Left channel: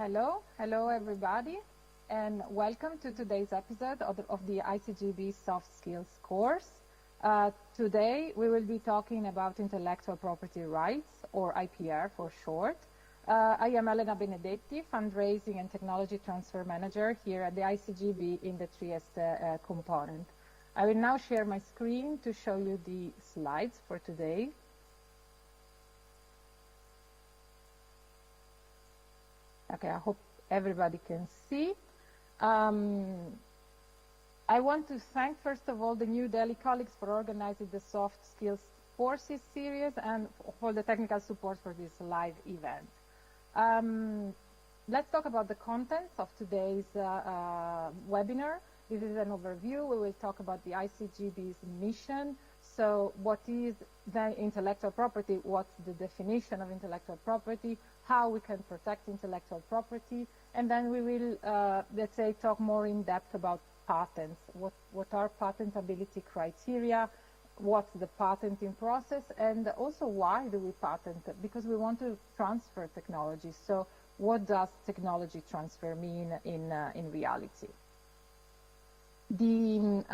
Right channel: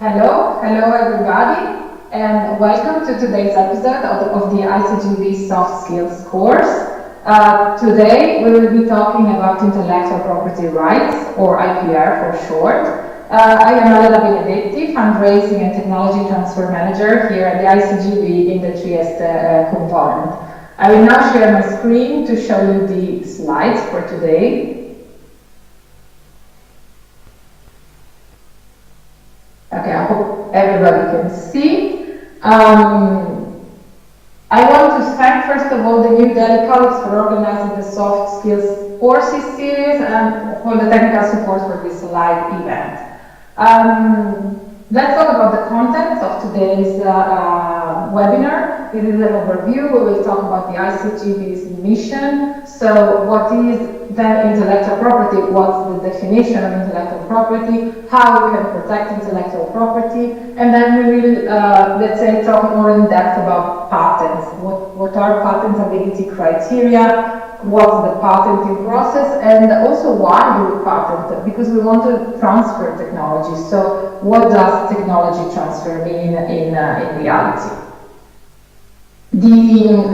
Hello everybody, and welcome to today's episode of the ICGEB Soft Skills course. Today we will be talking about intellectual property rights, or IPR for short. I am Elena Benedetti, Fundraising and Technology Transfer Manager here at the ICGEB in the Trieste component. I will now share my screen to show you the slides for today. Okay, I hope everybody can see. I want to thank first of all the New Delhi colleagues for organizing the Soft Skills courses series and for the technical support for this live event. Let's talk about the content of today's webinar. This is an overview. We will talk about the ICGEB's mission. So what is then intellectual property? What's the definition of intellectual property? How we can protect intellectual property? And then we will, let's say, talk more in depth about patents. What are patentability criteria? What's the patenting process? And also why do we patent? Because we want to transfer technology. So what does technology transfer mean in reality? The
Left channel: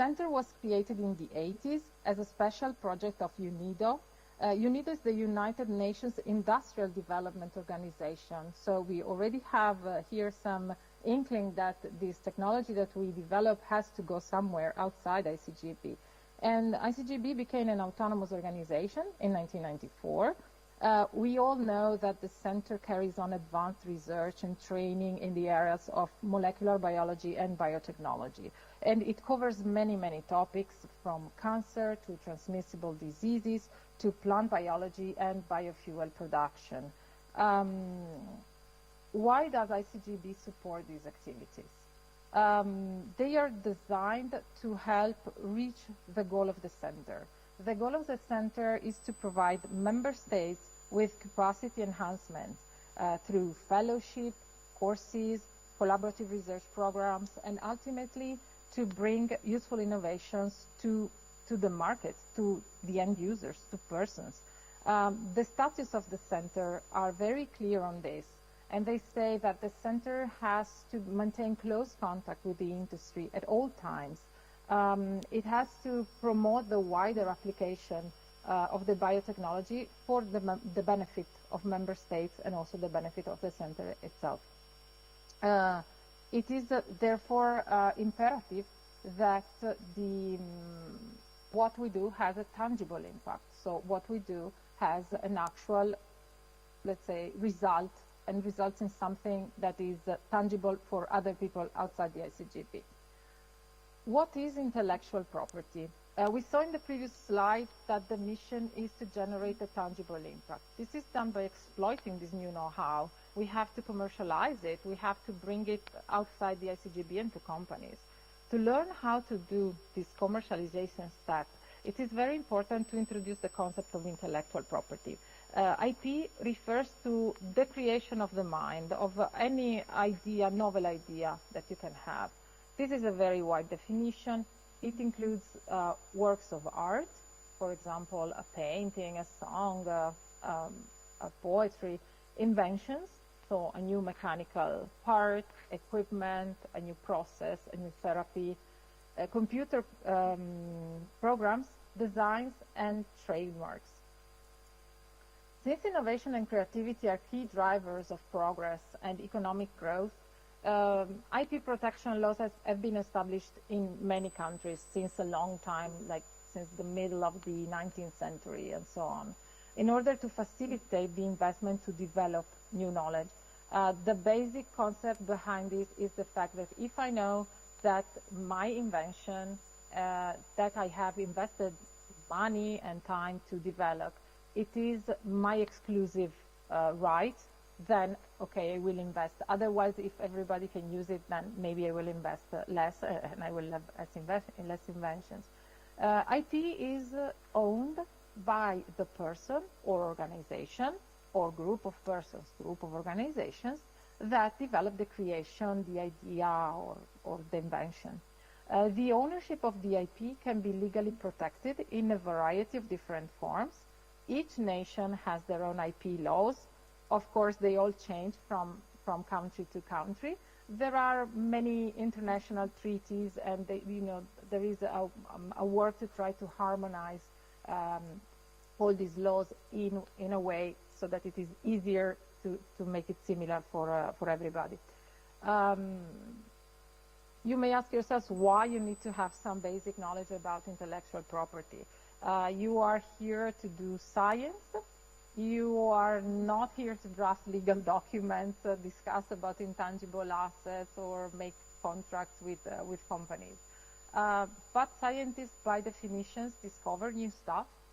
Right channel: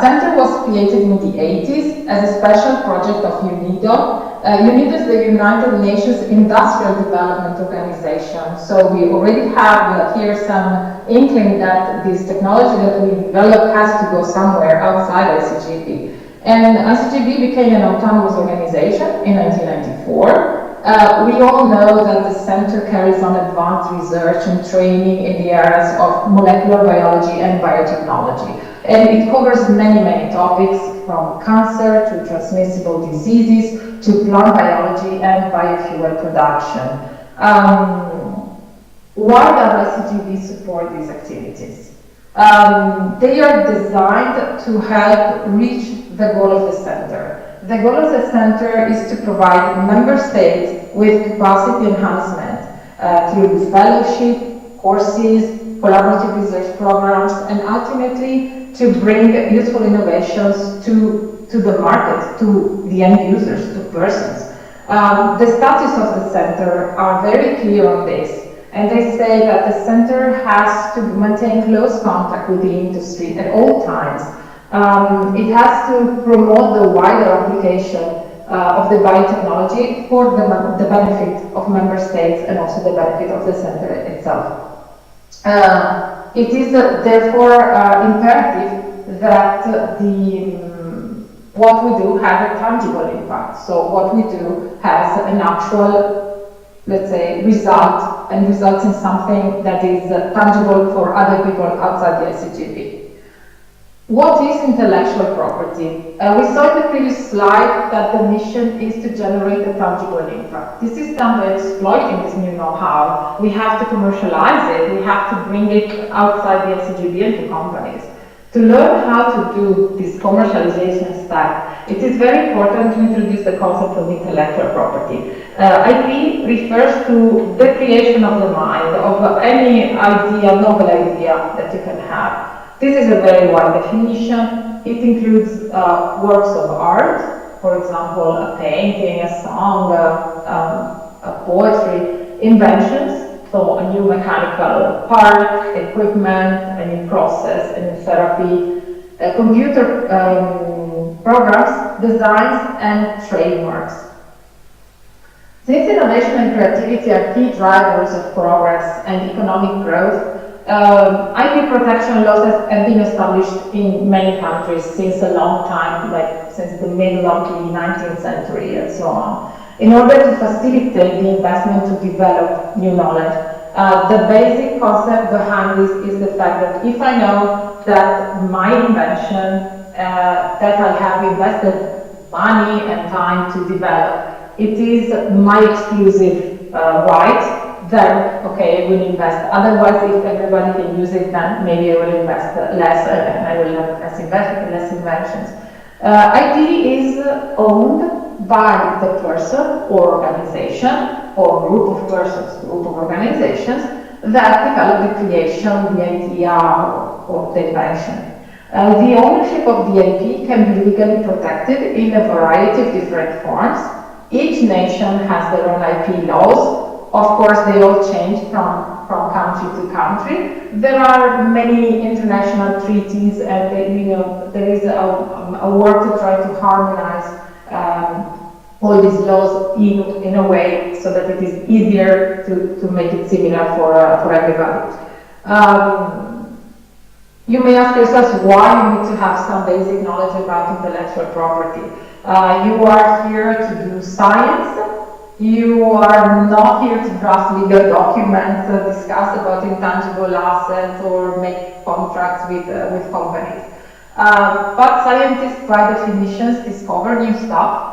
center was created in the 80s as a special project of UNIDO. UNIDO is the United Nations Industrial Development Organization. So we already have here some inkling that this technology that we develop has to go somewhere outside ICGEB. And ICGEB became an autonomous organization in 1994. We all know that the center carries on advanced research and training in the areas of molecular biology and biotechnology. And it covers many topics, from cancer to transmissible diseases to plant biology and biofuel production. Why does ICGEB support these activities? They are designed to help reach the goal of the center. The goal of the center is to provide member states with capacity enhancement through fellowship, courses, collaborative research programs, and ultimately to bring useful innovations to the market, to the end users, to persons. The status of the center are very clear on this, and they say that the center has to maintain close contact with the industry at all times. It has to promote the wider application of the biotechnology for the benefit of member states and also the benefit of the center itself. It is therefore imperative that what we do has a tangible impact. So what we do has an actual, let's say, result, and results in something that is tangible for other people outside the ICGEB. What is intellectual property? We saw in the previous slide that the mission is to generate a tangible impact. This is done by exploiting this new know-how. We have to commercialize it. We have to bring it outside the ICGEB and to companies. To learn how to do this commercialization step, it is very important to introduce the concept of intellectual property. IP refers to the creation of the mind, of any idea, novel idea that you can have. This is a very wide definition. It includes works of art, for example, a painting, a song, a poetry, inventions, so a new mechanical part, equipment, a new process, a new therapy, computer programs, designs, and trademarks. Since innovation and creativity are key drivers of progress and economic growth, IP protection laws have been established in many countries since a long time, like since the middle of the 19th century and so on, in order to facilitate the investment to develop new knowledge. The basic concept behind this is the fact that if I know that my invention, that I have invested money and time to develop, it is my exclusive right, then, okay, I will invest. Otherwise, if everybody can use it, then maybe I will invest less and I will have less inventions. IP is owned by the person or organization or group of persons, group of organizations that develop the creation, the idea, or the invention. The ownership of the IP can be legally protected in a variety of different forms. Each nation has their own IP laws, Of course, they all change from country to country. There are many international treaties, and there is a work to try to harmonize all these laws in a way so that it is easier to make it similar for everybody. You may ask yourself why you need to have some basic knowledge about intellectual property. You are here to do science. You are not here to draft legal documents, discuss about intangible assets, or make contracts with companies. But scientists, by definition, discover new stuff.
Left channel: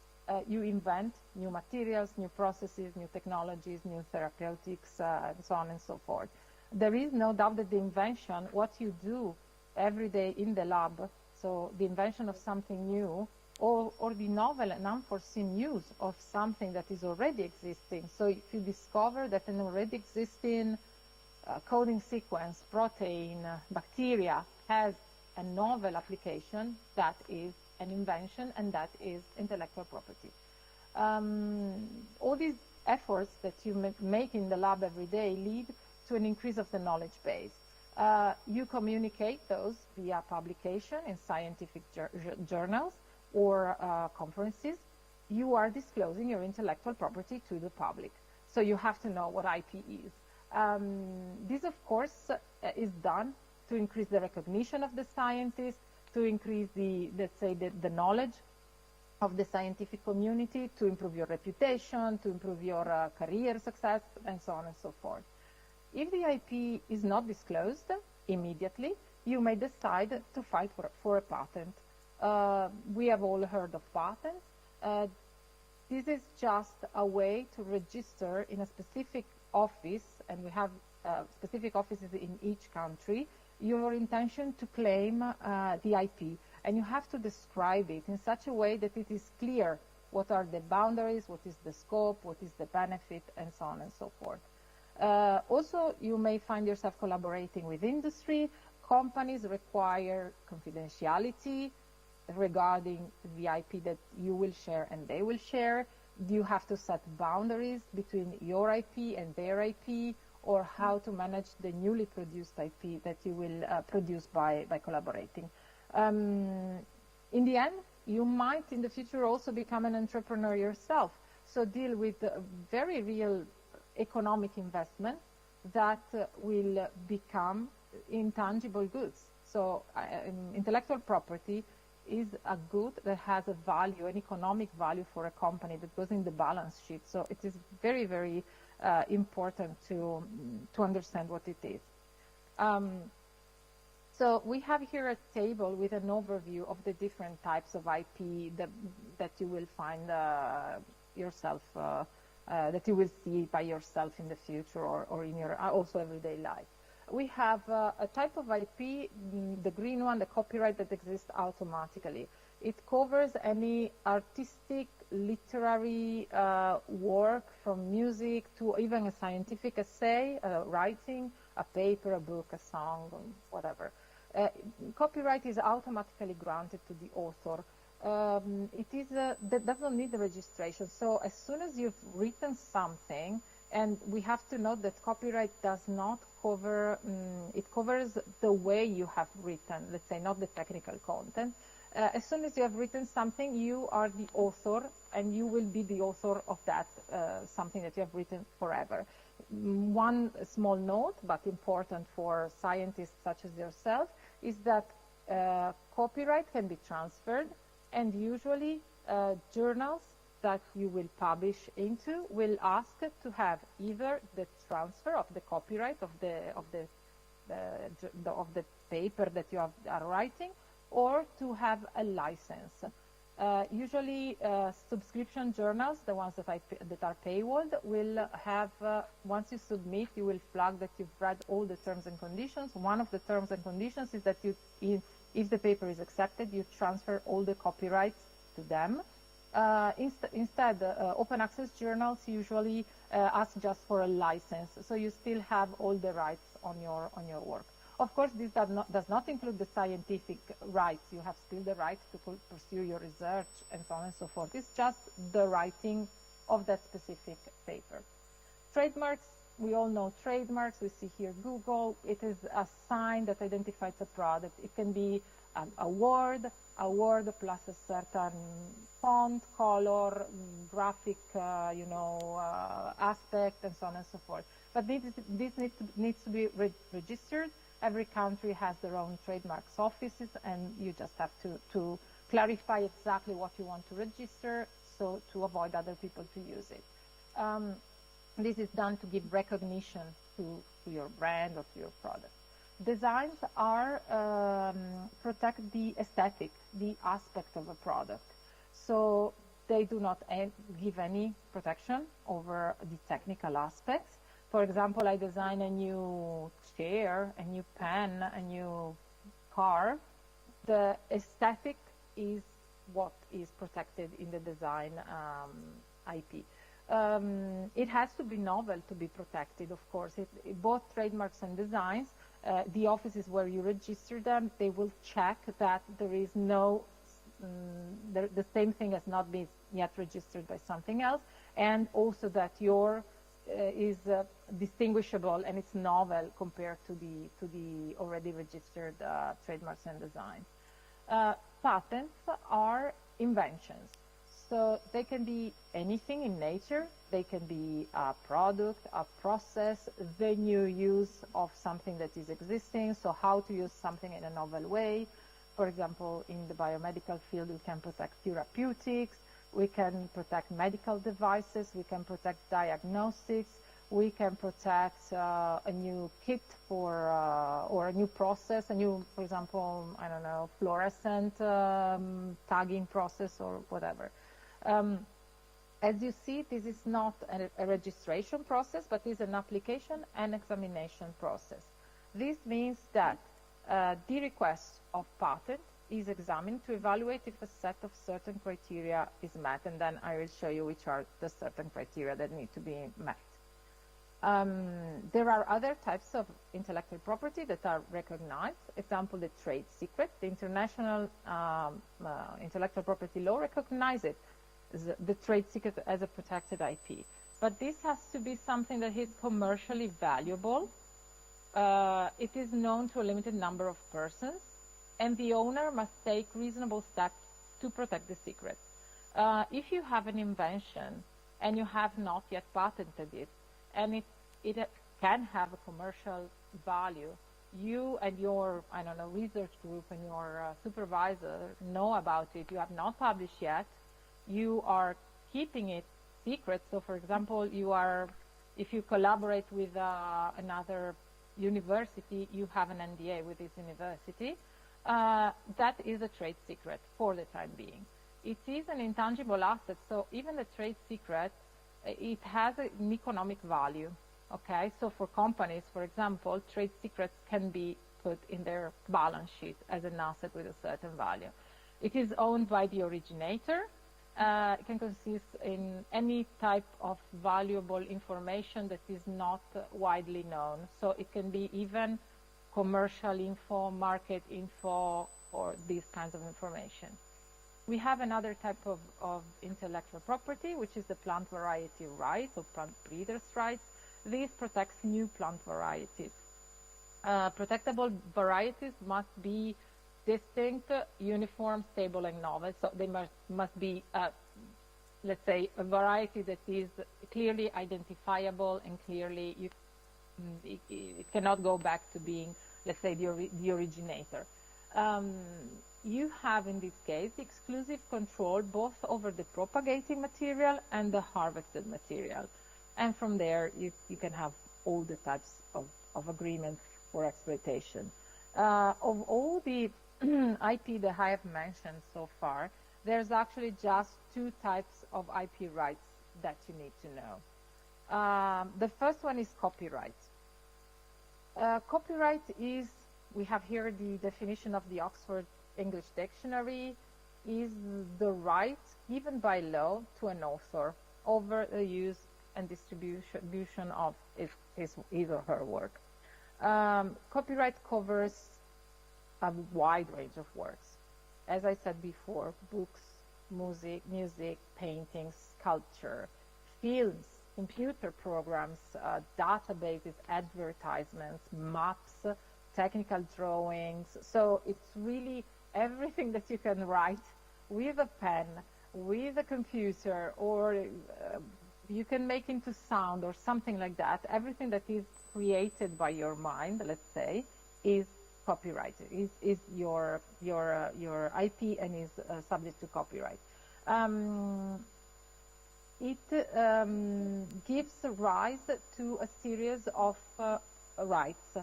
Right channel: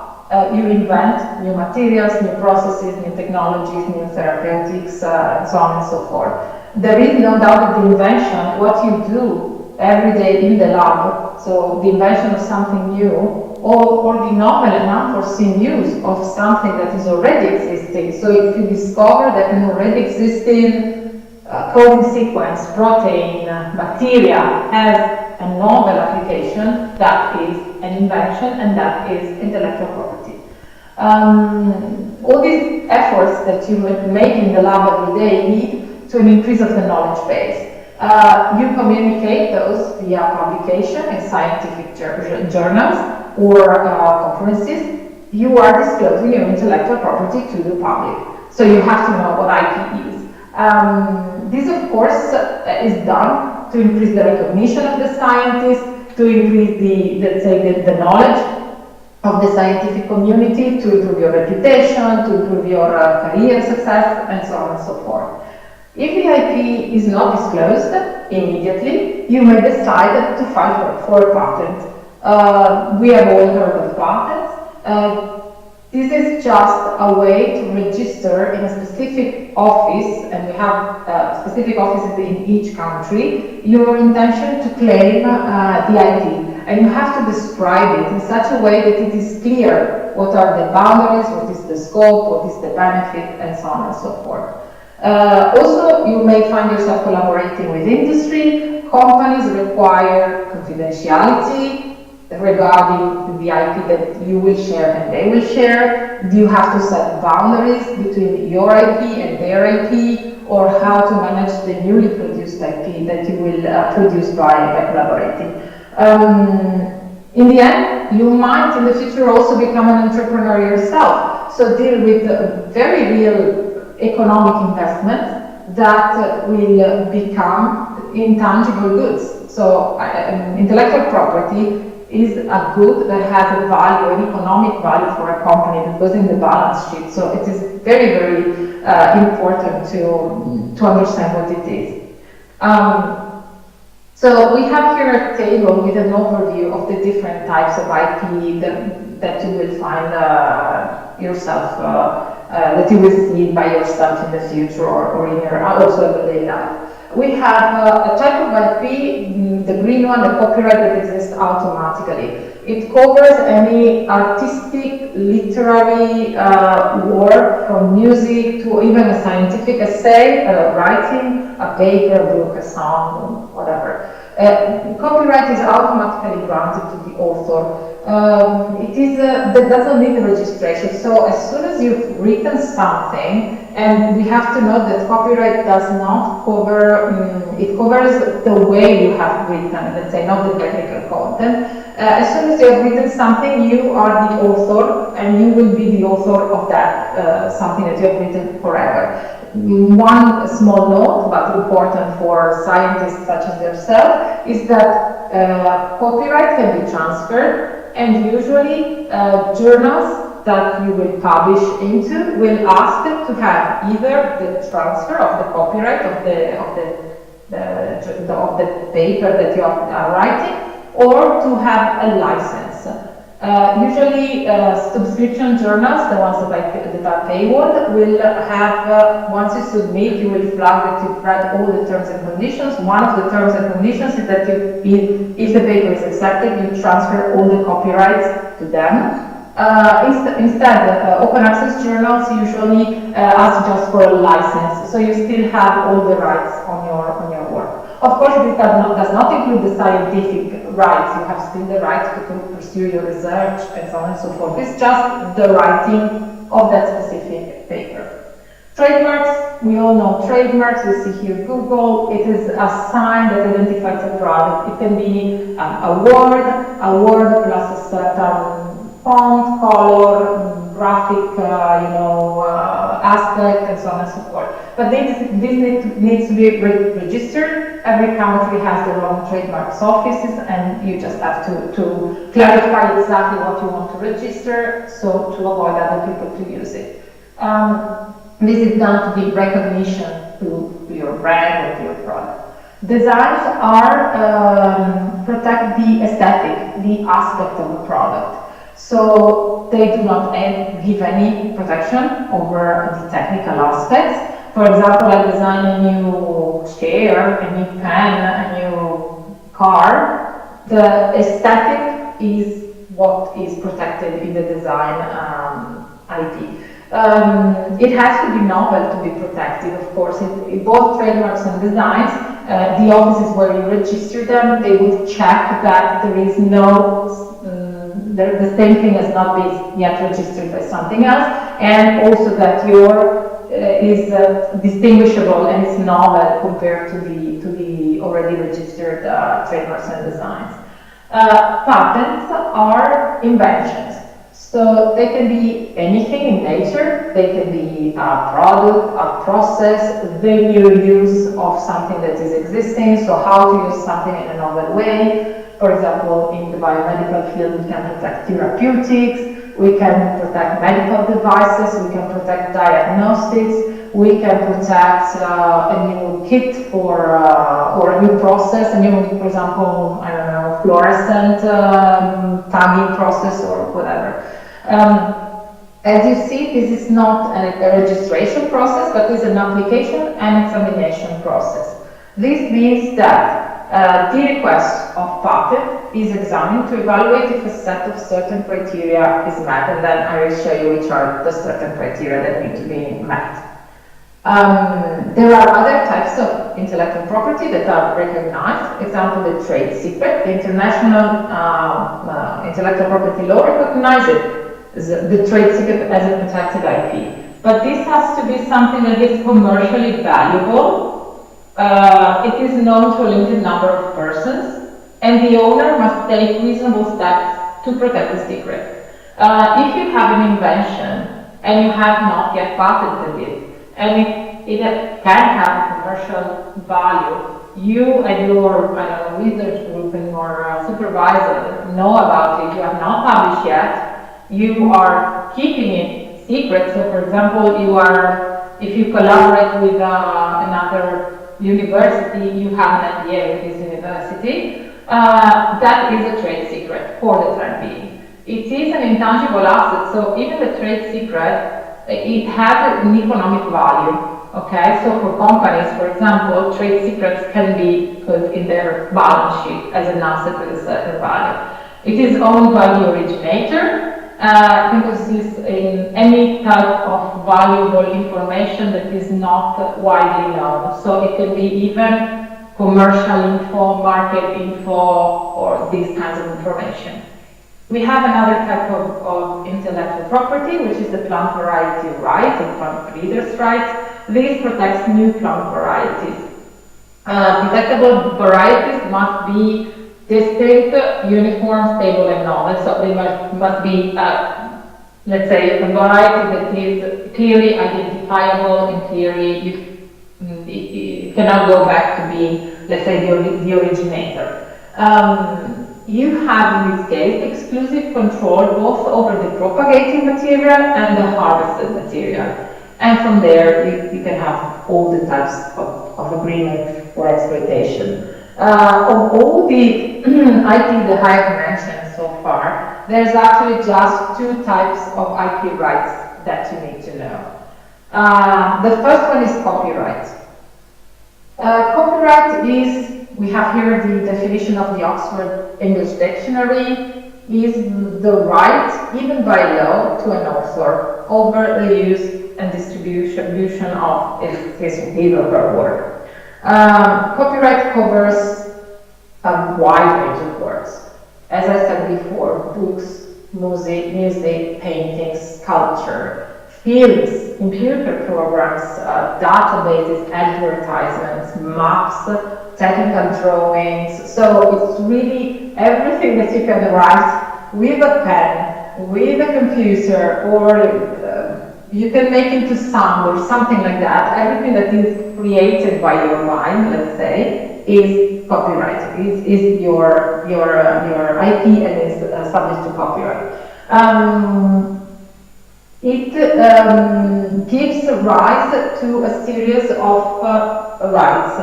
You invent new materials, new processes, new technologies, new therapeutics, and so on and so forth. There is no doubt that the invention, what you do every day in the lab, so the invention of something new, or the novel and unforeseen use of something that is already existing. So if you discover that an already existing coding sequence, protein, bacteria has a novel application, that is an invention, and that is intellectual property. All these efforts that you make in the lab every day lead to an increase of the knowledge base. You communicate those via publication in scientific journals or conferences. You are disclosing your intellectual property to the public. So you have to know what IP is. This, of course, is done to increase the recognition of the scientists, to increase the knowledge of the scientific community, to improve your reputation, to improve your career success, and so on and so forth. If the IP is not disclosed immediately, you may decide to file for a patent. We have all heard of patents. This is just a way to register in a specific office, and we have specific offices in each country, your intention to claim the IP. And you have to describe it in such a way that it is clear what are the boundaries, what is the scope, what is the benefit, and so on and so forth. Also, you may find yourself collaborating with industry. Companies require confidentiality regarding the IP that you will share and they will share. You have to set boundaries between your IP and their IP, or how to manage the newly produced IP that you will produce by collaborating. In the end, you might in the future also become an entrepreneur yourself, so deal with very real economic investments that will become intangible goods. So intellectual property is a good that has a value, an economic value for a company that goes in the balance sheet. So it is very, very important to understand what it is. So we have here a table with an overview of the different types of IP that you will find yourself, that you will see by yourself in the future or in your also everyday life. We have a type of IP, the green one, the copyright that exists automatically. It covers any artistic, literary work, from music to even a scientific essay, writing, a paper, a book, a song, whatever. Copyright is automatically granted to the author. That doesn't need a registration. So as soon as you've written something, and we have to note that copyright does not cover, it covers the way you have written, let's say, not the technical content. As soon as you have written something, you are the author, and you will be the author of that, something that you have written forever. One small note, but important for scientists such as yourself, is that copyright can be transferred, and usually journals that you will publish into will ask them to have either the transfer of the copyright of the paper that you are writing, or to have a license. Usually subscription journals, the ones that are paywall, will have, once you submit, you will flag that you've read all the terms and conditions. One of the terms and conditions is that if the paper is accepted, you transfer all the copyrights to them. Instead, open access journals usually ask just for a license, so you still have all the rights on your work. Of course, this does not include the scientific rights. You have still the right to pursue your research and so on and so forth. It's just the writing of that specific paper. Trademarks, we all know trademarks, we see here Google, it is a sign that identifies a product. It can be a word plus a certain font, color, graphic, aspect, and so on and so forth. But this needs to be registered. Every country has their own trademarks offices, and you just have to clarify exactly what you want to register, so to avoid other people to use it. This is done to give recognition to your brand or to your product. Designs are protect the aesthetic, the aspect of the product. So they do not give any protection over the technical aspects. For example, I design a new chair, a new pen, a new car. The aesthetic is what is protected in the design IP. It has to be novel to be protected, of course. In both trademarks and designs, the offices where you register them, they would check that there is no the same thing has not been yet registered by something else, and also that your is distinguishable and is novel compared to the already registered trademarks and designs. Patents are inventions, so they can be anything in nature. They can be a product, a process, the new use of something that is existing, so how to use something in a novel way. For example, in the biomedical field, we can protect therapeutics, we can protect medical devices, we can protect diagnostics, we can protect a new kit for or a new process, a new, for example, I don't know, fluorescent tagging process or whatever. As you see, this is not a registration process, but is an application and examination process. This means that the request of patent is examined to evaluate if a set of certain criteria is met, and then I will show you which are the certain criteria that need to be met. There are other types of intellectual property that are recognized. Example, the trade secret. The international intellectual property law recognizes the trade secret as a protected IP. But this has to be something that is commercially valuable. It is known to a limited number of persons, and the owner must take reasonable steps to protect the secret. If you have an invention and you have not yet patented it, and it can have commercial value, you and your research group and your supervisor know about it, you have not published yet, you are keeping it secret. So for example, if you collaborate with another university, you have an NDA with this university, that is a trade secret for the time being. It is an intangible asset, so even the trade secret, it has an economic value, okay? So for companies, for example, trade secrets can be put in their balance sheet as an asset with a certain value. It is owned by the originator, because this is in any type of valuable information that is not widely known. So it can be even commercial info, market info, or these kinds of information. We have another type of intellectual property, which is the plant variety right, or plant breeders' rights. This protects new plant varieties. Protectable varieties must be distinct, uniform, stable, and novel. So they must be, let's say, a variety that is clearly identifiable. In theory, you cannot go back to being, let's say, the originator. You have, in this case, exclusive control both over the propagating material and the harvested material. And from there, you can have all the types of agreement for exploitation. Of all the IP that I have mentioned so far, there's actually just two types of IP rights that you need to know. The first one is copyright. Copyright is, we have here the definition of the Oxford English Dictionary, is the right, even by law, to an author over the use and distribution of his or her work. Copyright covers a wide range of works. As I said before, books, music, paintings, sculpture, fields, computer programs, databases, advertisements, maps, technical drawings. So it's really everything that you can write with a pen, with a computer, or you can make into sound or something like that. Everything that is created by your mind, let's say, is copyrighted. Is your IP and is subject to copyright. It gives rise to a series of rights.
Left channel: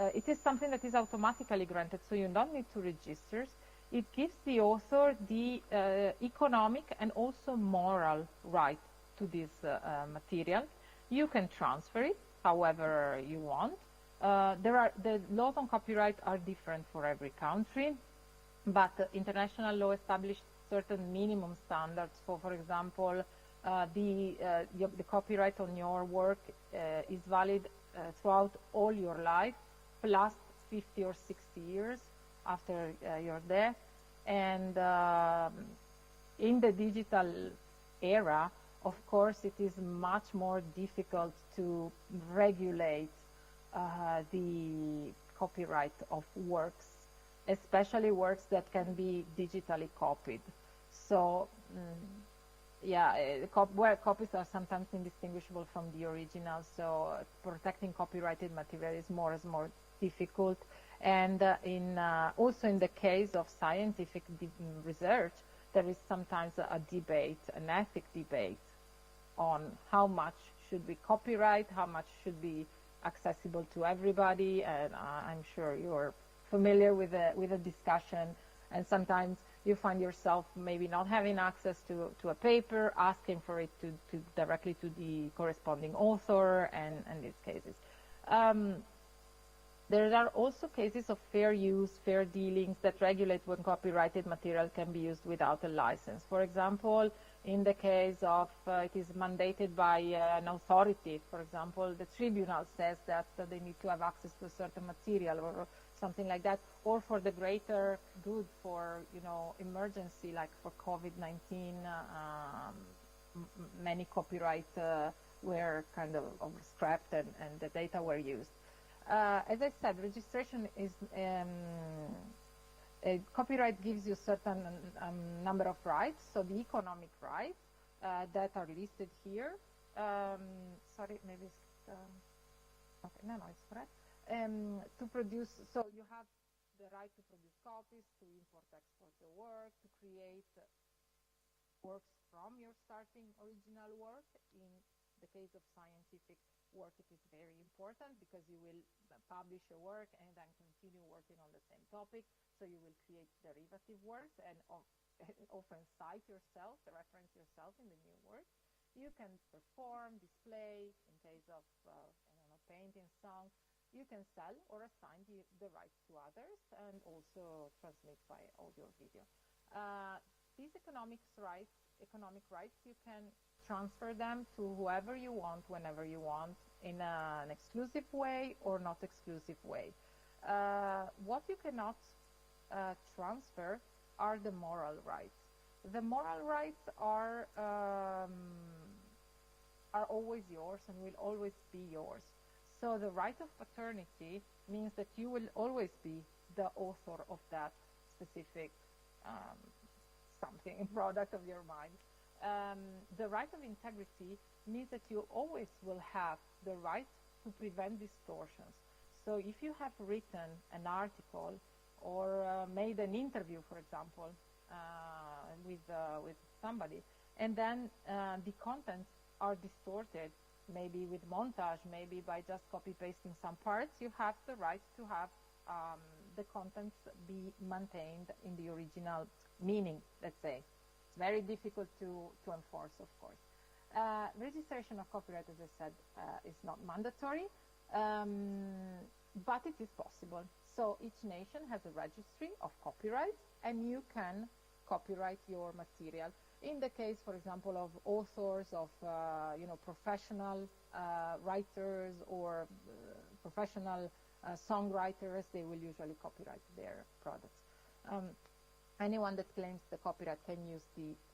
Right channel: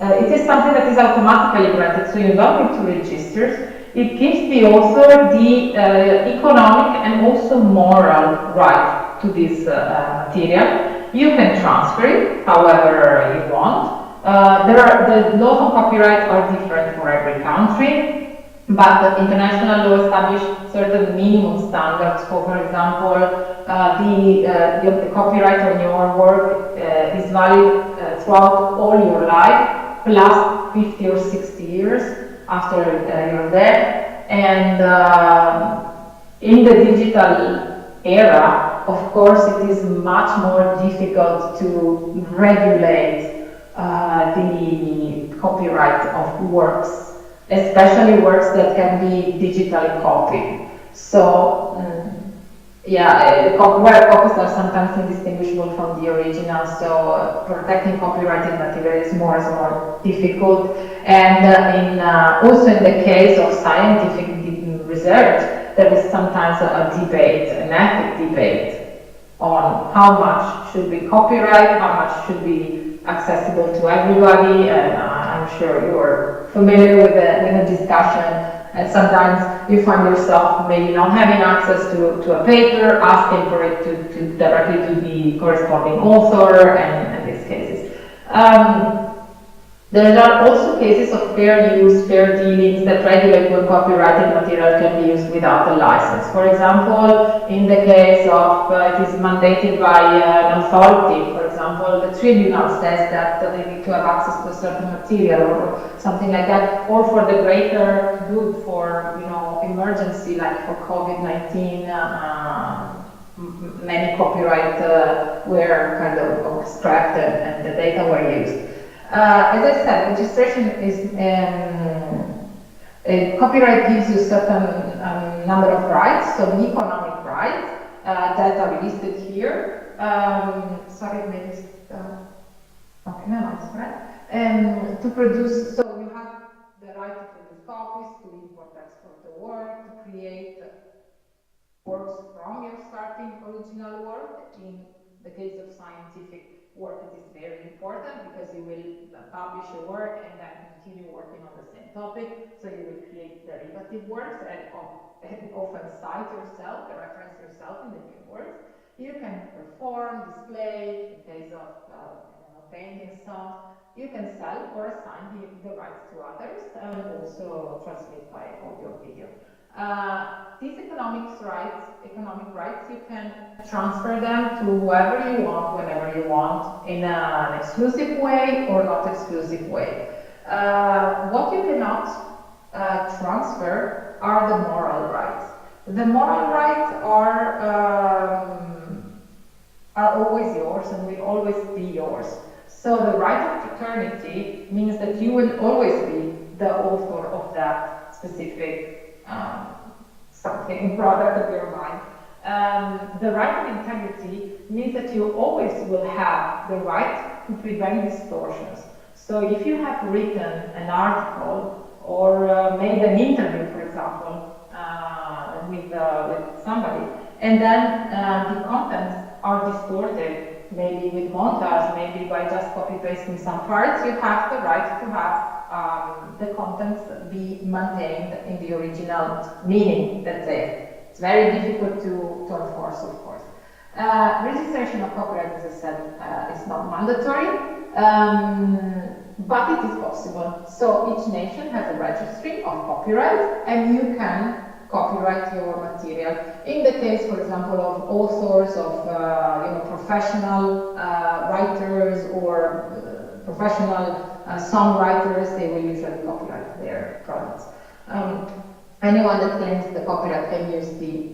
It is something that is automatically granted, so you don't need to register. It gives the author the economic and also moral right to this material. You can transfer it however you want. The laws on copyright are different for every country. But the international law established certain minimum standards. For example, the copyright on your work is valid throughout all your life, plus 50 or 60 years after you're dead. And in the digital era, of course, it is much more difficult to regulate the copyright of works, especially works that can be digitally copied. So, copyright copies are sometimes indistinguishable from the original, so protecting copyrighted material is more and more difficult. And also in the case of scientific research, there is sometimes a debate, an ethic debate, on how much should be copyright, how much should be accessible to everybody, and I'm sure you're familiar with the discussion, and sometimes you find yourself maybe not having access to a paper, asking for it to directly to the corresponding author, and in these cases. There are also cases of fair use, fair dealings that regulate when copyrighted material can be used without a license. For example, in the case of it is mandated by an authority, for example, the tribunal says that they need to have access to a certain material or something like that, or for the greater good, for emergency, like for COVID-19, many copyright were kind of extracted and the data were used. As I said, registration is copyright gives you a certain number of rights, so the economic rights that are listed here. Sorry, maybe okay, no, it's right. To produce, so you have the right to produce copies, to import, export the work, to create works from your starting original work. In the case of scientific work, it is very important because you will publish a work and then continue working on the same topic. So you will create derivative works and often cite yourself, reference yourself in the new works. You can perform, display, in case of painting, songs. You can sell or assign the rights to others, and also transmit by audio video. These economic rights, you can transfer them to whoever you want, whenever you want, in an exclusive way or not exclusive way. What you cannot transfer are the moral rights. The moral rights are always yours and will always be yours. So the right of paternity means that you will always be the author of that specific something, product of your mind. The right of integrity means that you always will have the right to prevent distortions. So if you have written an article or made an interview, for example, with somebody, and then the contents are distorted, maybe with montage, maybe by just copy-pasting some parts, you have the right to have the contents be maintained in the original meaning, let's say. It's very difficult to enforce, of course. Registration of copyright, as I said, is not mandatory, but it is possible. So each nation has a registry of copyright, and you can copyright your material. In the case, for example, of authors, of professional writers or professional songwriters, they will usually copyright their products. Anyone that claims the copyright can use the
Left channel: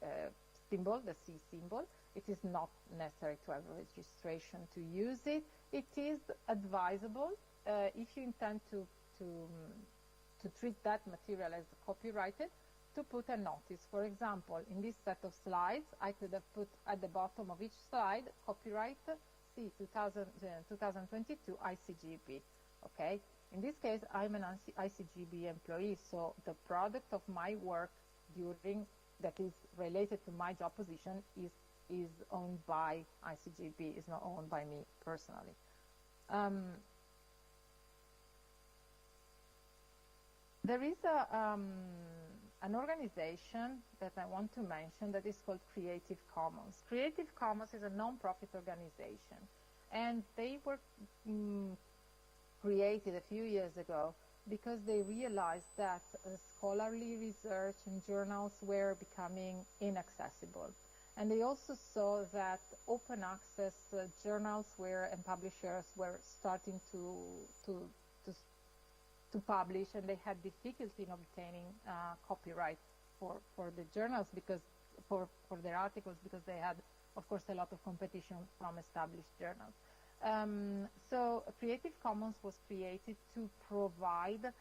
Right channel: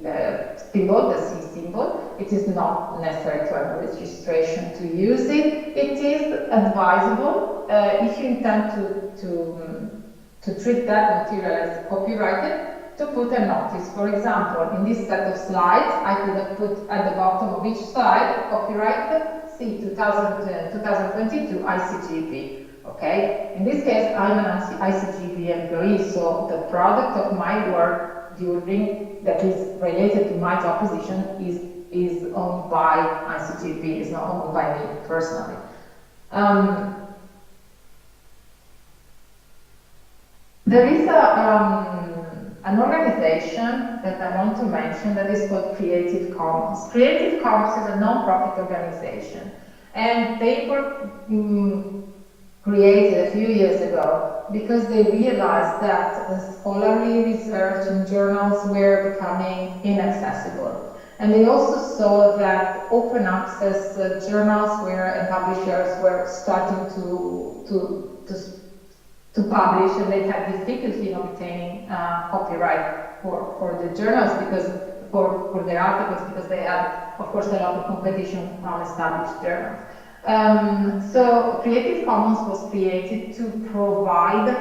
symbol, the C symbol, it is not necessary to have a registration to use it. It is advisable if you intend to treat that material as copyrighted, to put a notice. For example, in this set of slides, I could have put at the bottom of each slide, copyright C 2022 ICGEB. Okay? In this case, I'm an ICGEB employee, so the product of my work that is related to my job position is owned by ICGEB, is not owned by me personally. There is an organization that I want to mention that is called Creative Commons. Creative Commons is a non-profit organization, and they were created a few years ago because they realized that the scholarly research in journals were becoming inaccessible. And they also saw that open access journals and publishers were starting to publish, and they had difficulty in obtaining copyright for the journals because for their articles, because they had, of course, a lot of competition from established journals. So Creative Commons was created to provide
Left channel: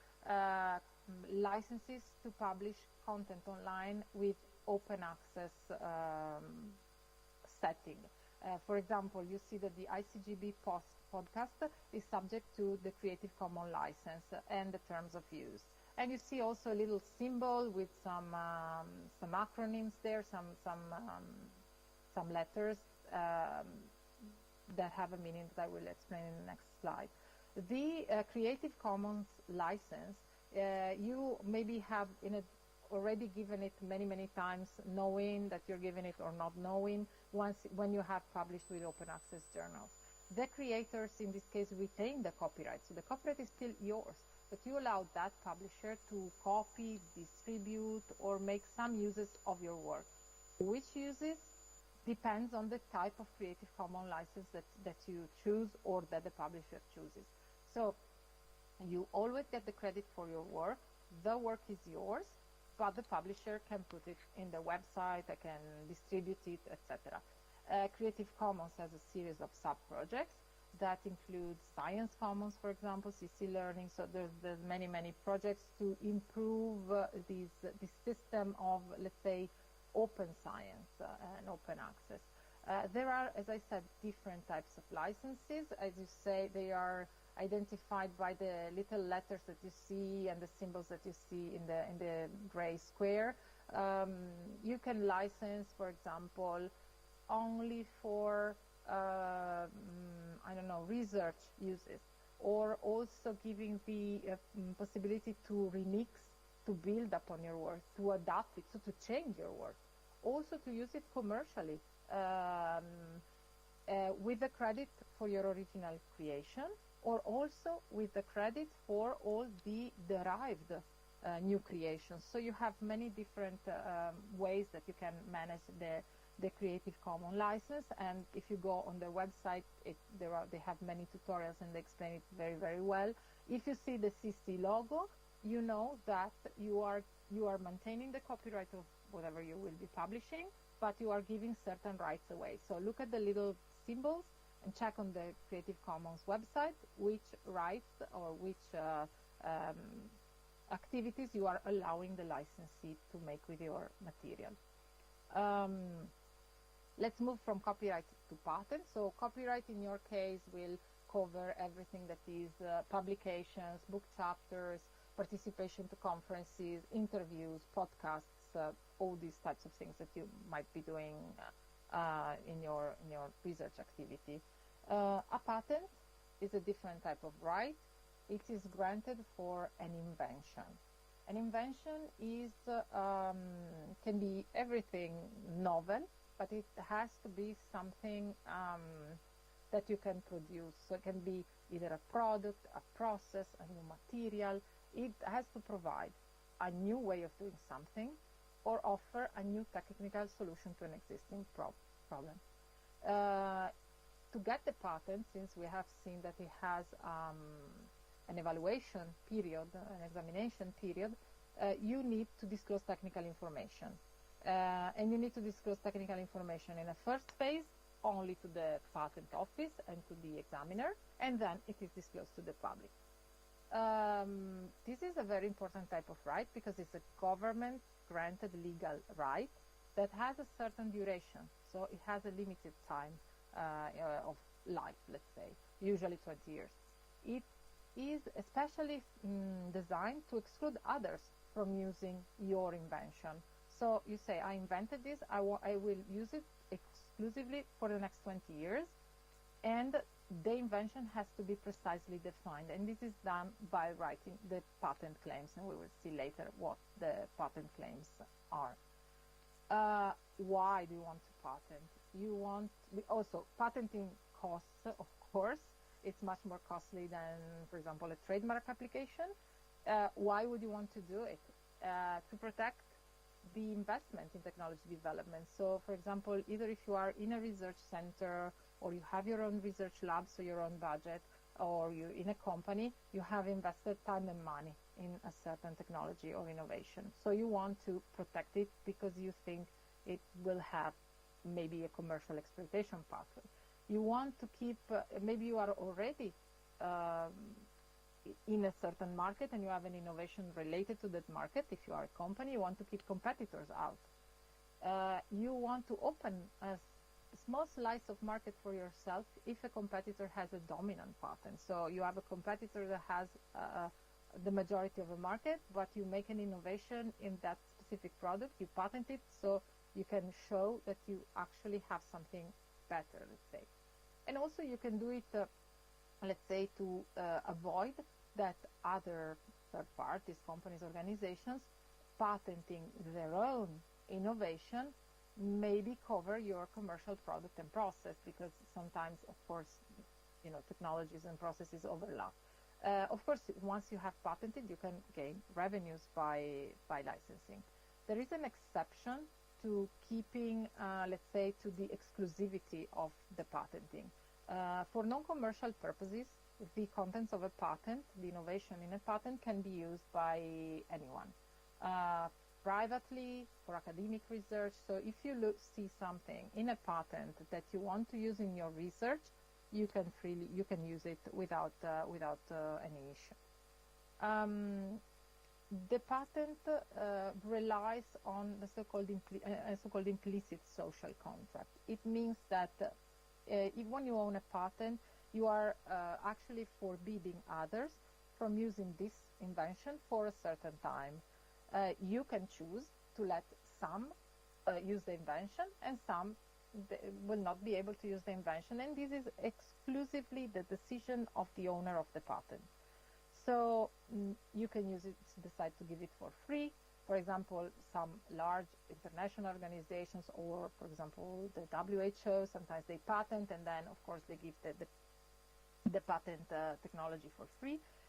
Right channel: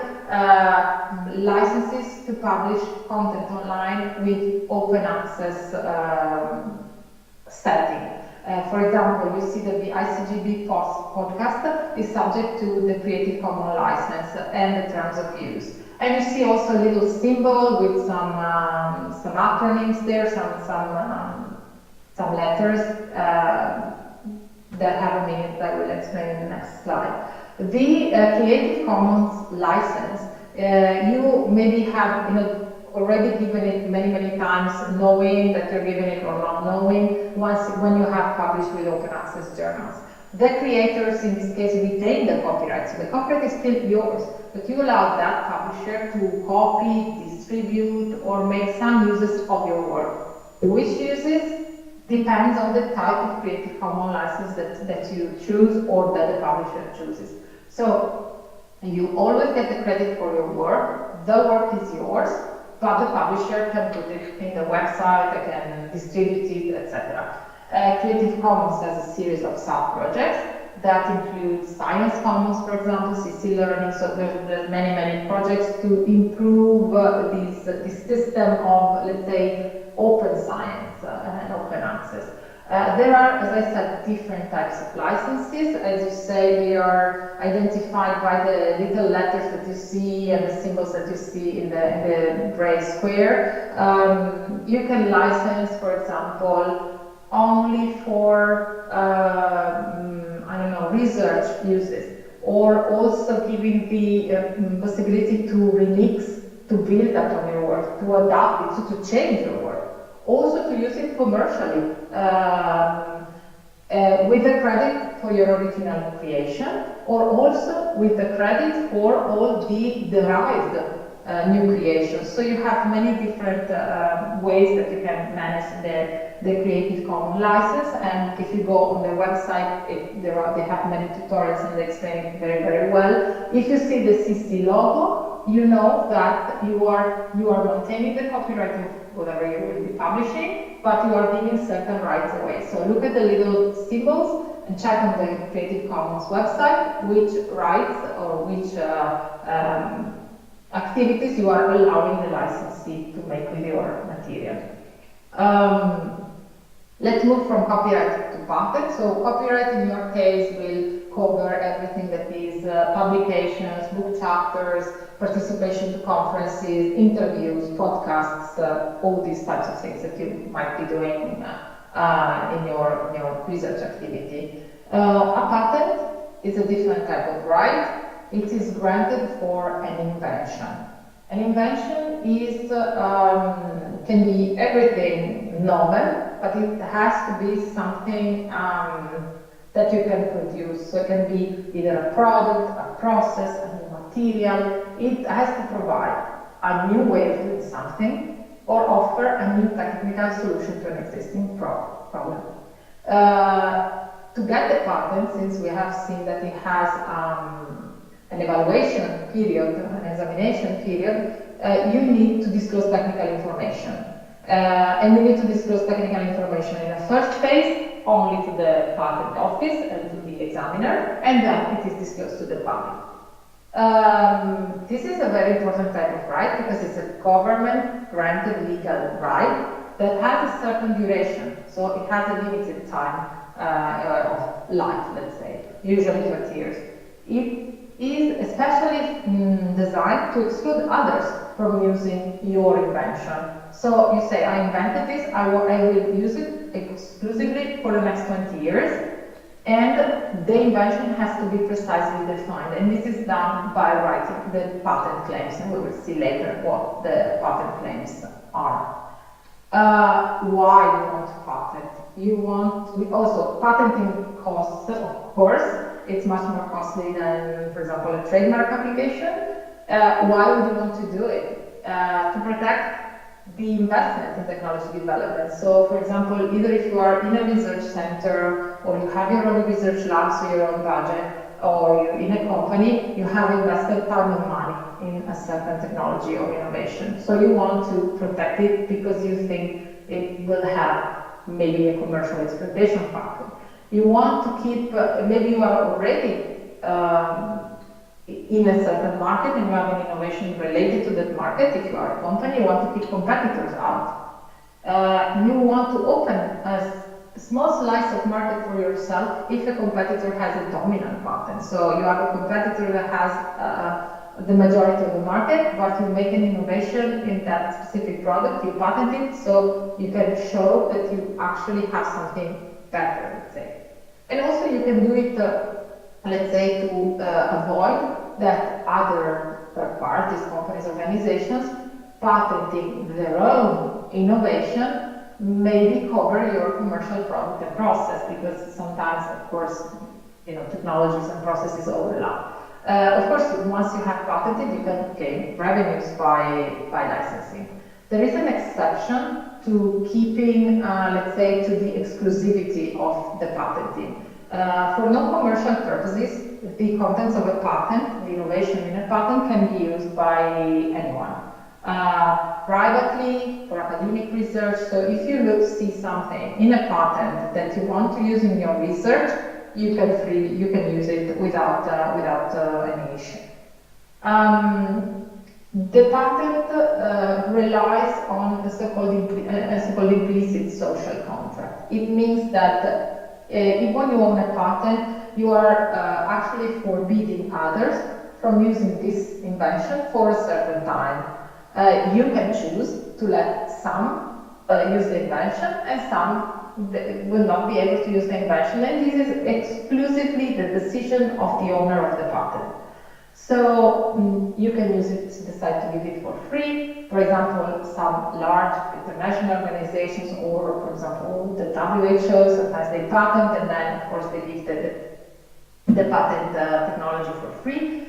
licenses to publish content online with open access setting. For example, you see that the ICGEB podcast is subject to the Creative Commons license and the terms of use. And you see also a little symbol with some acronyms there, some letters that have a meaning that I will explain in the next slide. The Creative Commons license, you maybe have already given it many times, knowing that you're giving it or not knowing, when you have published with open access journals. The creators, in this case, retain the copyright, so the copyright is still yours, but you allow that publisher to copy, distribute, or make some uses of your work. Which uses depends on the type of Creative Commons license that you choose or that the publisher chooses. So you always get the credit for your work, the work is yours, but the publisher can put it in the website, they can distribute it, etc. Creative Commons has a series of sub-projects that include Science Commons, for example, CC Learning, so there's many projects to improve this system of, let's say, open science and open access. There are, as I said, different types of licenses. As you say, they are identified by the little letters that you see and the symbols that you see in the gray square. You can license, for example, only for, I don't know, research uses, or also giving the possibility to remix, to build upon your work, to adapt it, to change your work. Also to use it commercially, with the credit for your original creation, or also with the credit for all the derived new creations. So you have many different ways that you can manage the Creative Commons license, and if you go on the website, they have many tutorials and they explain it very well. If you see the CC logo, you know that you are maintaining the copyright of whatever you will be publishing, but you are giving certain rights away. So look at the little symbols and check on the Creative Commons website which rights or which activities you are allowing the licensee to make with your material. Let's move from copyright to patent. So copyright in your case will cover everything that is publications, book chapters, participation to conferences, interviews, podcasts, all these types of things that you might be doing in your research activity. A patent is a different type of right. It is granted for an invention. An invention is can be everything novel, but it has to be something that you can produce. So it can be either a product, a process, a new material. It has to provide a new way of doing something or offer a new technical solution to an existing problem. To get the patent, since we have seen that it has an evaluation period, an examination period, you need to disclose technical information. And you need to disclose technical information in the first phase only to the patent office and to the examiner, and then it is disclosed to the public. This is a very important type of right because it's a government-granted legal right that has a certain duration, so it has a limited time of life, let's say, usually 20 years. It is especially designed to exclude others from using your invention. So you say, I invented this, I will use it exclusively for the next 20 years, and the invention has to be precisely defined, and this is done by writing the patent claims, and we will see later what the patent claims are. Why you want to patent? You want, also patenting costs, of course, it's much more costly than, for example, a trademark application. Why would you want to do it? To protect the investment in technology development. So, for example, either if you are in a research center, or you have your own research labs, so your own budget, or you're in a company, you have invested time and money in a certain technology or innovation. So you want to protect it because you think it will have maybe a commercial exploitation factor. You want to keep, maybe you are already in a certain market and you have an innovation related to that market. If you are a company, you want to keep competitors out. You want to open a small slice of market for yourself if a competitor has a dominant patent. So you have a competitor that has the majority of the market, but you make an innovation in that specific product, you patent it, so you can show that you actually have something better, let's say. And also you can do it, let's say, to avoid that other third parties, companies, organizations, patenting their own innovation maybe cover your commercial product and process, because sometimes, of course, technologies and processes overlap. Of course, once you have patented, you can gain revenues by licensing. There is an exception to keeping, let's say, to the exclusivity of the patenting. For non-commercial purposes, the contents of a patent, the innovation in a patent, can be used by anyone. Privately, for academic research, so if you see something in a patent that you want to use in your research, you can use it without any issue. The patent relies on the so-called implicit social contract. It means that if when you own a patent, you are actually forbidding others from using this invention for a certain time. You can choose to let some use the invention and some will not be able to use the invention, and this is exclusively the decision of the owner of the patent. So you can use it, decide to give it for free. For example, some large international organizations, or for example the WHO, sometimes they patent and then of course they give the patent technology for free.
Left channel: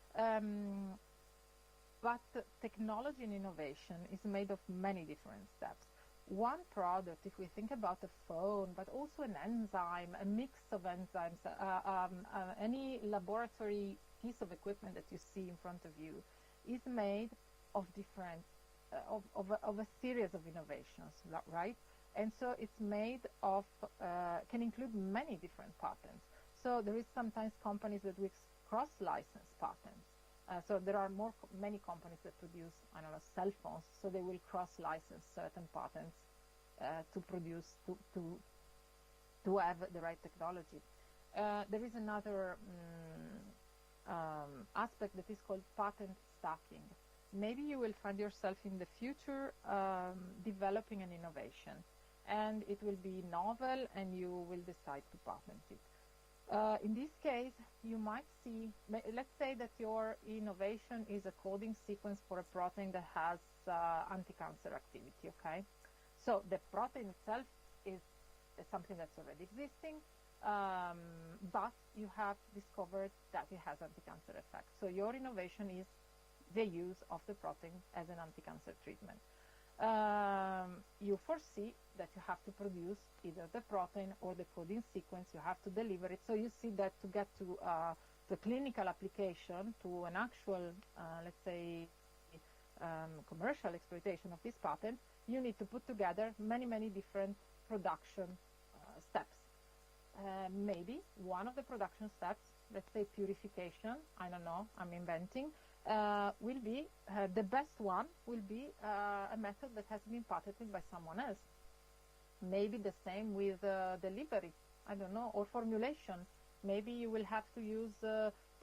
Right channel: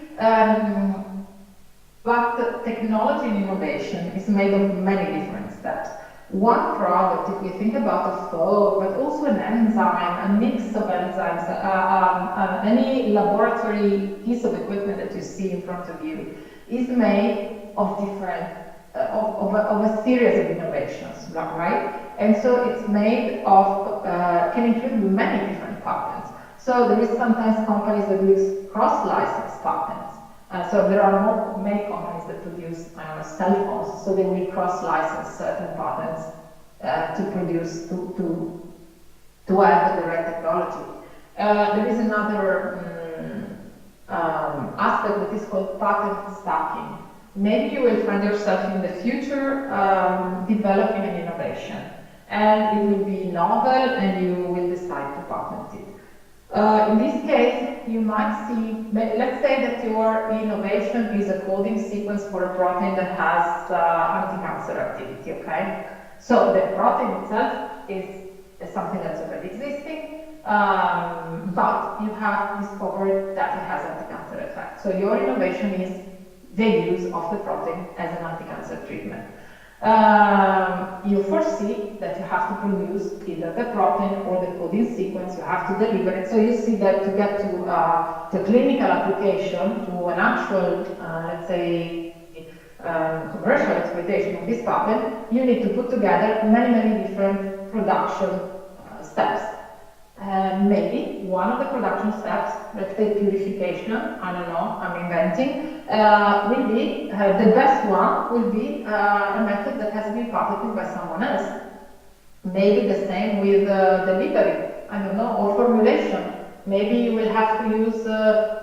But technology and innovation is made of many different steps. One product, if we think about a foam, but also an enzyme, a mix of enzymes, any laboratory piece of equipment that you see in front of you, is made of different, of a series of innovations, right? And so it's made of, can include many different patents. So there is sometimes companies that use cross-license patents. So there are many companies that produce cell phones, so they will cross-license certain patents to produce, to have the right technology. There is another aspect that is called patent stacking. Maybe you will find yourself in the future developing an innovation, and it will be novel and you will decide to patent it. In this case, you might see, let's say that your innovation is a coding sequence for a protein that has anti-cancer activity, okay? So the protein itself is something that's already existing, but you have discovered that it has anti-cancer effect. So your innovation is the use of the protein as an anti-cancer treatment. You foresee that you have to produce either the protein or the coding sequence, you have to deliver it. So you see that to get to the clinical application, to an actual, let's say, commercial exploitation of this patent, you need to put together many different production steps. Maybe one of the production steps, let's say purification, I don't know, I'm inventing, will be, the best one will be a method that has been patented by someone else. Maybe the same with delivery, I don't know, or formulation. Maybe you will have to use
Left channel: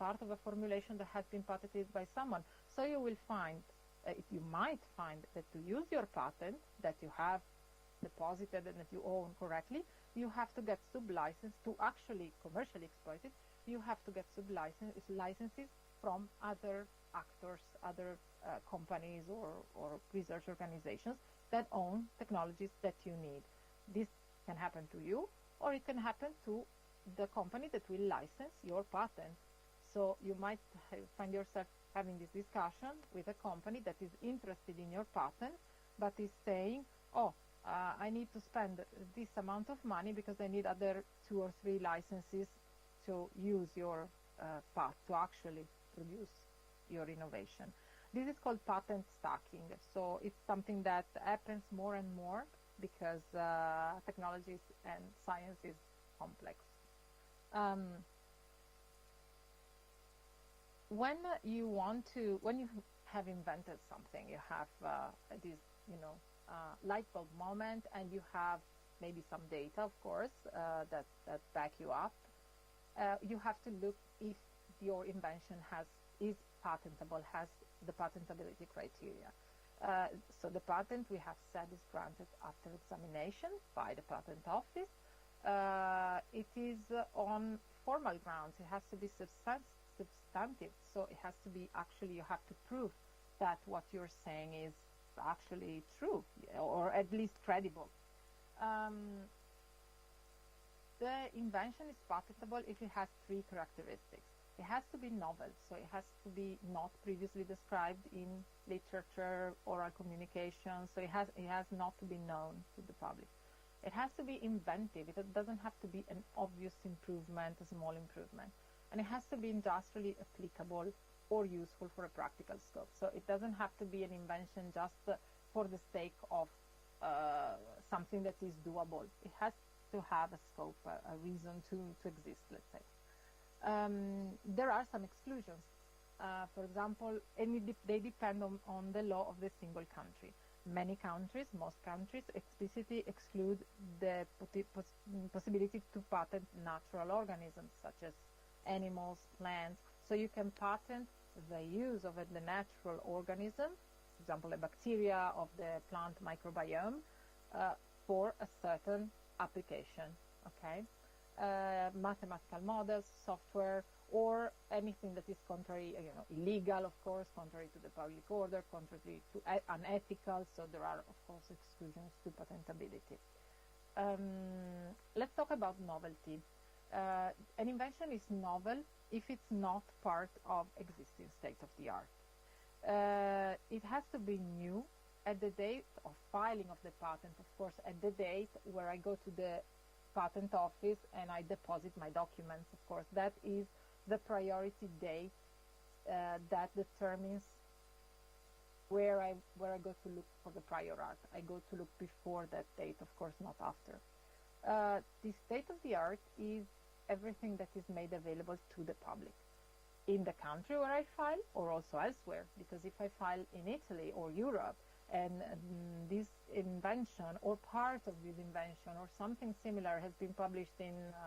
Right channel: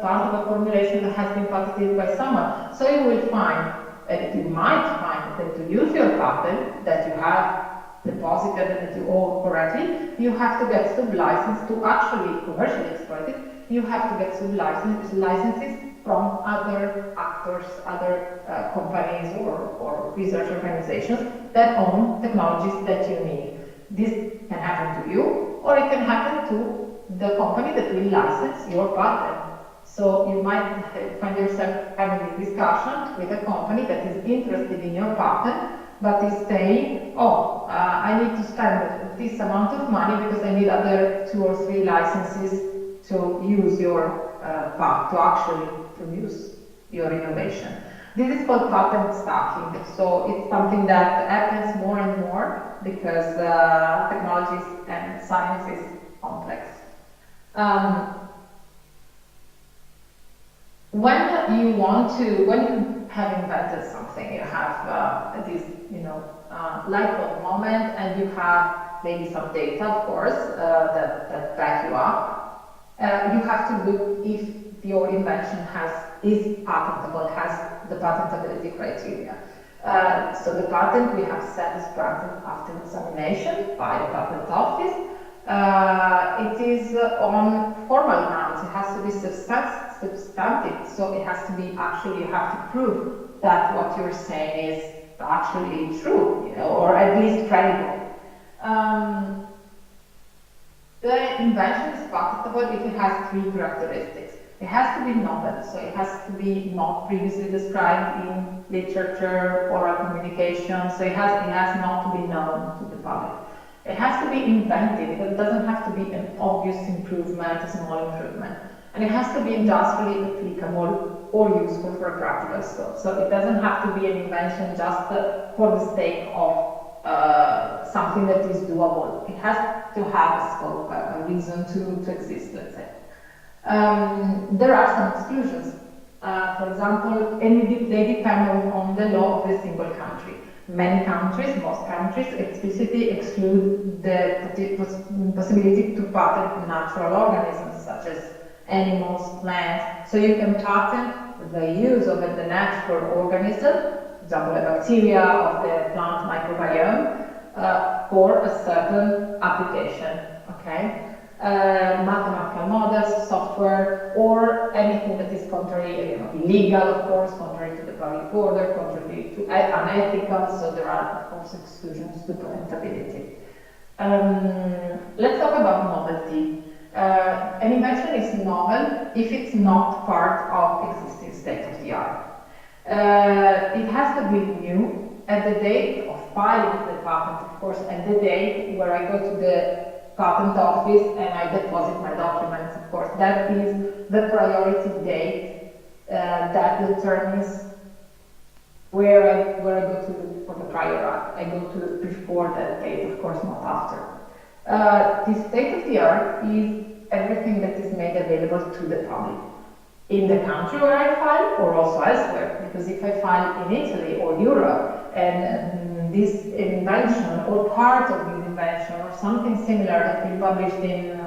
part of a formulation that has been patented by someone. So you will find, you might find that to use your patent that you have deposited and that you own correctly, you have to get sub-license to actually commercially exploit it. You have to get sub-licenses from other actors, other companies or research organizations that own technologies that you need. This can happen to you, or it can happen to the company that will license your patent. So you might find yourself having this discussion with a company that is interested in your patent, but is saying, oh, I need to spend this amount of money because I need other 2 or 3 licenses to use your patent, to actually produce your innovation. This is called patent stacking. So it's something that happens more and more because technologies and science is complex. When you have invented something, you have this, light bulb moment, and you have maybe some data, of course, that back you up. You have to look if your invention is patentable, has the patentability criteria. So the patent we have set is granted after examination by the patent office. It is on formal grounds. It has to be substantive, so it has to be actually, you have to prove that what you're saying is actually true, or at least credible. The invention is patentable if it has 3 characteristics. It has to be novel, so it has to be not previously described in literature or a communication, so it has not to be known to the public. It has to be inventive, it doesn't have to be an obvious improvement, a small improvement. And it has to be industrially applicable or useful for a practical scope. So it doesn't have to be an invention just for the sake of something that is doable. It has to have a scope, a reason to exist, let's say. There are some exclusions. For example, they depend on the law of the single country. Many countries, most countries, explicitly exclude the possibility to patent natural organisms, such as animals, plants. So you can patent the use of the natural organism, for example, a bacteria of the plant microbiome, for a certain application, okay? Mathematical models, software, or anything that is contrary, illegal, of course, contrary to the public order, contrary to unethical, so there are, of course, exclusions to patentability. Let's talk about novelty. An invention is novel if it's not part of existing state-of-the-art. It has to be new at the date of filing the patent, of course, at the date where I go to the patent office and I deposit my documents, of course. That is the priority date that determines where I go to for the prior art. I go to before that date, of course, not after. The state-of-the-art is everything that is made available to the public in the country where I file or also elsewhere, because if I file in Italy or Europe and this invention or part of this invention or something similar has been published in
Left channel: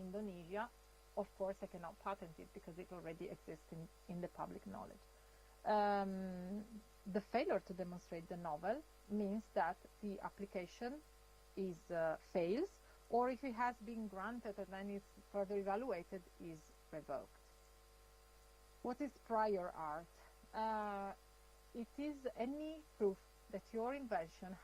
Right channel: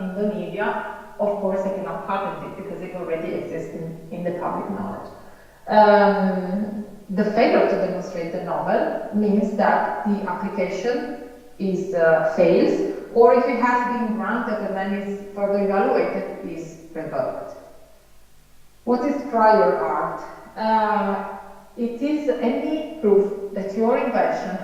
Indonesia, of course I cannot patent it because it already exists in the public knowledge. The failure to demonstrate the novel means that the application is fails, or if it has been granted and then is further evaluated, is revoked. What is prior art? It is any proof that your invention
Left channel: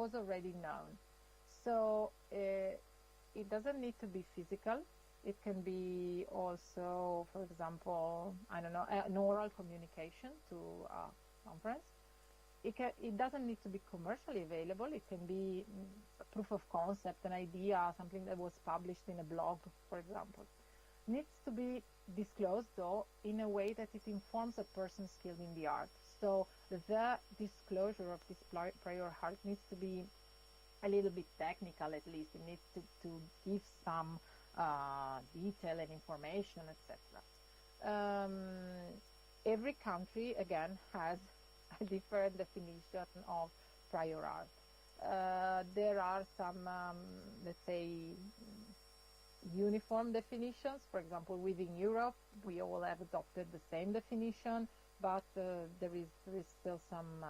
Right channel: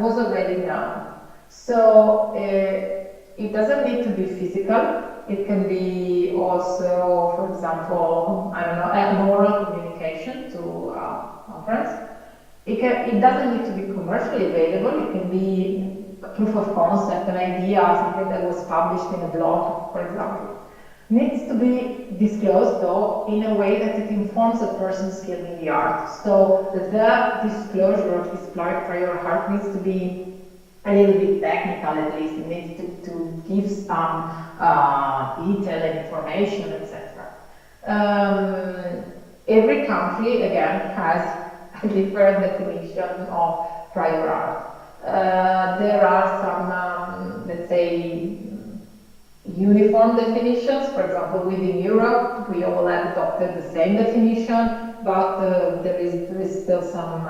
was already known. So it doesn't need to be physical. It can be also, for example, I don't know, an oral communication to a conference. It doesn't need to be commercially available. It can be a proof of concept, an idea, something that was published in a blog, for example. needs to be disclosed though in a way that it informs the person skilled in the art. So the disclosure of this prior art needs to be a little bit technical at least. It needs to give some detail and information, etc. Every country, again, has a different definition of prior art. There are some, let's say, uniform definitions. For example, within Europe, we all have adopted the same definition, but there is still some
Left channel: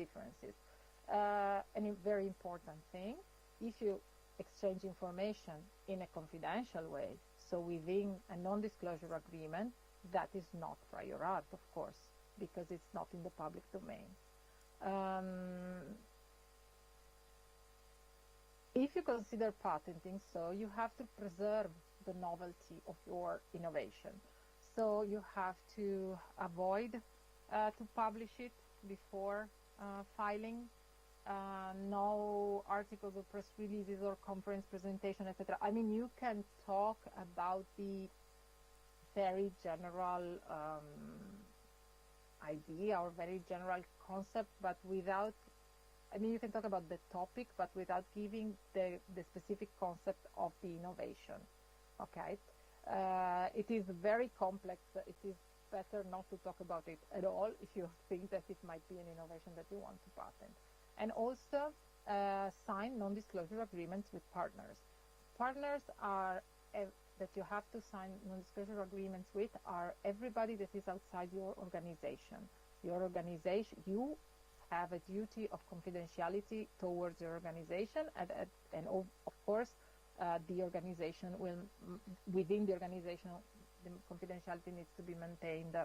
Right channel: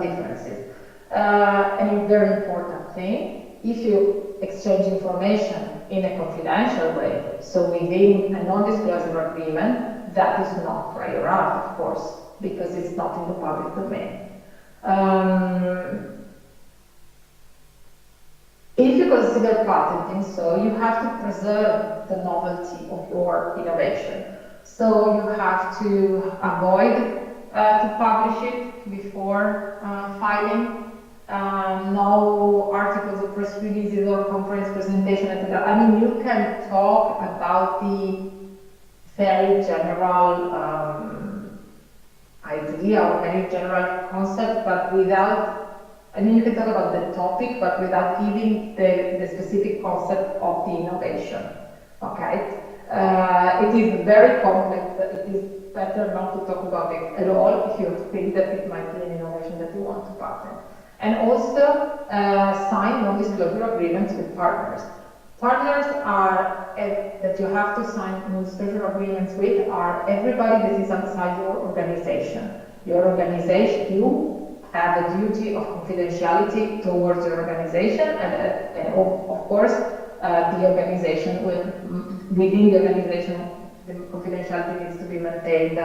differences. And a very important thing, if you exchange information in a confidential way, so within a non-disclosure agreement, that is not prior art, of course, because it's not in the public domain. If you consider patenting, so you have to preserve the novelty of your innovation. So you have to avoid to publish it before filing. No articles of press releases or conference presentation, etc. I mean, you can talk about the very general idea or very general concept, but without, I mean, you can talk about the topic, but without giving the specific concept of the innovation. Okay? It is very complex. It is better not to talk about it at all if you think that it might be an innovation that you want to patent. And also sign non-disclosure agreements with partners. Partners are, that you have to sign non-disclosure agreements with, are everybody that is outside your organization. Your organization, you have a duty of confidentiality towards your organization, and of course, the organization will, within the organization, the confidentiality needs to be maintained,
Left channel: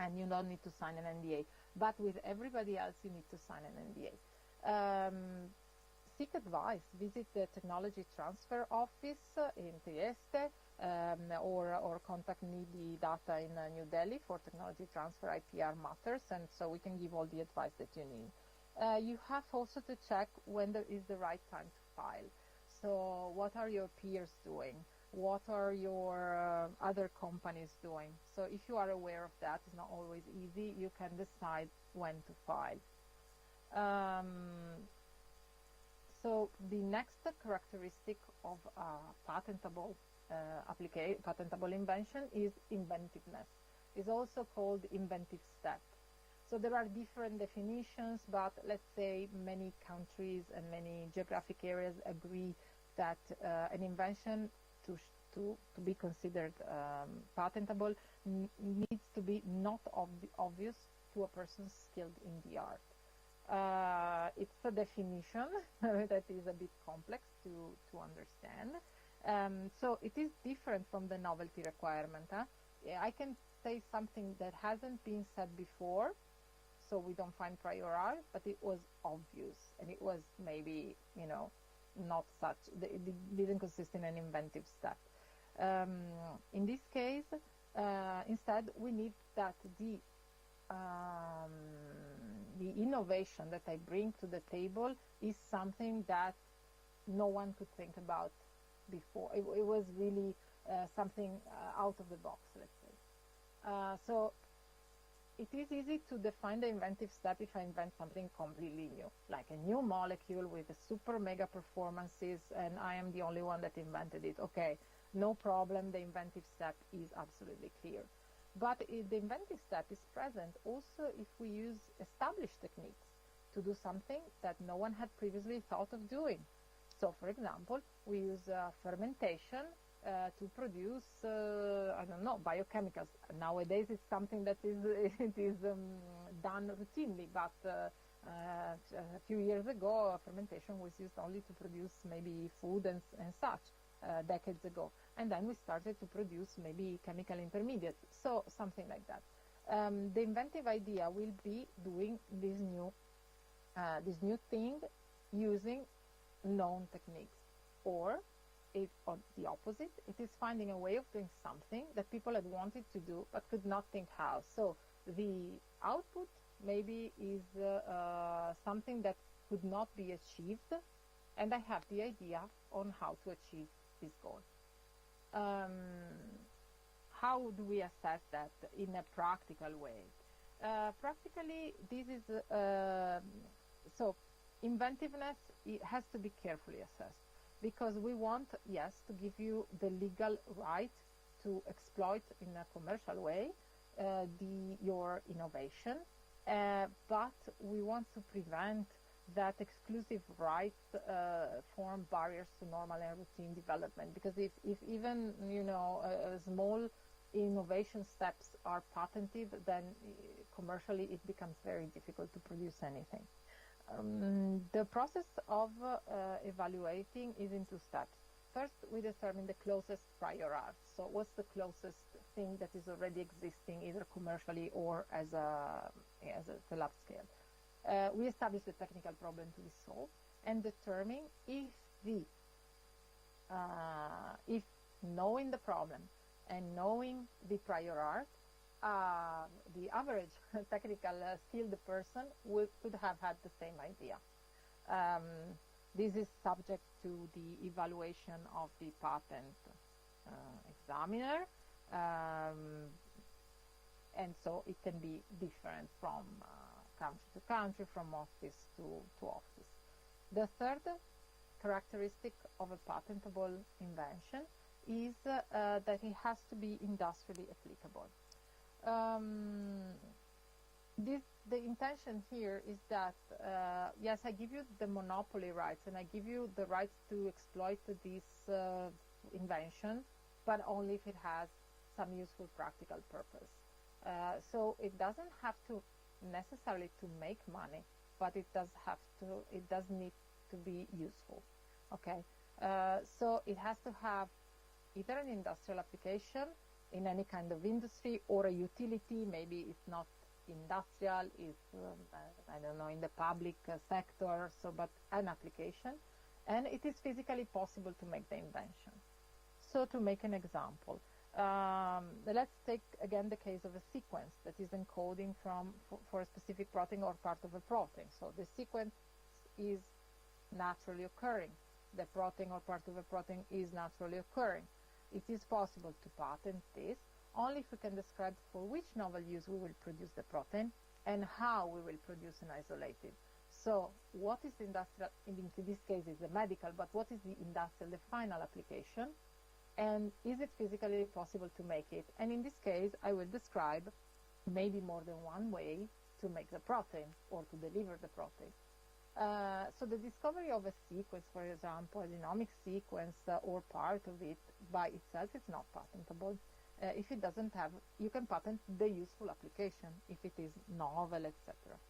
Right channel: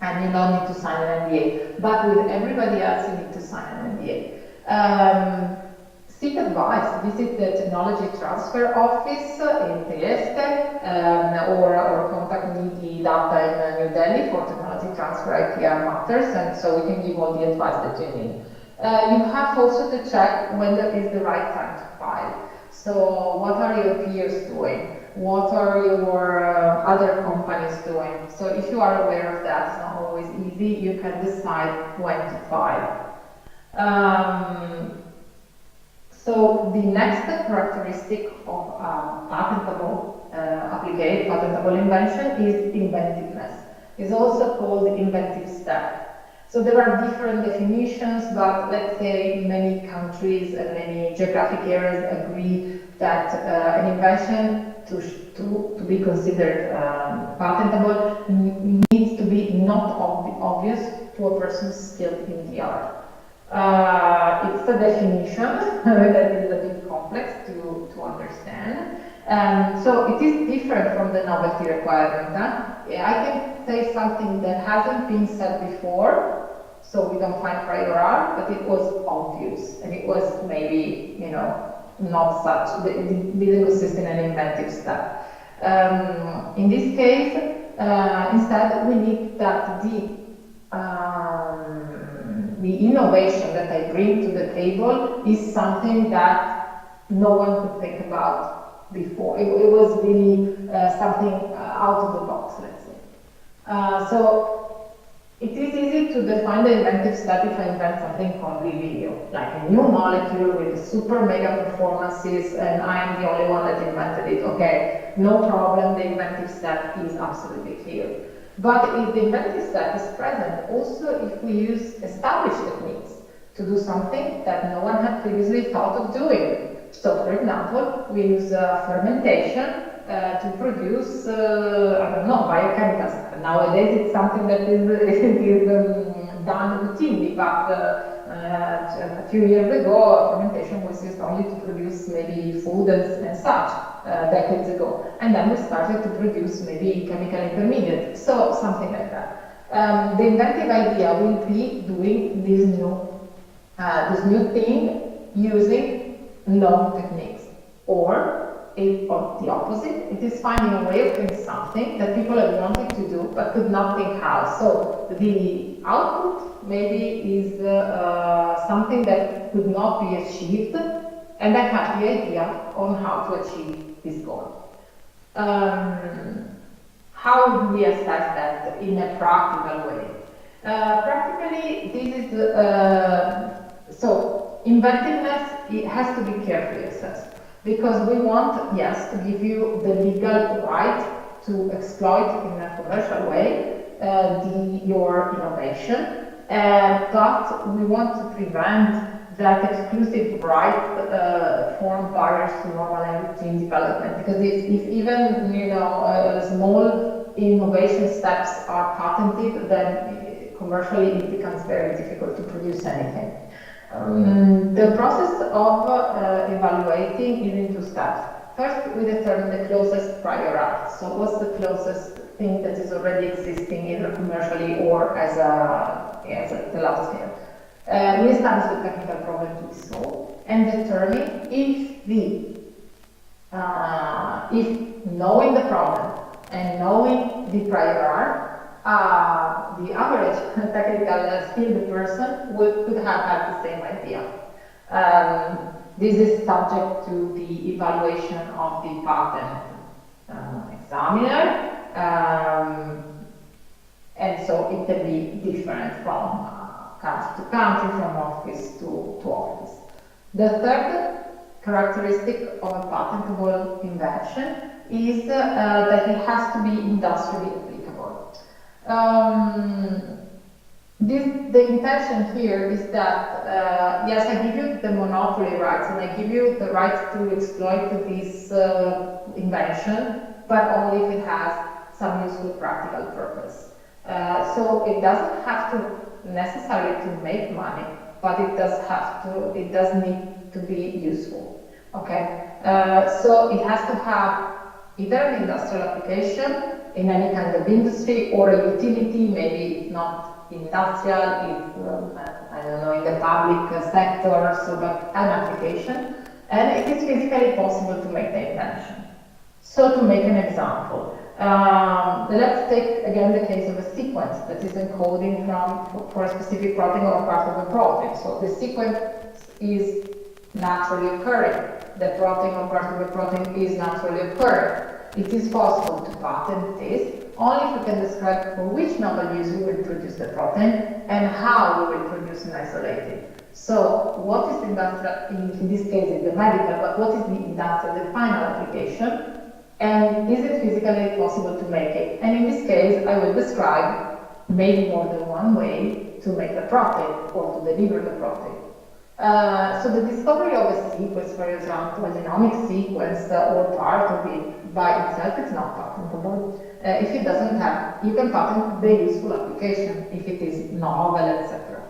and you don't need to sign an NDA. But with everybody else, you need to sign an NDA. Seek advice. Visit the Technology Transfer Office in Trieste, or contact me, the data in New Delhi for technology transfer IPR matters, and so we can give all the advice that you need. You have also to check when there is the right time to file. So what are your peers doing? What are your other companies doing? So if you are aware of that, it's not always easy, you can decide when to file. So the next characteristic of patentable patentable invention is inventiveness. It's also called inventive step. So there are different definitions, but let's say many countries and many geographic areas agree that an invention to be considered patentable needs to be not obvious to a person skilled in the art. It's a definition that is a bit complex to understand. So it is different from the novelty requirement. I can say something that hasn't been said before, so we don't find prior art, but it was obvious, and it was maybe, you know, not such, it didn't consist in an inventive step. In this case, instead, we need that the innovation that I bring to the table is something that no one could think about before. It was really something out of the box, let's say. So it is easy to define the inventive step if I invent something called video, like a new molecule with super mega performances, and I am the only one that invented it. Okay, no problem, the inventive step is absolutely clear. But if the inventive step is present, also if we use established techniques to do something that no one had previously thought of doing. So, for example, we use fermentation to produce, I don't know, biochemicals. Nowadays it's something that is done routinely, but a few years ago, fermentation was used only to produce maybe food and such, decades ago. And then we started to produce maybe chemical intermediates, so something like that. The inventive idea will be doing this new thing using known techniques, or the opposite, it is finding a way of doing something that people have wanted to do but could not think how. So the output maybe is something that could not be achieved, and I have the idea on how to achieve this goal. How do we assess that in a practical way? Practically, this is so inventiveness. It has to be carefully assessed because we want, yes, to give you the legal right to exploit in a commercial way your innovation, but we want to prevent that exclusive right form barriers to normal and routine development. Because if even small innovation steps are patented, then commercially it becomes very difficult to produce anything. The process of evaluating is in two steps. First, we determine the closest prior art. So what's the closest thing that is already existing either commercially or as a lab scale? We establish the technical problem to be solved and determine if knowing the problem and knowing the prior art, the average technical skilled person could have had the same idea. This is subject to the evaluation of the patent examiner, and so it can be different from country to country, from office to office. The third characteristic of a patentable invention is that it has to be industrially applicable. The intention here is that, yes, I give you the monopoly rights and I give you the right to exploit this invention, but only if it has some useful practical purpose. So it doesn't have to necessarily to make money, but it does need to be useful. Okay, so it has to have either an industrial application in any kind of industry or a utility, maybe it's not industrial, it's, I don't know, in the public sector, so but an application, and it is physically possible to make the invention. So to make an example, let's take again the case of a sequence that is encoding for a specific protein or part of a protein. So the sequence is naturally occurring. The protein or part of the protein is naturally occurring. It is possible to patent this only if we can describe for which novel use we will produce the protein and how we will produce and isolate it. So what is the industrial, in this case it's the medical, but what is the industrial, the final application? And is it physically possible to make it? And in this case, I will describe maybe more than one way to make the protein or to deliver the protein. So the discovery of a sequence, for example, a genomic sequence or part of it by itself is not patentable. If it doesn't have, you can patent the useful application if it is novel, etc.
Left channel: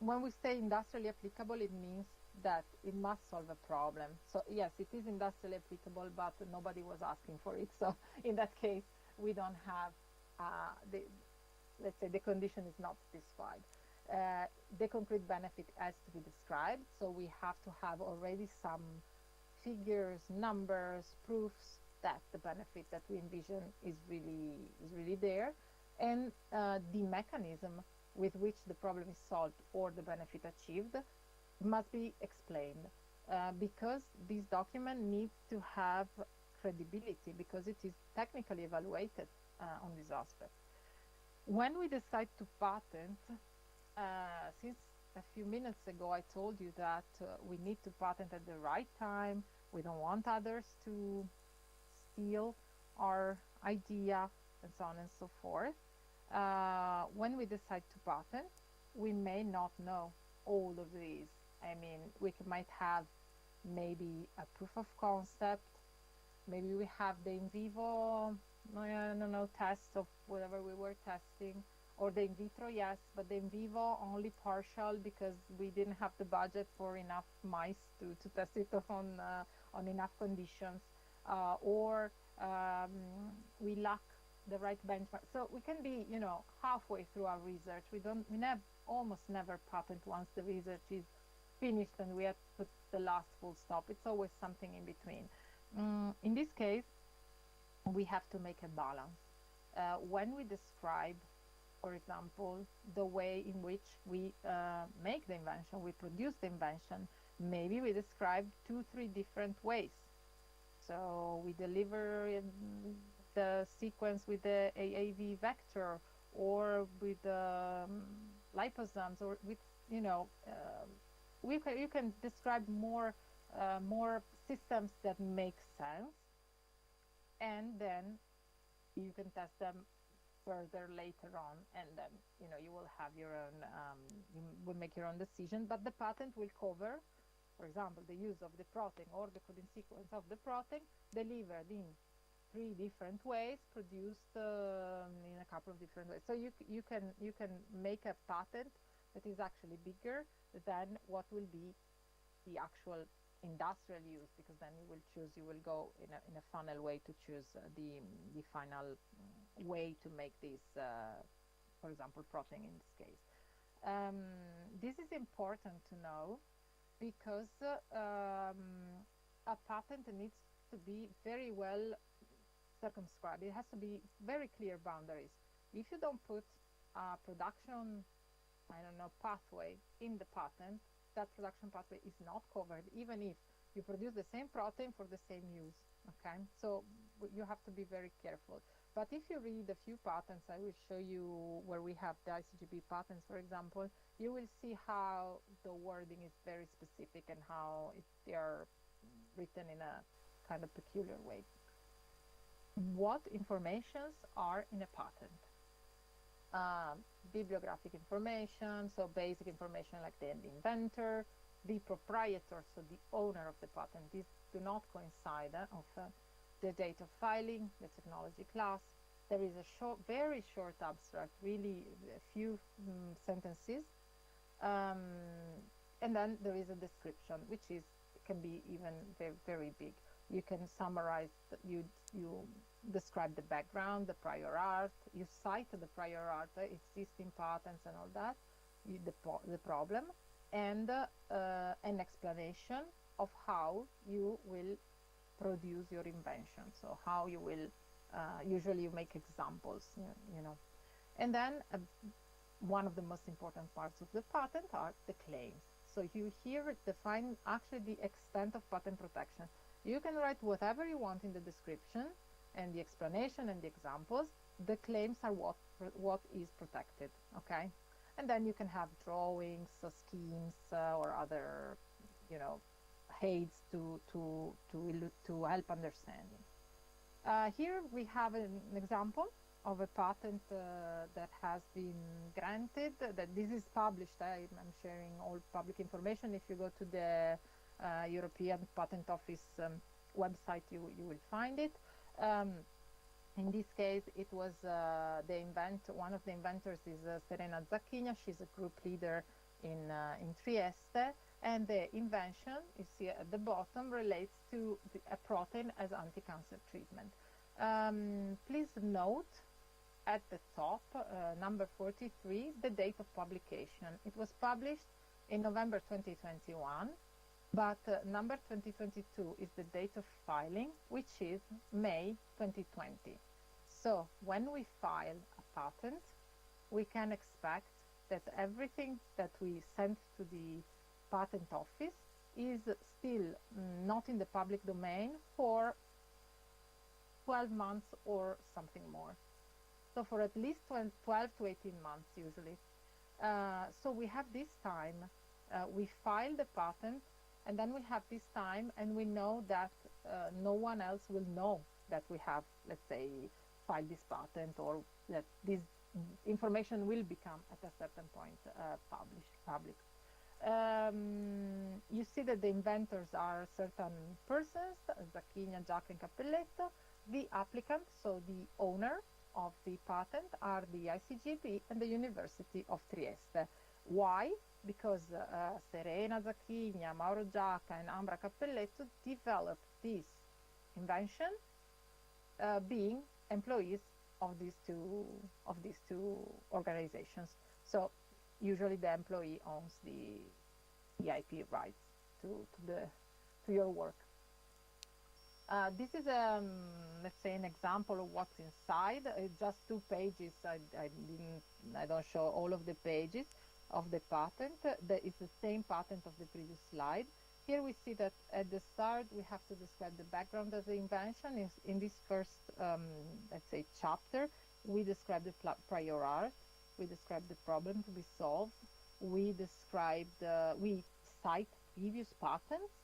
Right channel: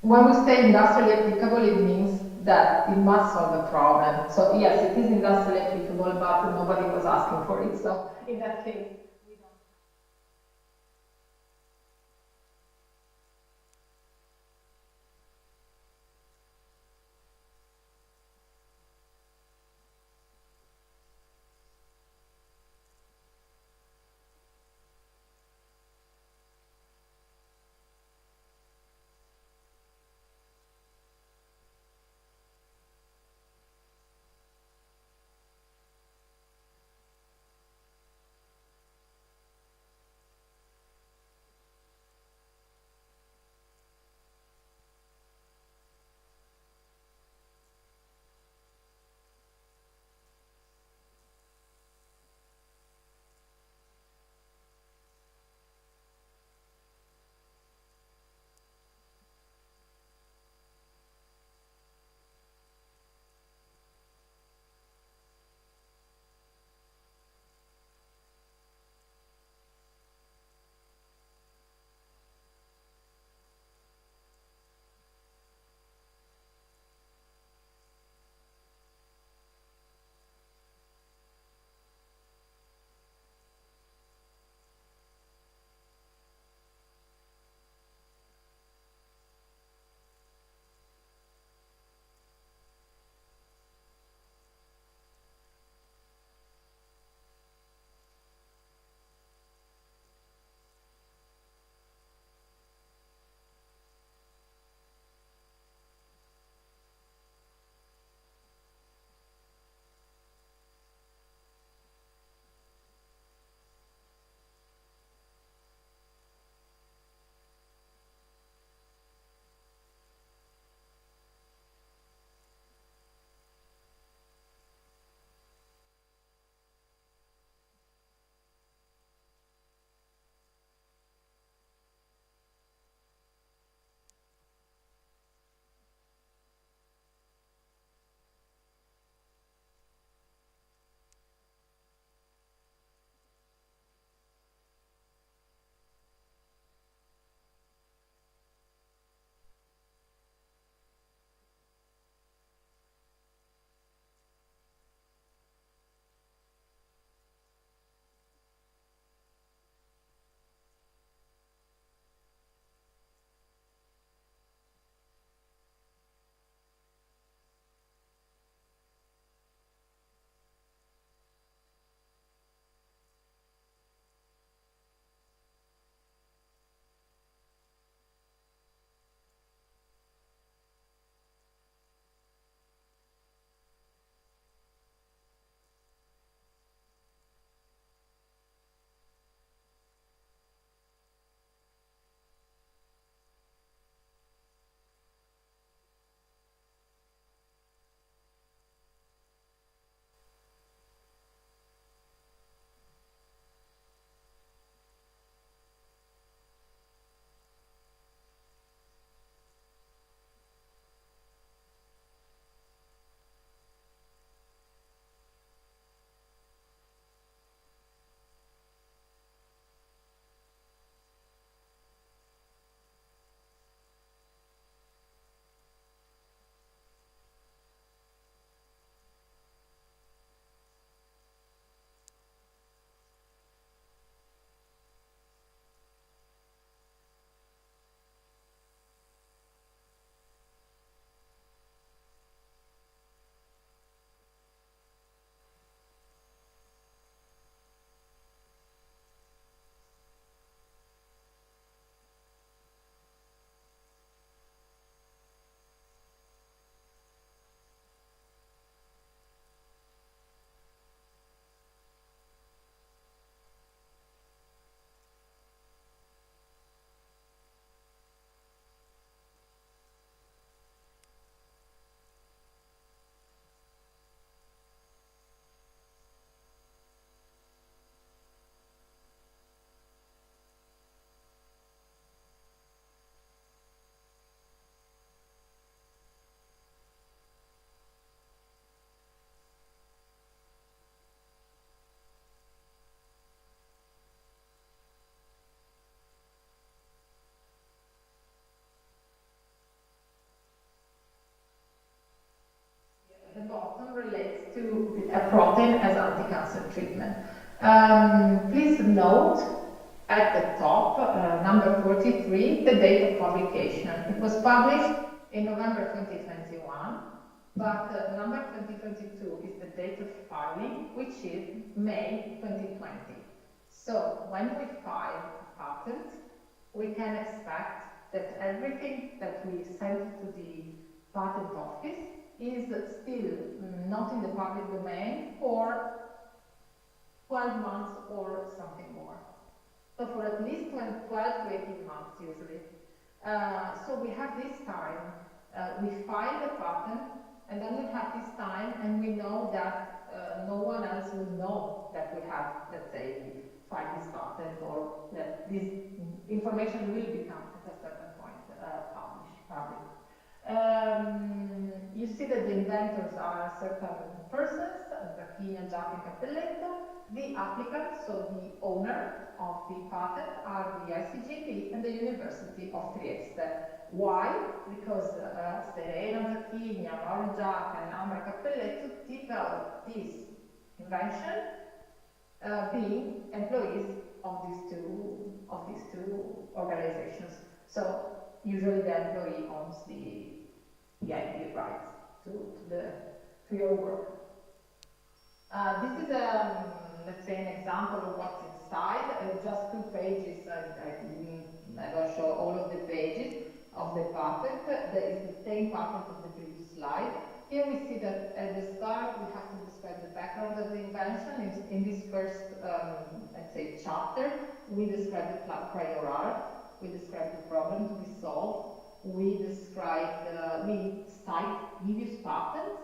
When we say industrially applicable, it means that it must solve a problem. So yes, it is industrially applicable, but nobody was asking for it. So in that case, we don't have let's say the condition is not described. The concrete benefit has to be described, so we have to have already some figures, numbers, proofs that the benefit that we envision is really there, and the mechanism with which the problem is solved or the benefit achieved must be explained, because this document needs to have credibility because it is technically evaluated on this aspect. When we decide to patent, since a few minutes ago I told you that we need to patent at the right time, we don't want others to steal our idea and so on and so forth. When we decide to patent, we may not know all of these. I mean, we might have maybe a proof of concept, maybe we have the in vivo, I don't know, test of whatever we were testing, or the in vitro, yes, but the in vivo only partial because we didn't have the budget for enough mice to test it on enough conditions, or we lack the right benchmark. So we can be, halfway through our research. We almost never patent once the research is finished and we have to put the last full stop. It's always something in between. In this case, we have to make a balance. When we describe for example, the way in which we make the invention, we produce the invention. Maybe we describe 2, 3 different ways. So we deliver the sequence with the AAV vector, or with liposomes, or with, you know, you can describe more systems that make sense, and then you can test them further later on, and then you will have your own, you will make your own decision, but the patent will cover, for example, the use of the protein or the coding sequence of the protein delivered in 3 different ways, produced in a couple of different ways. So you can make a patent that is actually bigger than what will be the actual industrial use, because then you will go in a funnel way to choose the final way to make this, for example, protein in this case. This is important to know, because a patent needs to be very well circumscribed. It has to be very clear boundaries. If you don't put a production, I don't know, pathway in the patent, that production pathway is not covered, even if you produce the same protein for the same use. Okay, so you have to be very careful. But if you read a few patents, I will show you where we have the ICGEB patents, for example, you will see how the wording is very specific, and how they are written in a kind of peculiar way. What informations are in a patent? Bibliographic information, so basic information like the inventor, the proprietor, so the owner of the patent. These do not coincide often. The date of filing, the technology class. There is a very short abstract, really a few sentences, and then there is a description, which can be even very, very big. You can summarize. You describe the background, the prior art. You cite the prior art, existing patents, and all that. The problem, and an explanation of how you will produce your invention. So how you will. Usually, you make examples. And then one of the most important parts of the patent are the claims. So you here define actually the extent of patent protection. You can write whatever you want in the description and the explanation and the examples. The claims are what is protected, okay? And then you can have drawings, schemes, or other, aids to help understanding. Here we have an example of a patent that has been granted. That this is published. I'm sharing all public information. If you go to the European Patent Office website, you will find it. In this case, it was one of the inventors is Serena Zacchigna. She's a group leader in Trieste, and the invention you see at the bottom relates to a protein as anti-cancer treatment. Please note at the top, number 43, the date of publication. It was published in November 2021, but number 2022 is the date of filing, which is May 2020. So when we file a patent, we can expect that everything that we send to the patent office is still not in the public domain for 12 months or something more. So for at least 12 to 18 months usually. So we have this time, we file the patent, and then we have this time, and we know that no one else will know that we have, let's say, we filed this patent, or that this information will become at a certain point public. You see that the inventors are certain persons, Zacchina, Giac, and Cappelletto. The applicant, so the owner of the patent, are the ICGEB and the University of Trieste. Why? Because Serena Zacchina, Mauro Giac, and Ambra Cappelletto developed this invention, being employees of these two organizations. So usually the employee owns the IP rights to your work. This is, let's say, an example of what's inside. Just 2 pages. and I'll show all of the pages of the patent. That is the same patent as the previous slide. Here we see that at the start we have to describe the background of the invention. In this first, let's say, chapter, we describe the prior art, we describe the problems we solve, we describe, we cite previous patents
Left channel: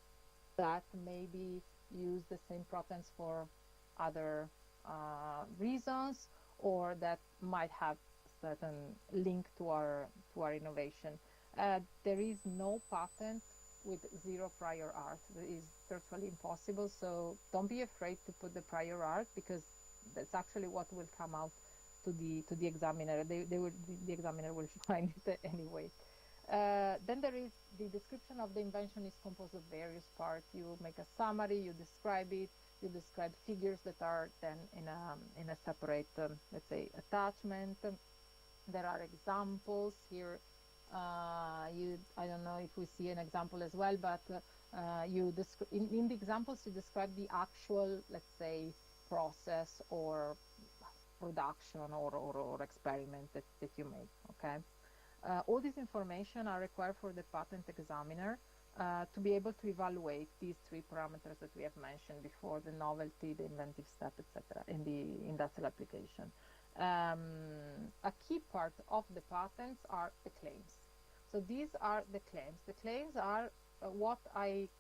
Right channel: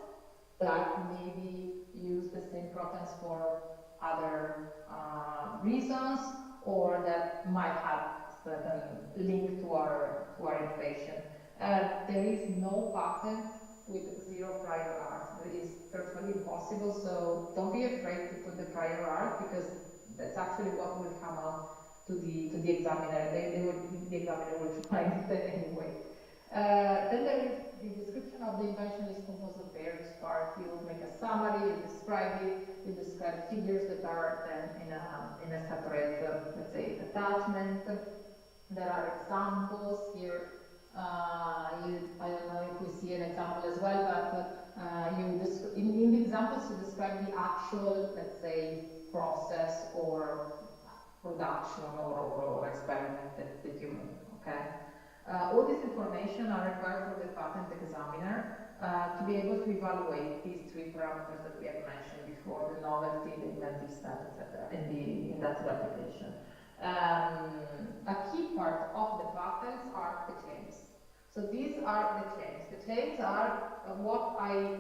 that maybe use the same patents for other reasons, or that might have certain link to our innovation. There is no patent with zero prior art. That is virtually impossible, so don't be afraid to put the prior art, because that's actually what will come out to the examiner. The examiner will find that anyway. Then there is the description of the invention is composed of various parts. You will make a summary, you describe it, you describe figures that are then in a separate, let's say, attachment. There are examples here. I don't know if we see an example as well, but in the examples you describe the actual, let's say, process or production or experiment that you make, okay? All this information are required from the patent examiner to be able to evaluate these three parameters that we have mentioned before: the novelty, the inventive style, etc., in the industrial application. A key part of the patents are the claims. So these are the claims. The claims are what I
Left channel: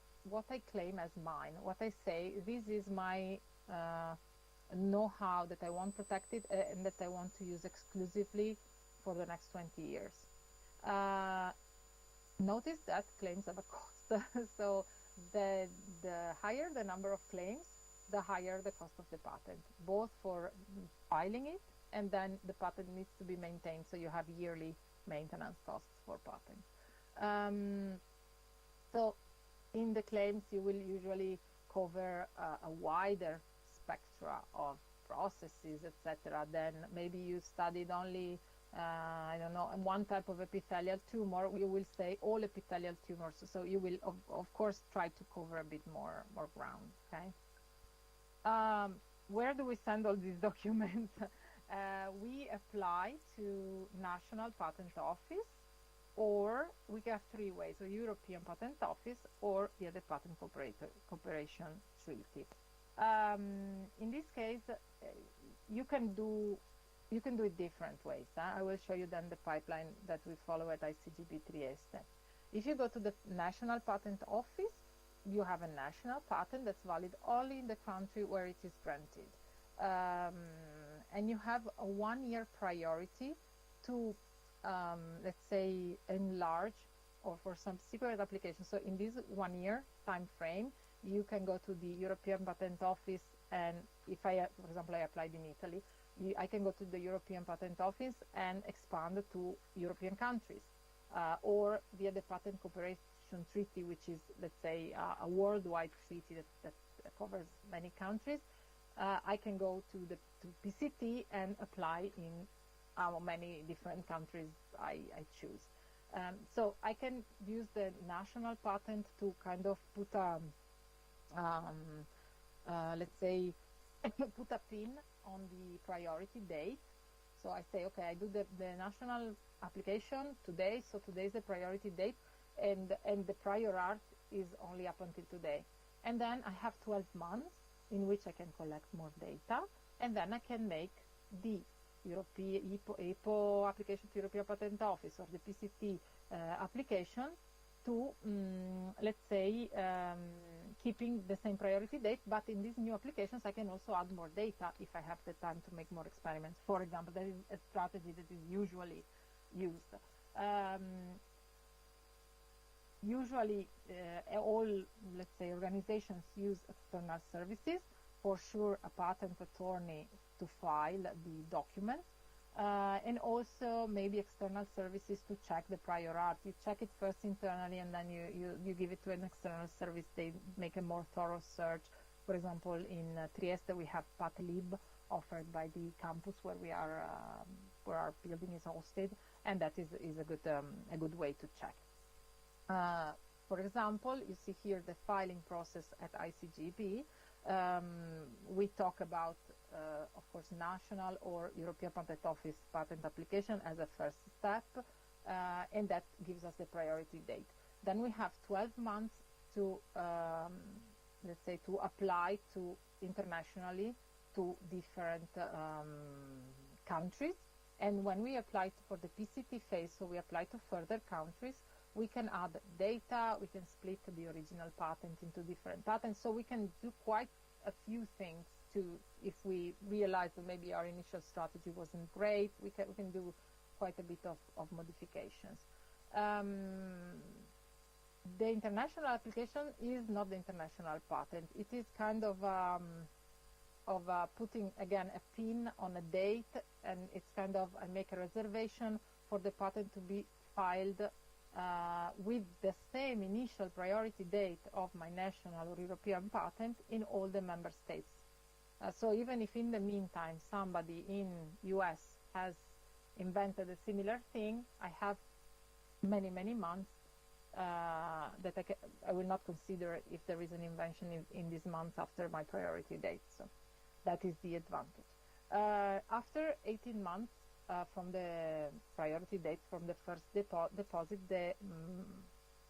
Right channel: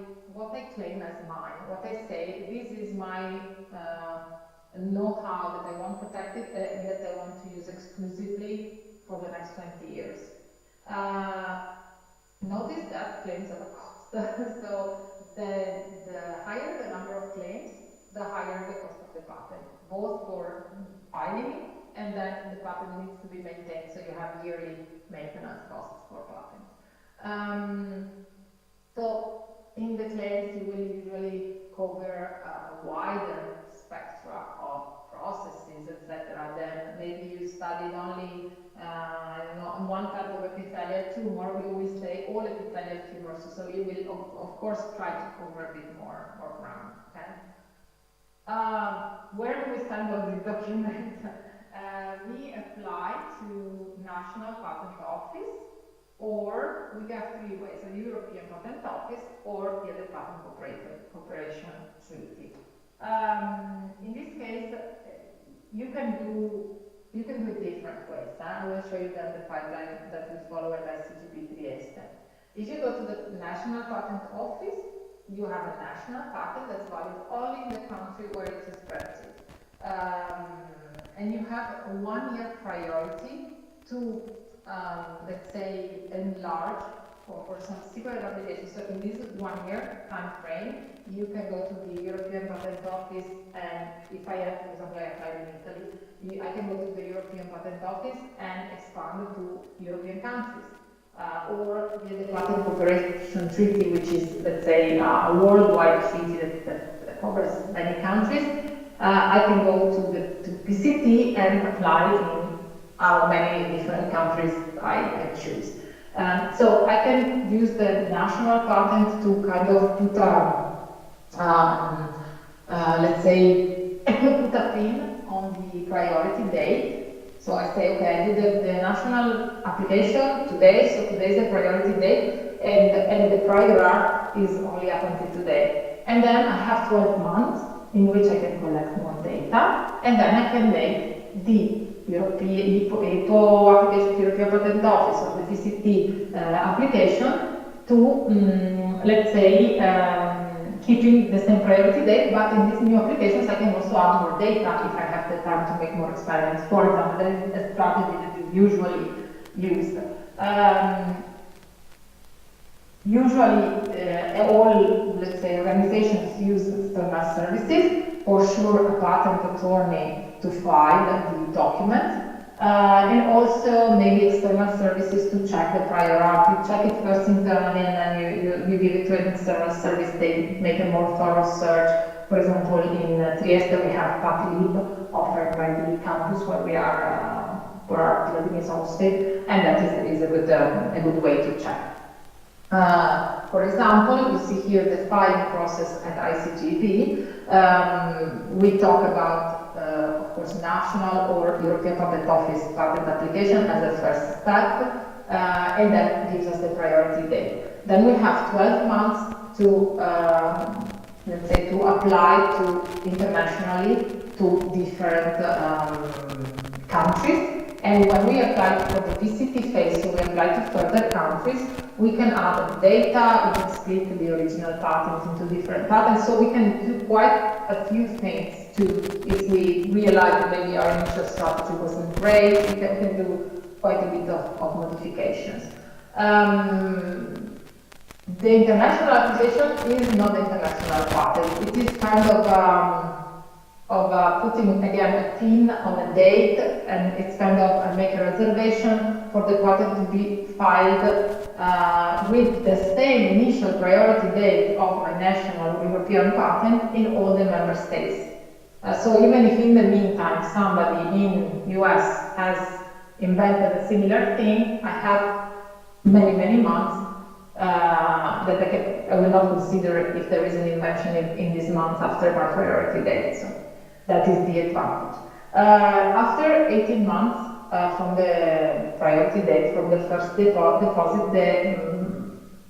claim as mine. What I say, this is my know-how that I want protected, that I want to use exclusively for the next 20 years. Notice that claims are a cost. So the higher the number of claims, the higher the cost of the patent, both for filing and then the patent needs to be maintained, so you have yearly maintenance costs for patent. So in the claims you will usually cover a wider spectrum of processes, etc. Then maybe you study only I don't know, one type of epithelial tumor. We will say all epithelial tumors, so you will of course try to cover a bit more ground. Okay? Where do we stand on this document? We apply to National Patent Office, or we have three ways: the European Patent Office or the Patent Cooperation Treaty. In this case, you can do it different ways. I will show you then the pipeline that we follow at ICGEB step. If you go to the National Patent Office, you have a national patent that's valid only in the country where it is registered. And you have a 1-year priority to, let's say, enlarge for some secret applications. So in this 1-year time frame, you can go to the European Patent Office, and if I have, for example, I applied in Italy, I can go to the European Patent Office and expand to European countries. Or the Patent Cooperation Treaty, which is, let's say, a worldwide treaty that covers many countries. I can go to PCT and apply in how many different countries I choose. So I can use the national patent to kind of put let's say, put a pin on the priority date. So I say, okay, I did the national application today, so today is the priority date, and the prior art is only up until today. And then I have 12 months in which I can collect more data, and then I can make the European IPO application to European Patent Office or the PCT application to, let's say, keeping the same priority date, but in these new applications I can also add more data if I have the time to make more experiments. For example, that is a strategy that is usually used. Usually, all, let's say, organizations use external services, for sure a patent attorney to file the document, and also maybe external services to check the prior art. You check it first internally and then you give it to an external service. They make a more thorough search. For example, in Trieste we have PatLib offered by the campus where we are, where our building is hosted, and that is a good way to check. For example, you see here the filing process at ICGEB. We talk about of course, national or European Patent Office patent application as a first step, and that gives us the priority date. Then we have 12 months to, let's say, to apply to internationally to different countries. And when we apply for the VCT phase, so we apply to further countries, we can add data, we can split the original patent into different patents, so we can do quite a few things to, if we realize that maybe our initial strategy wasn't great, we can do quite a bit of modifications. The international application is not the international patent. It is kind of putting again a pin on a date, and it's kind of make a reservation for the patent to be filed with the same initial priority date of a national European patent in all the member states. So even if in the meantime somebody in US has invented a similar thing, I have many months that I will not consider if there is an invention in these months after my priority date. So that is the advantage. After 18 months from the priority date, from the first deposit, the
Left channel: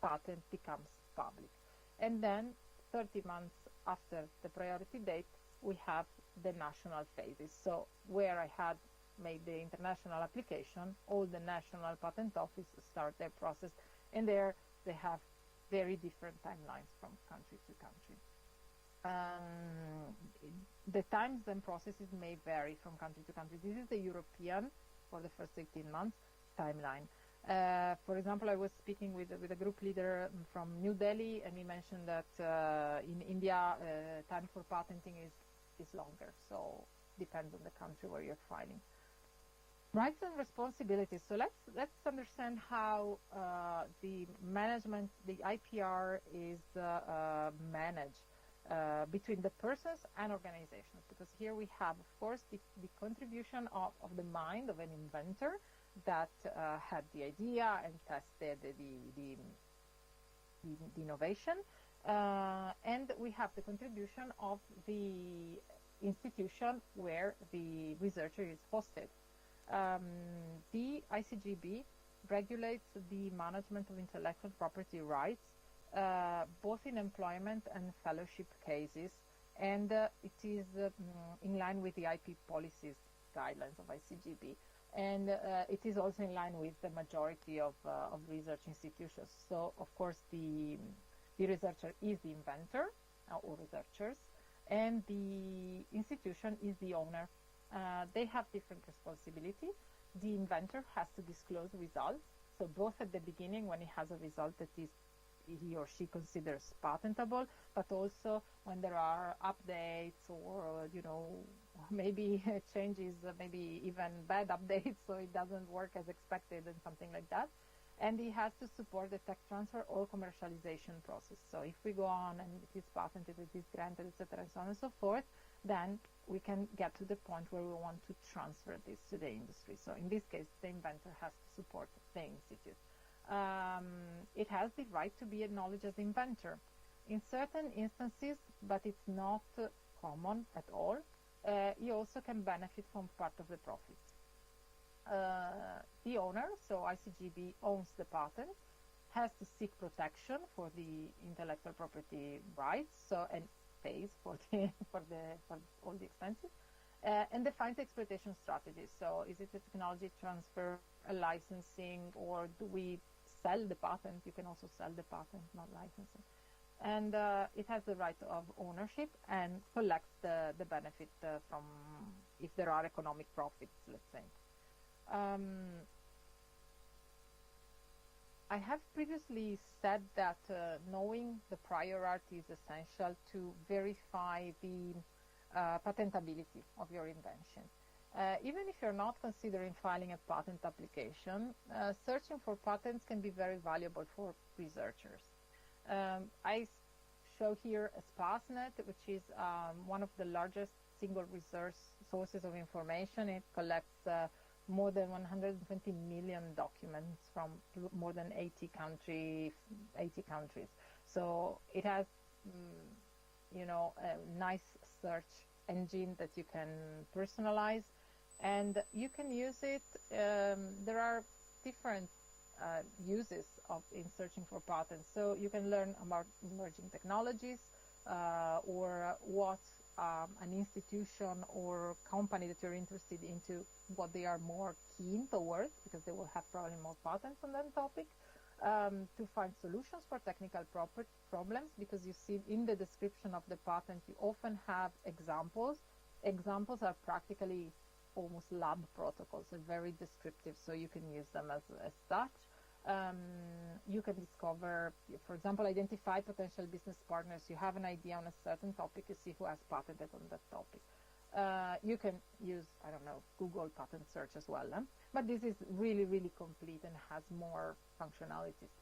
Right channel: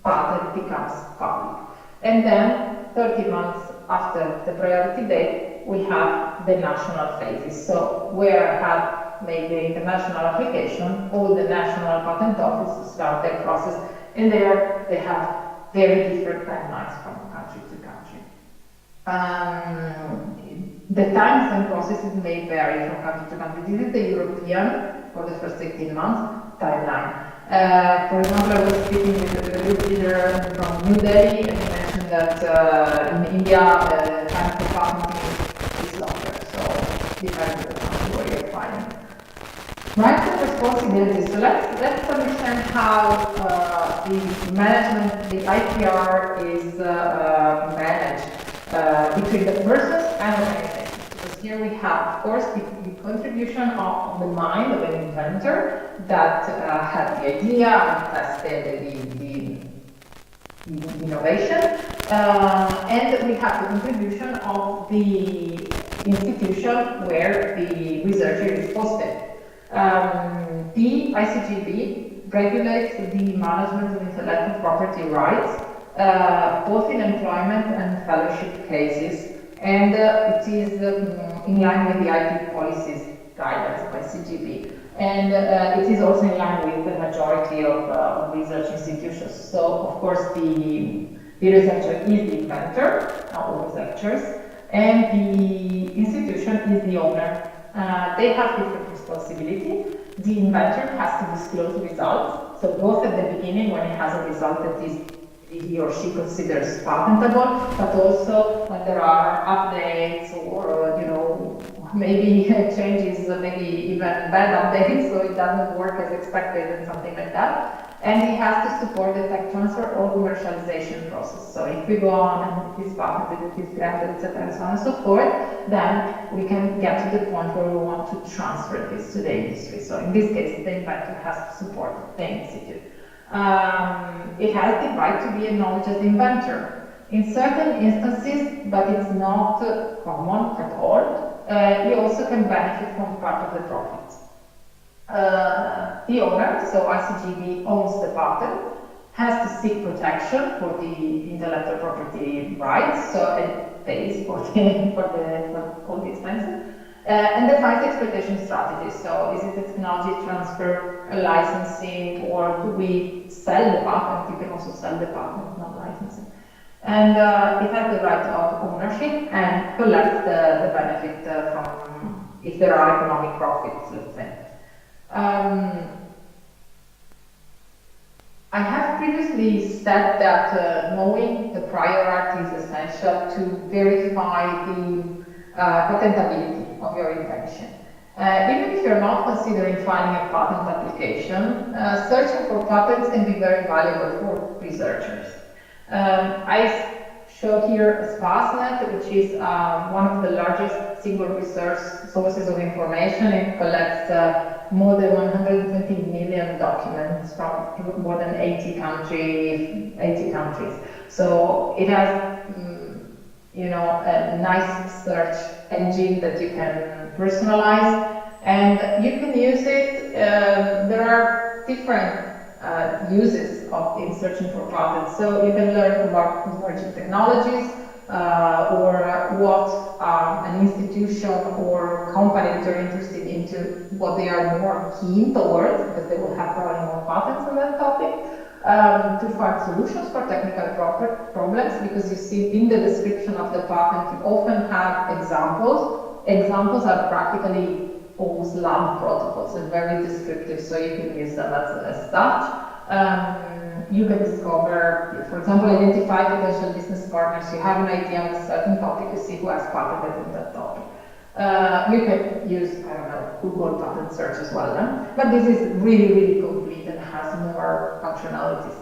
patent becomes public. And then 30 months after the priority date, we have the national phases. So where I have made the international application, all the national patent offices start their process, and there they have very different timelines from country to country. The times and processes may vary from country to country. This is the European, for the first 18 months, timeline. For example, I was speaking with a group leader from New Delhi, and he mentioned that in India, the time for patenting is longer, so depends on where you're finding. Rights and responsibilities. So let's understand how the management, the IPR is managed between the persons and organizations. Because here we have, of course, the contribution of the mind of an inventor that had the idea and tested the innovation, and we have the contribution of the institution where the researcher is hosted. The ICGEB regulates the management of intellectual property rights, both in employment and fellowship cases, and it is in line with the IP policies guidance of ICGEB. And it is also in line with the majority of research institutions. So, of course, the researcher is the inventor, all researchers, and the institution is the owner. They have different responsibility. The inventor has to disclose results. So both at the beginning, when he has a result that is he or she considers patentable, but also when there are updates or maybe changes, maybe even bad updates, so it doesn't work as expected and something like that. And he has to support the tech transfer or commercialization process. So if we go on and it is patented, it is granted, etc., and so on and so forth, then we can get to the point where we want to transfer this to the industry. So in this case, the inventor has to support the institute. It has the right to be acknowledged as inventor. In certain instances, but it's not common at all, he also can benefit from part of the profits. The owner, so ICGEB owns the patent, has to seek protection for the intellectual property rights, so it pays for all the expenses, and defines the exploitation strategy. So is it a technology transfer, a licensing, or do we sell the patent? You can also sell the patent, not licensing. And it has the right of ownership and collects the benefit from, if there are economic profits, let's say. I have previously said that knowing the prior art is essential to verify the patentability of your invention. Even if you're not considering filing a patent application, searching for patents can be very valuable for researchers. I show here SPASnet, which is one of the largest single research sources of information. It collects more than 120 million documents from more than 80 countries. So it has, a nice search engine that you can personalize, and you can use it. There are different uses in searching for patents. So you can learn about emerging technologies, or what an institution or company that you're interested into, what they are more keen towards, because they will have probably more patents on that topic. To find solutions for technical problems, because you see in the description of the patent you often have examples. Examples are practically almost lab protocols and very descriptive, so you can use them as such. You can discover, for example, identify potential business partners. You have an idea on a certain topic, you see who has patented on that topic. You can use, I don't know, Google patent search as well, but this is really, really complete and has more functionalities.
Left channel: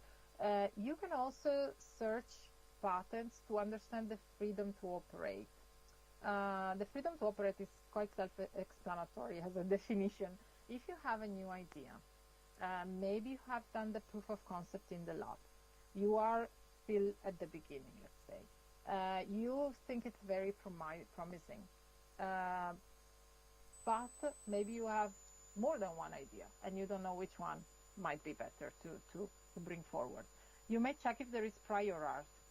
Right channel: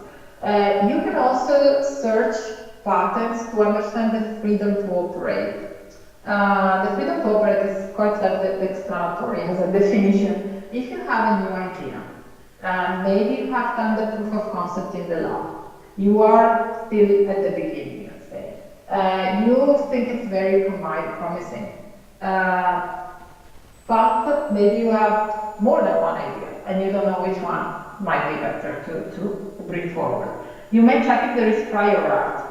You can also search patents to understand the freedom to operate. The freedom to operate is quite self-explanatory as a definition. If you have a new idea, maybe you have done the proof of concept in the lab, you are still at the beginning, let's say. You think it's very promising. But maybe you have more than one idea and you don't know which one might be better to bring forward. You may check if there is prior art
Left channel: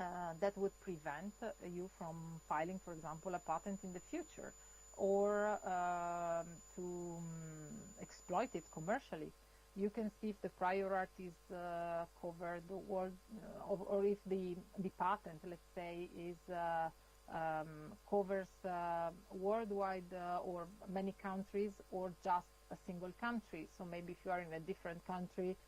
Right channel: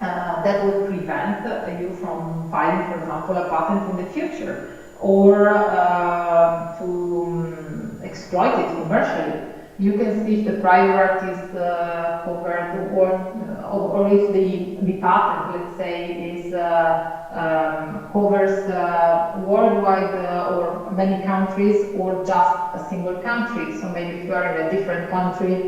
that would prevent you from filing, for example, a patent in the future, or to exploit it commercially. You can see if the prior art is covered, or if the patent, let's say, is covers worldwide or many countries, or just a single country. So maybe if you are in a different country,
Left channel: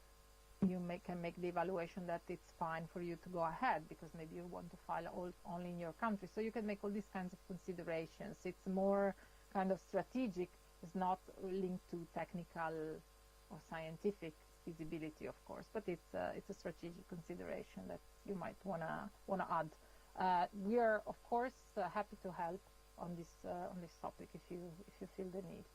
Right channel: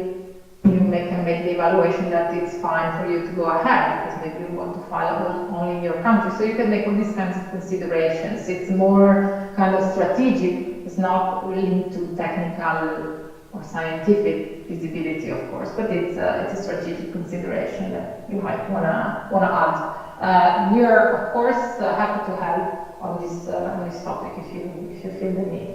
you can make the evaluation that it's fine for you to go ahead, because maybe you want to file only in your country. So you can make all these kinds of considerations. It's more kind of strategic. It's not linked to technical or scientific feasibility, of course, but it's a strategic consideration that you might wanna add. We are, of course, happy to help on this topic if you feel the need.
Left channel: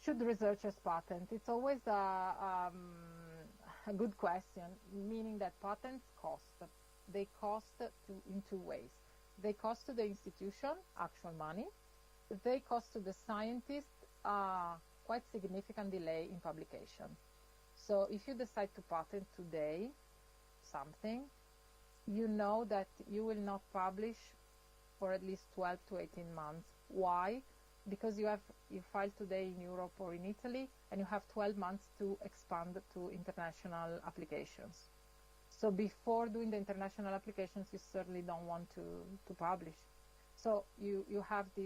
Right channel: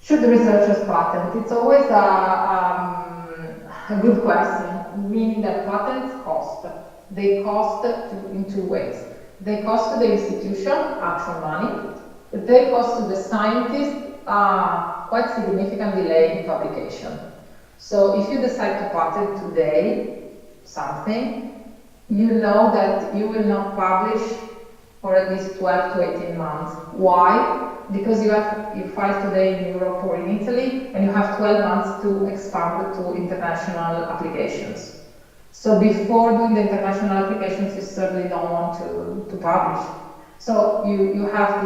Should the researchers patent? It's always a good question, meaning that patents cost. They cost in two ways. They cost to the institution, actual money, but they cost to the scientist quite significant delay in publication. So if you decide to patent today something, you know that you will not publish for at least 12 to 18 months. Why? Because you file today in Europe or in Italy, and you have 12 months to expand to international applications. So before doing the international applications, you certainly don't want to publish. So you have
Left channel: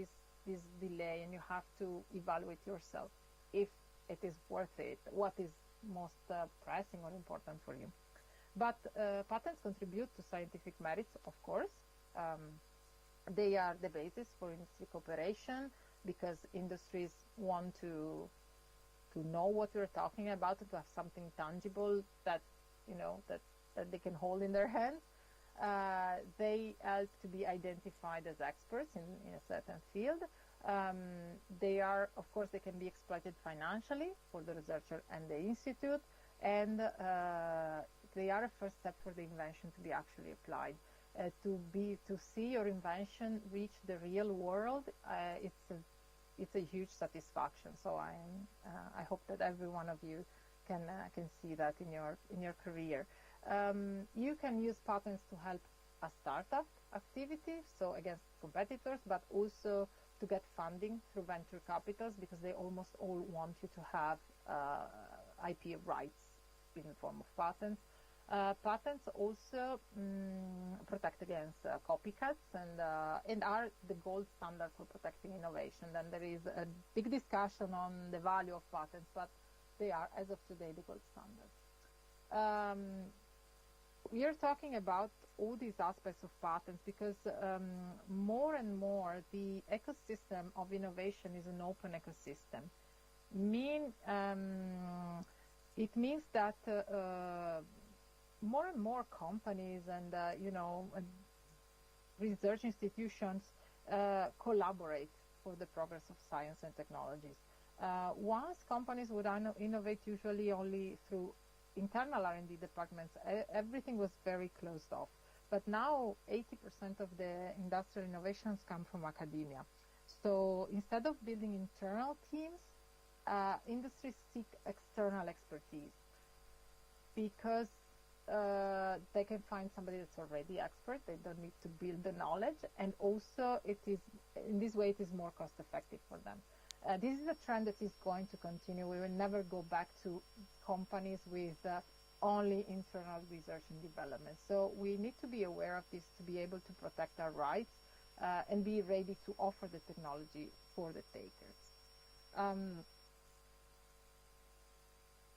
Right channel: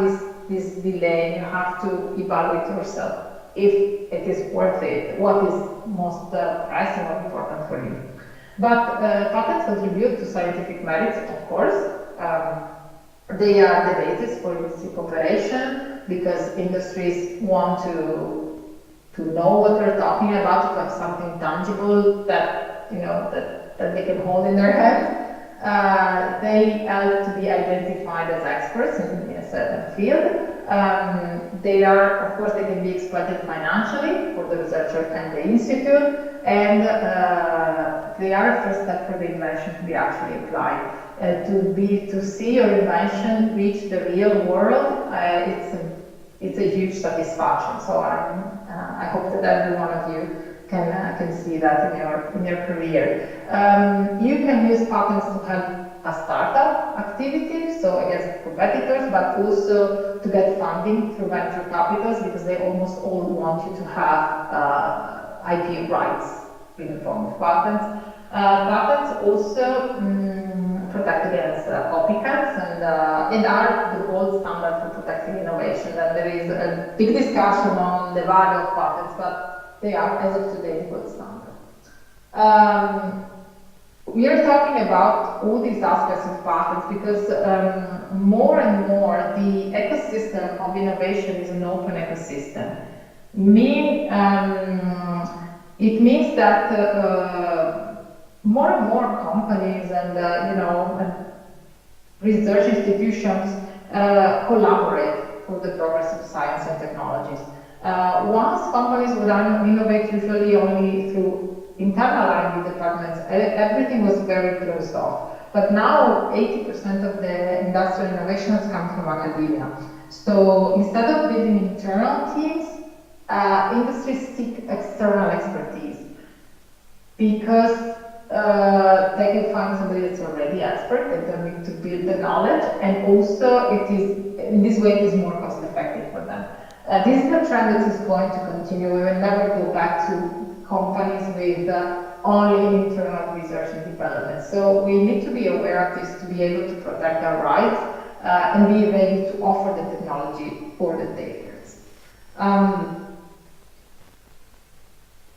this delay, you have to evaluate yourself if it is worth it, what is most pressing or important for you. But patents contribute to scientific merits, of course. They are the basis for industry cooperation, because industries want to know what they're talking about, to have something tangible that that they can hold in their hand. They help to be identified as experts in a certain field. They are, of course, they can be exploited financially for the researcher and the institute, and they are a first step for the invention to be actually applied. To see your invention reach the real world, it's a huge satisfaction. So I hope that every one of you can see that in your career. You can use patents to help a startup activity, so against competitors, but also to get funding through venture capitals, because they almost all want you to have IP rights in the form of patents. Patents also protect against copycats and are the gold standard for protecting innovation. And there is a big discussion on the value of patents, but they are, as of today, the gold standard. We are talking about all these aspects of patents because more and more the ecosystem of innovation is an open ecosystem. It means that more and more companies and and research institutions collaborate for the progress of science and technologies. Once companies would innovate usually only through internal R&D departments, everything was very closed off. But now 80% of the industrial innovations come from academia. So instead of building internal teams, industries seek external expertise because they can find somebody that's already expert, they don't need to build the knowledge, and also it is, in this way, it is more cost effective for them. This is a trend that is going to continue. We will never go back to companies with only internal research and development. So we need to be aware of this to be able to protect our rights and be able to offer the technology for the takers.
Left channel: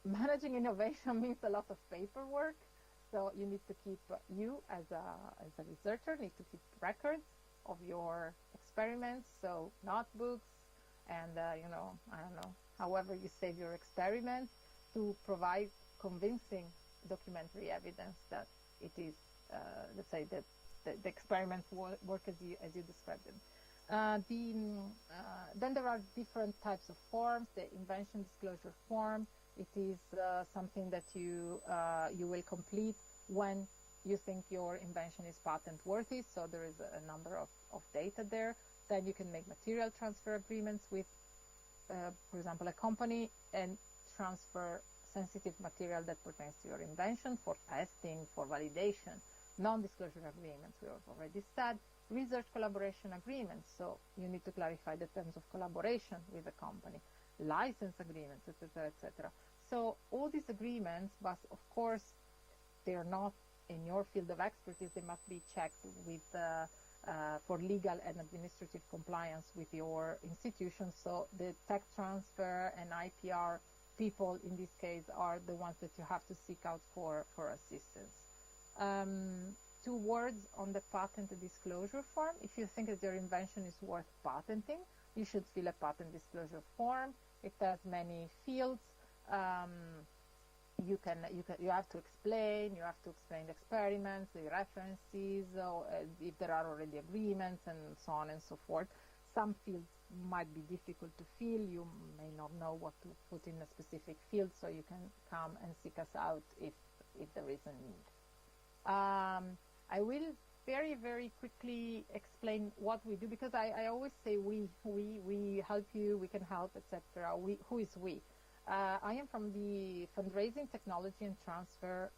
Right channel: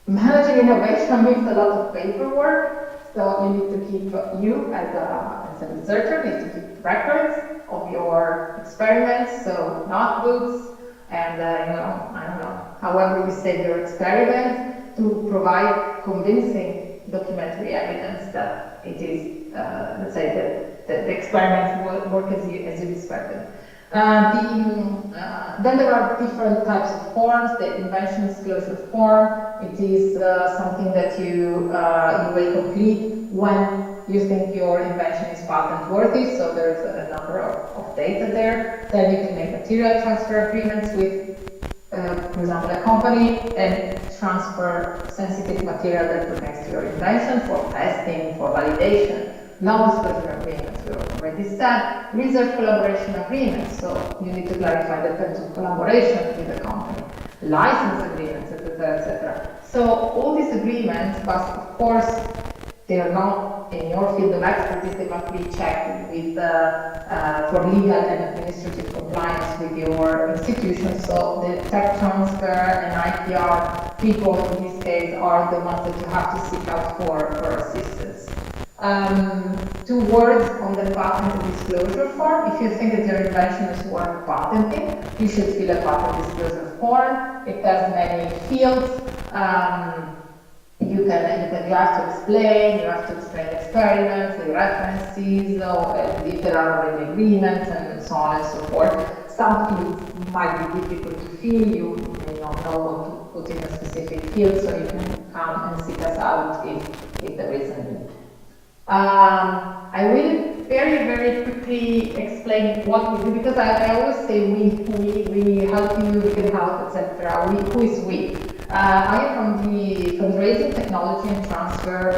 Managing innovation means a lot of paperwork, so you need to keep, you as a researcher need to keep records of your experiments, so notebooks, and I don't know, however you say your experiment, to provide convincing documentary evidence that it is, let's say, that the experiments work as you described them. Then there are different types of forms. The invention disclosure form, it is something that you will complete when you think your invention is patent worthy, so there's a number of data there. Then you can make material transfer agreements with, for example, a company, and transfer sensitive material that pertains to your invention for testing, for validation. Non-disclosure agreements, we already said. Research collaboration agreements, so you need to clarify the terms of collaboration with the company. License agreements, etc., etc. So all these agreements, but of course, they are not in your field of expertise, they must be checked with, for legal and administrative compliance with your institution. So the tech transfer and IPR people in this case are the ones that you have to seek out for assistance. 2 words on the patent disclosure form. If you think that your invention is worth patenting, you should fill a patent disclosure form. It has many fields. You have to explain experiments, the references, if there are already agreements, and so on and so forth. Some fields might be difficult to fill. You may not know what to put in a specific field, so you can come and seek us out if there is a need. I will very, very quickly explain what we do, because I always say we help you, we can help, etc. Who is we? I am from the Fundraising, Technology Transfer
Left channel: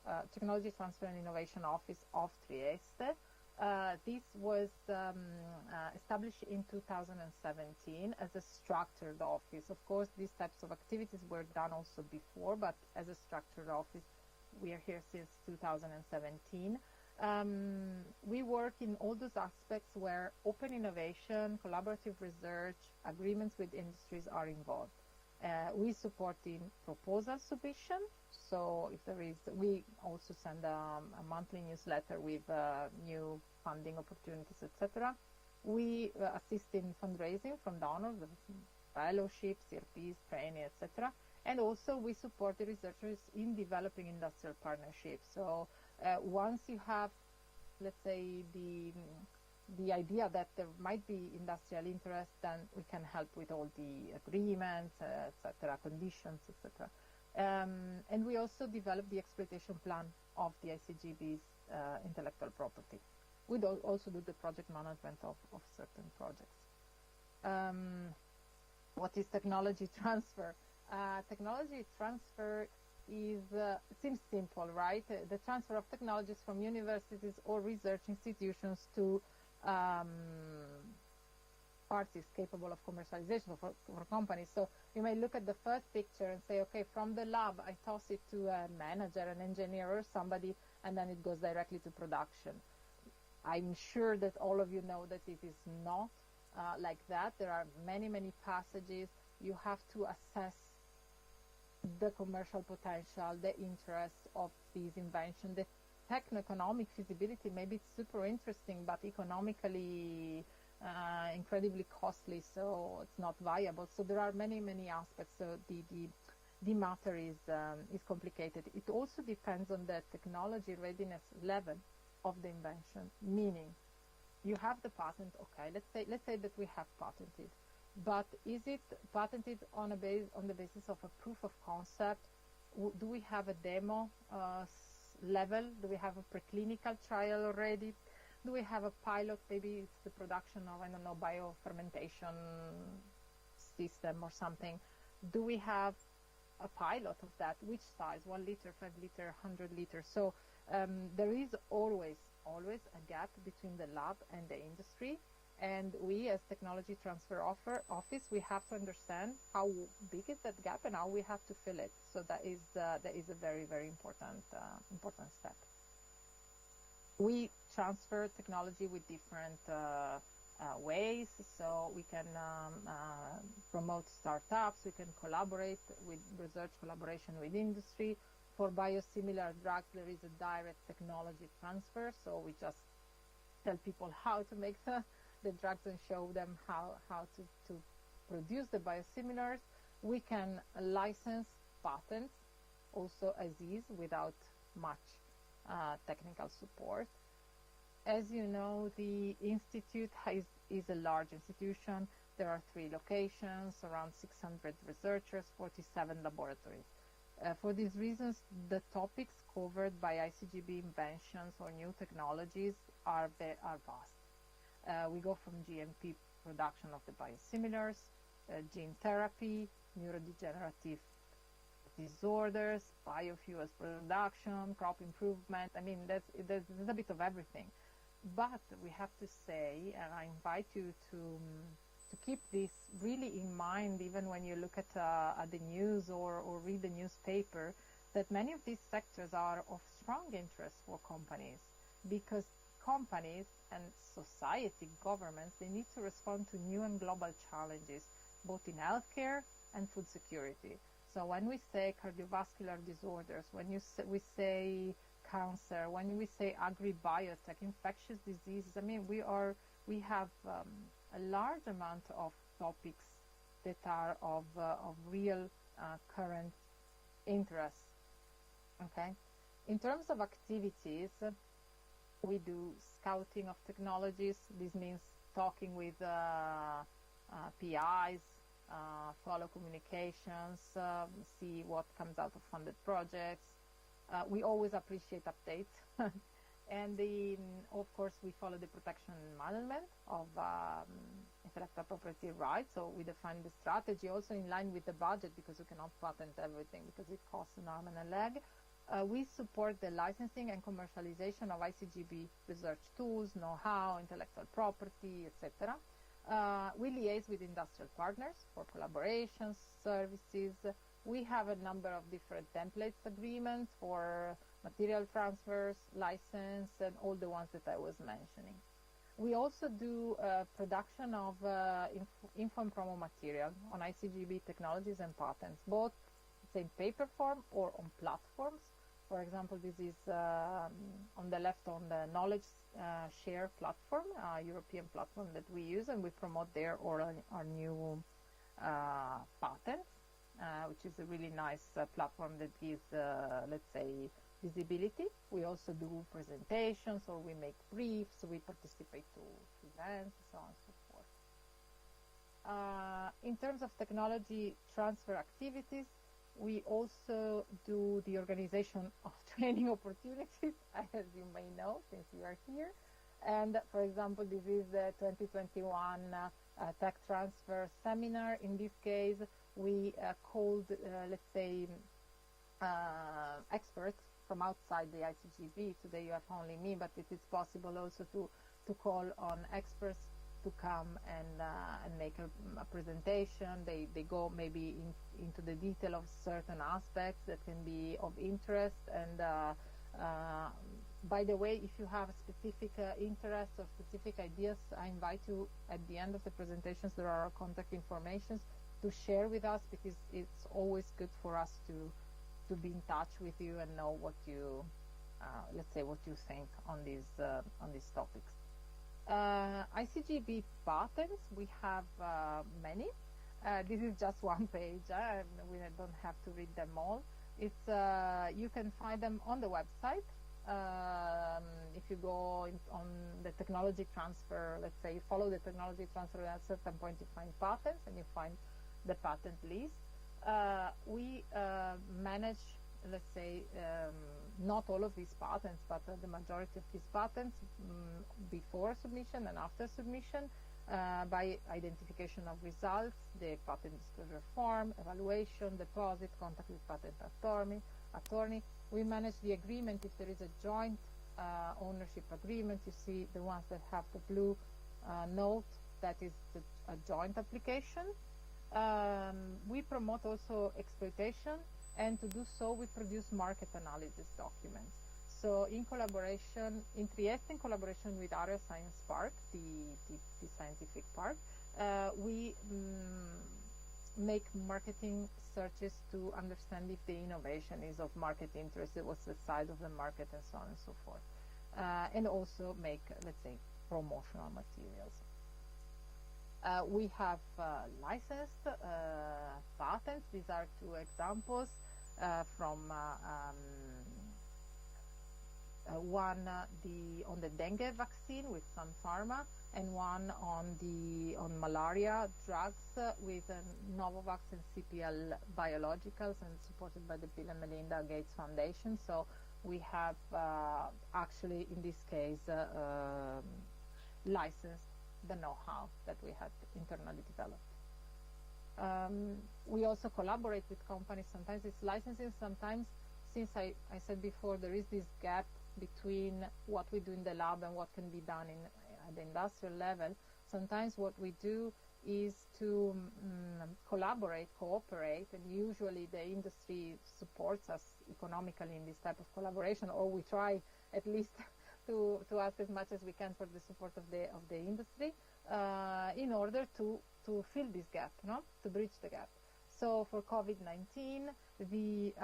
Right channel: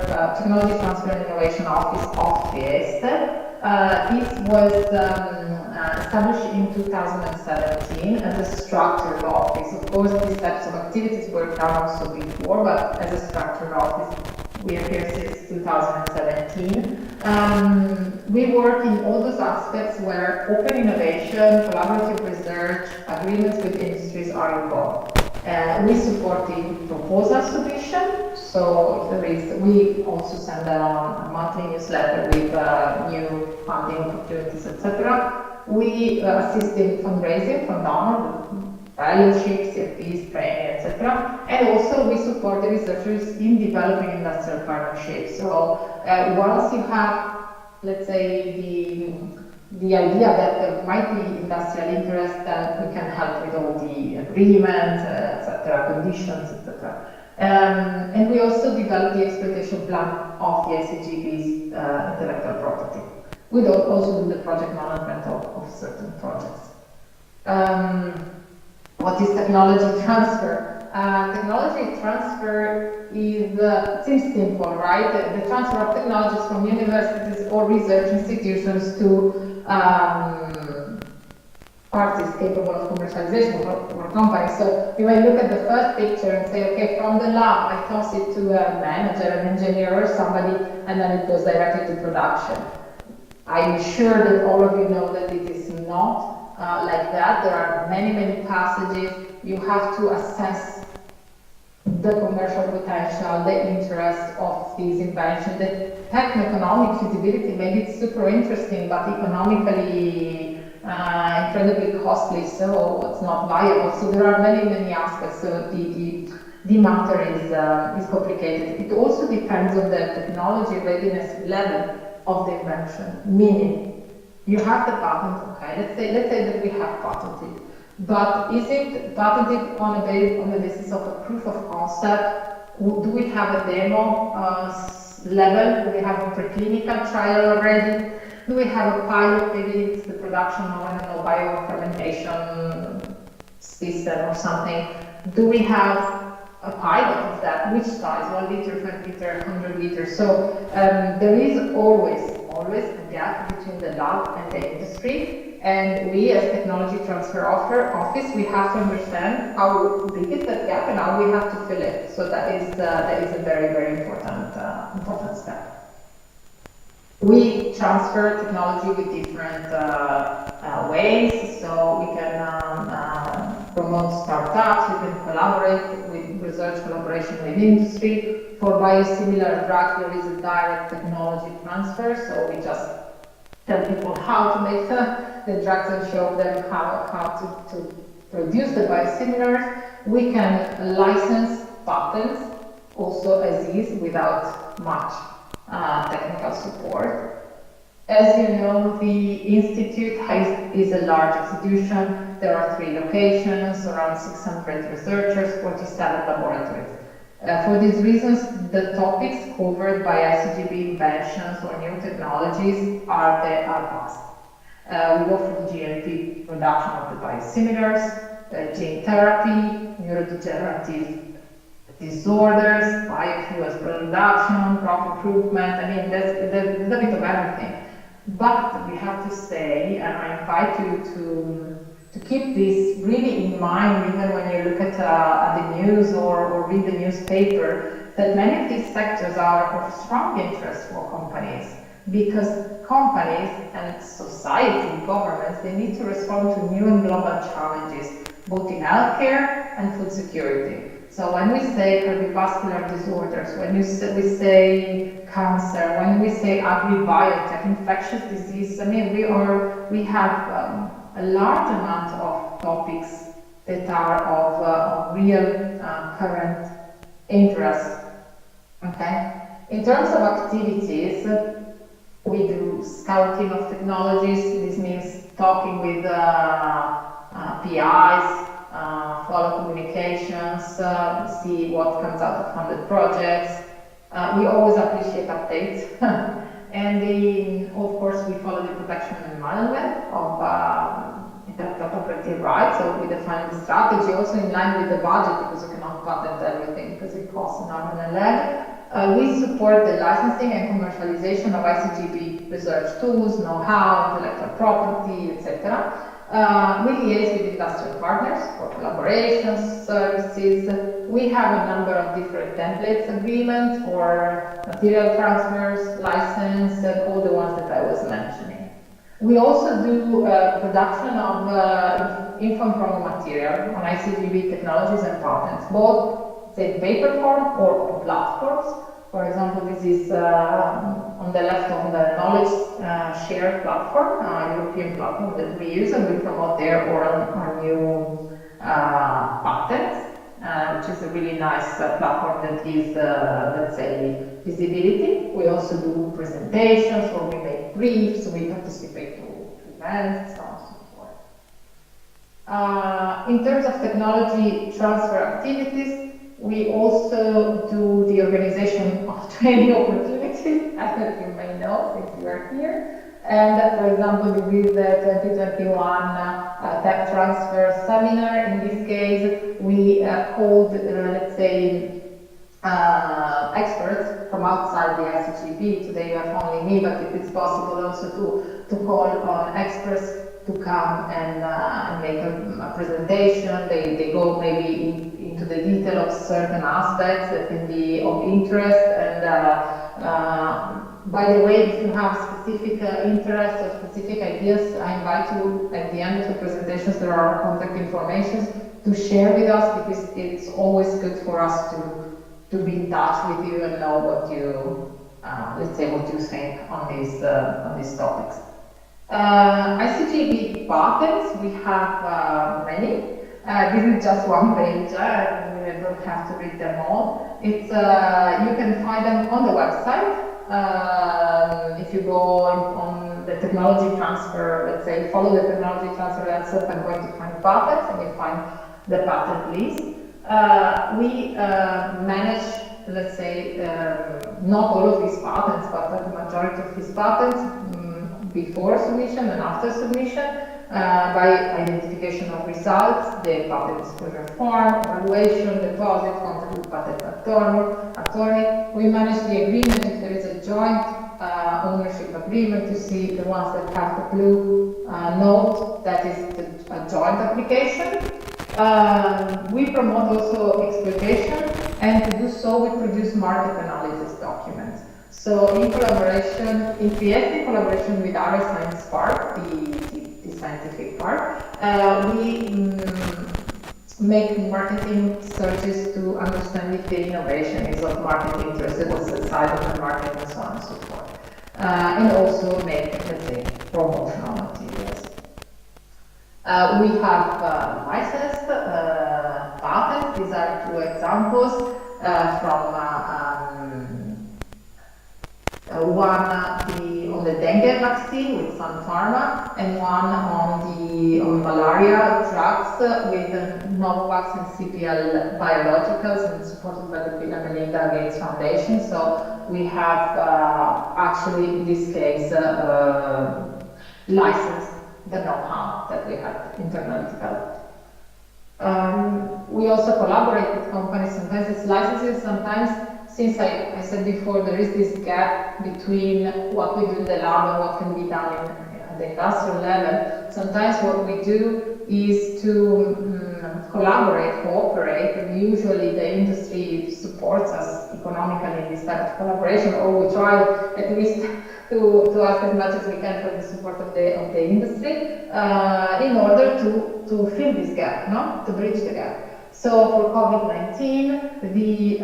and Innovation Office of Trieste. It was established in 2017 as a structured office. Of course, these types of activities were done also before, but as a structured office, we are here since 2017. We work in all those aspects where open innovation, collaborative research, agreements with industries are involved. We support the proposal submission, so if there is, we also send a monthly newsletter with new funding opportunities, etc. We assist in fundraising from donors, fellowships, CFPs, training, etc. And also we support the researchers in developing industrial partnerships. So once you have, let's say, the idea that there might be industrial interest, then we can help with all the agreements, etc., conditions, etc. And we also develop the exploitation plan of the ICGEB's intellectual property. We also do the project management of certain projects. What is technology transfer? Technology transfer seems simple, right? The transfer of technologies from universities or research institutions to parties capable of commercialization or companies. So you may look at the first picture and say, okay, from the lab, I toss it to a manager, an engineer, or somebody, and then it goes directly to production. I'm sure that all of you know that it is not like that. There are many, many passages. You have to assess the commercial potential, the interest of these inventions, the techno-economic feasibility. Maybe it's super interesting, but economically incredibly costly, so it's not viable. So there are many, many aspects. So the matter is complicated. It also depends on the technology readiness level of the invention, meaning you have the patent, okay, let's say that we have patented, but is it patented on the basis of a proof of concept? Do we have a demo level? Do we have a preclinical trial already? Do we have a pilot, maybe it's the production of, I don't know, biofermentation system or something? Do we have a pilot of that? Which size? 1 liter, 5 liter, 100 liters? So there is always a gap between the lab and the industry. And we, as Technology Transfer Office, we have to understand how big is that gap and how we have to fill it. So that is a very, very important step. We transfer technology with different ways, so we can promote startups, we can collaborate with research collaboration with industry. For biosimilar drugs, there is a direct technology transfer, so we just tell people how to make the drugs and show them how to produce the biosimilars. We can license patents also as is without much technical support. As you know, the Institute is a large institution. There are 3 locations, around 600 researchers, 47 laboratories. For these reasons, the topics covered by ICGEB inventions or new technologies are vast. We go from GMP production of the biosimilars, gene therapy, neurodegenerative disorders, biofuels production, crop improvement. I mean, there's a bit of everything. But we have to say, and I invite you to keep this really in mind, even when you look at the news or read the newspaper, that many of these sectors are of strong interest for companies, because companies and society, governments, they need to respond to new and global challenges, both in healthcare and food security. So when we say cardiovascular disorders, when we say cancer, when we say agri-biotech, infectious disease, I mean, we have a large amount of topics that are of real current interest. Okay. In terms of activities, we do scouting of technologies. This means talking with PIs, follow communications, see what comes out of funded projects. We always appreciate updates. And of course, we follow the protection and management of intellectual property rights. So we define the strategy also in line with the budget, because you cannot patent everything because it costs an arm and a leg. We support the licensing and commercialization of ICGEB research tools, know-how, intellectual property, etc. We liaise with industrial partners for collaborations, services. We have a number of different templates agreements for material transfers, license, and all the ones that I was mentioning. We also do production of info material on ICGEB technologies and patents, both in paper form or on platforms. For example, this is on the left on the knowledge share platform, European platform that we use, and we promote there our new patents, which is a really nice platform that gives, let's say, visibility. We also do presentations, or we make briefs, we participate to events, so on and so forth. In terms of technology transfer activities, we also do the organization of training opportunities, as you may know, if you are here. And for example, we did the 2021 tech transfer seminar. In this case, we called, let's say, experts from outside the ICGEB. Today you have only me, but if it's possible also to call on experts to come and make a presentation. They go maybe into the detail of certain aspects that can be of interest. And by the way, if you have specific interests or specific ideas, I invite you at the end of the presentations, there are contact information to share with us, because it's always good for us to be in touch with you and know what you, let's say, what you think on these topics. ICGEB patents, we have many. This is just one page, I don't have to read them all. It's, you can find them on the website. If you go on the technology transfer, let's say, follow the technology transfer website, I'm going to find patents, and you find the patent list. We manage, let's say, not all of his patents, but the majority of his patents before submission and after submission, by identification of results, the patent disclosure form, evaluation, deposit, contact with patent attorney. We manage the agreement if there is a joint ownership agreement. To see the ones that have the blue note, that is a joint application. We promote also exploitation, and to do so we produce market analysis documents. So in collaboration, in collaboration with our science part, the scientific part, we make marketing searches to understand if the innovation is of market interest, what's the size of the market, and so on and so forth. And also make, let's say, promotional materials. We have licensed patents. These are two examples one on the dengue vaccine with Sun Pharma, and one on malaria drugs with Novavax and CPL Biologicals, and supported by the Bill and Melinda Gates Foundation. So we have actually, in this case, licensed the know-how that we have internally developed. We also collaborate with companies. Sometimes it's licensing, sometimes, since I said before, there is this gap between what we do in the lab and what can be done at the industrial level. Sometimes what we do is to collaborate, cooperate, and usually the industry supports us economically in this type of collaboration, or we try at least to ask as much as we can for the support of the industry in order to fill this gap, no? To bridge the gap. So for COVID-19, the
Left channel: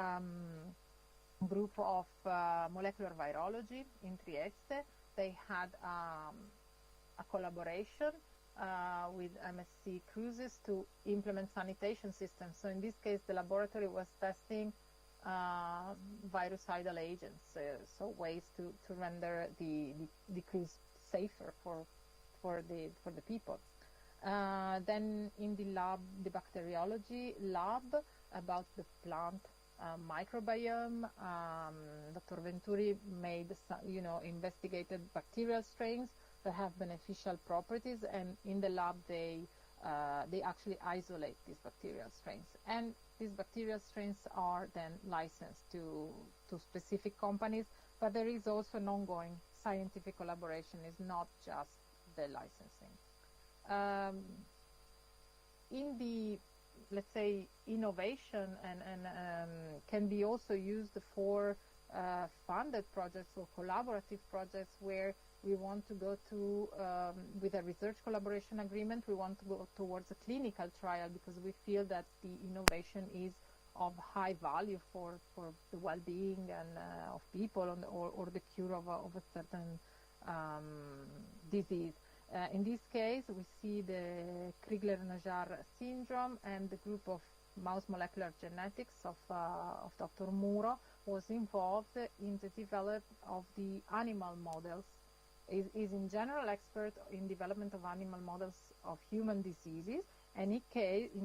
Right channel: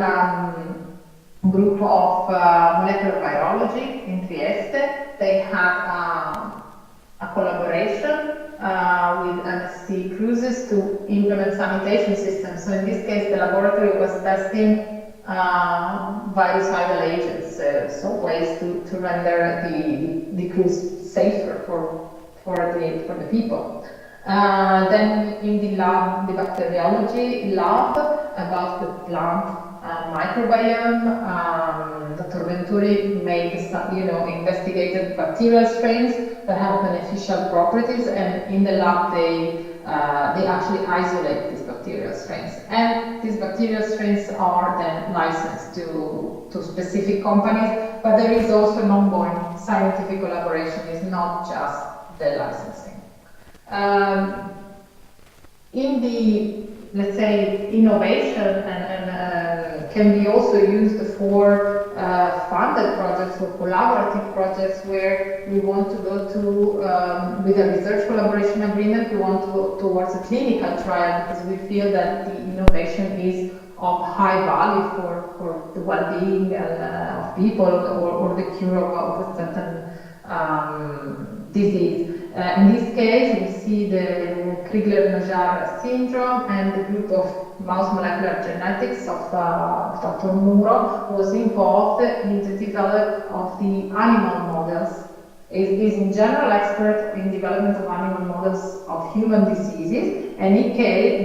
group of molecular biology in Trieste, they had a collaboration with MSC Cruises to implement sanitation systems. So in this case, the laboratory was testing virucidal agents, so ways to render the cruise safer for the people. Then in the lab, the bacteriology lab, about the plant microbiome, Dr. Venturi investigated bacterial strains that have beneficial properties, and in the lab they actually isolate these bacterial strains. And these bacterial strains are then licensed to specific companies, but there is also an ongoing scientific collaboration. It's not just the licensing. In the, let's say, innovation and can be also used for funded projects or collaborative projects where we want to go to, with a research collaboration agreement, we want to go towards a clinical trial because we feel that the innovation is of high value for the well-being of people or the cure of a certain disease. In this case, we see the Crigler-Najjar syndrome, and the group of mouse molecular genetics of Dr. Muro was involved in the development of the animal models. Is in general expert in development of animal models of human diseases, and in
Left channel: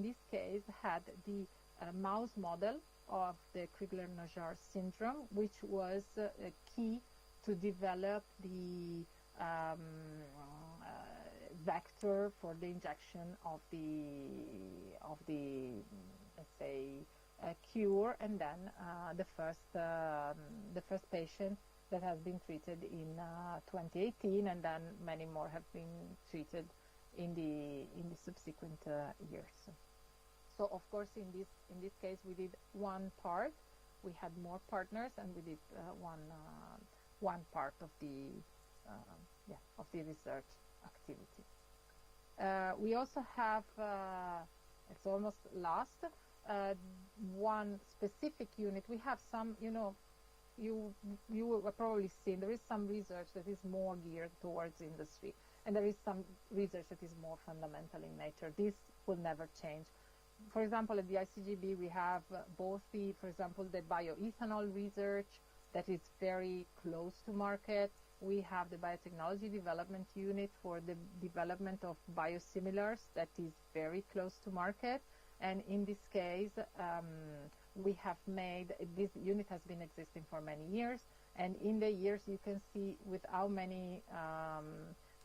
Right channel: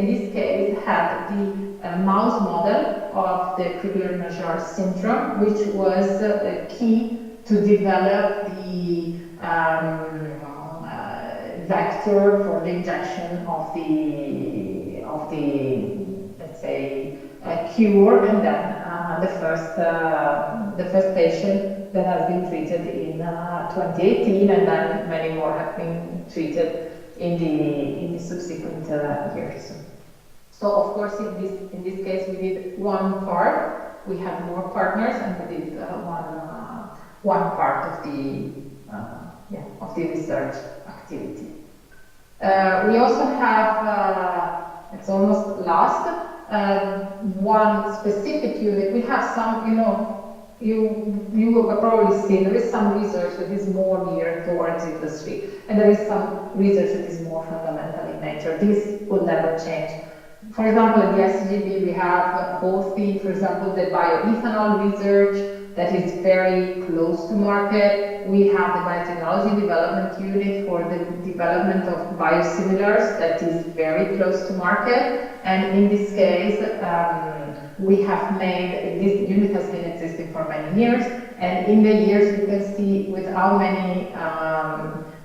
this case had the mouse model of the Crigler-Najjar syndrome, which was key to develop the vector for the injection of the let's say cure, and then the first patient that has been treated in 2018, and then many more have been treated in the subsequent years. So of course in this case we did one part. We had more partners, and we did one part of the research activity. We also have, it's almost last, one specific unit. We have some, you have probably seen, there is some research that is more geared towards industry, and there is some research that is more fundamental in nature. This will never change. For example, at the ICGEB we have both for example, the bioethanol research that is very close to market. We have the biotechnology development unit for the development of biosimilars that is very close to market. And in this case, we have made, this unit Implicit has been existing for many years, and in the years you can see with how many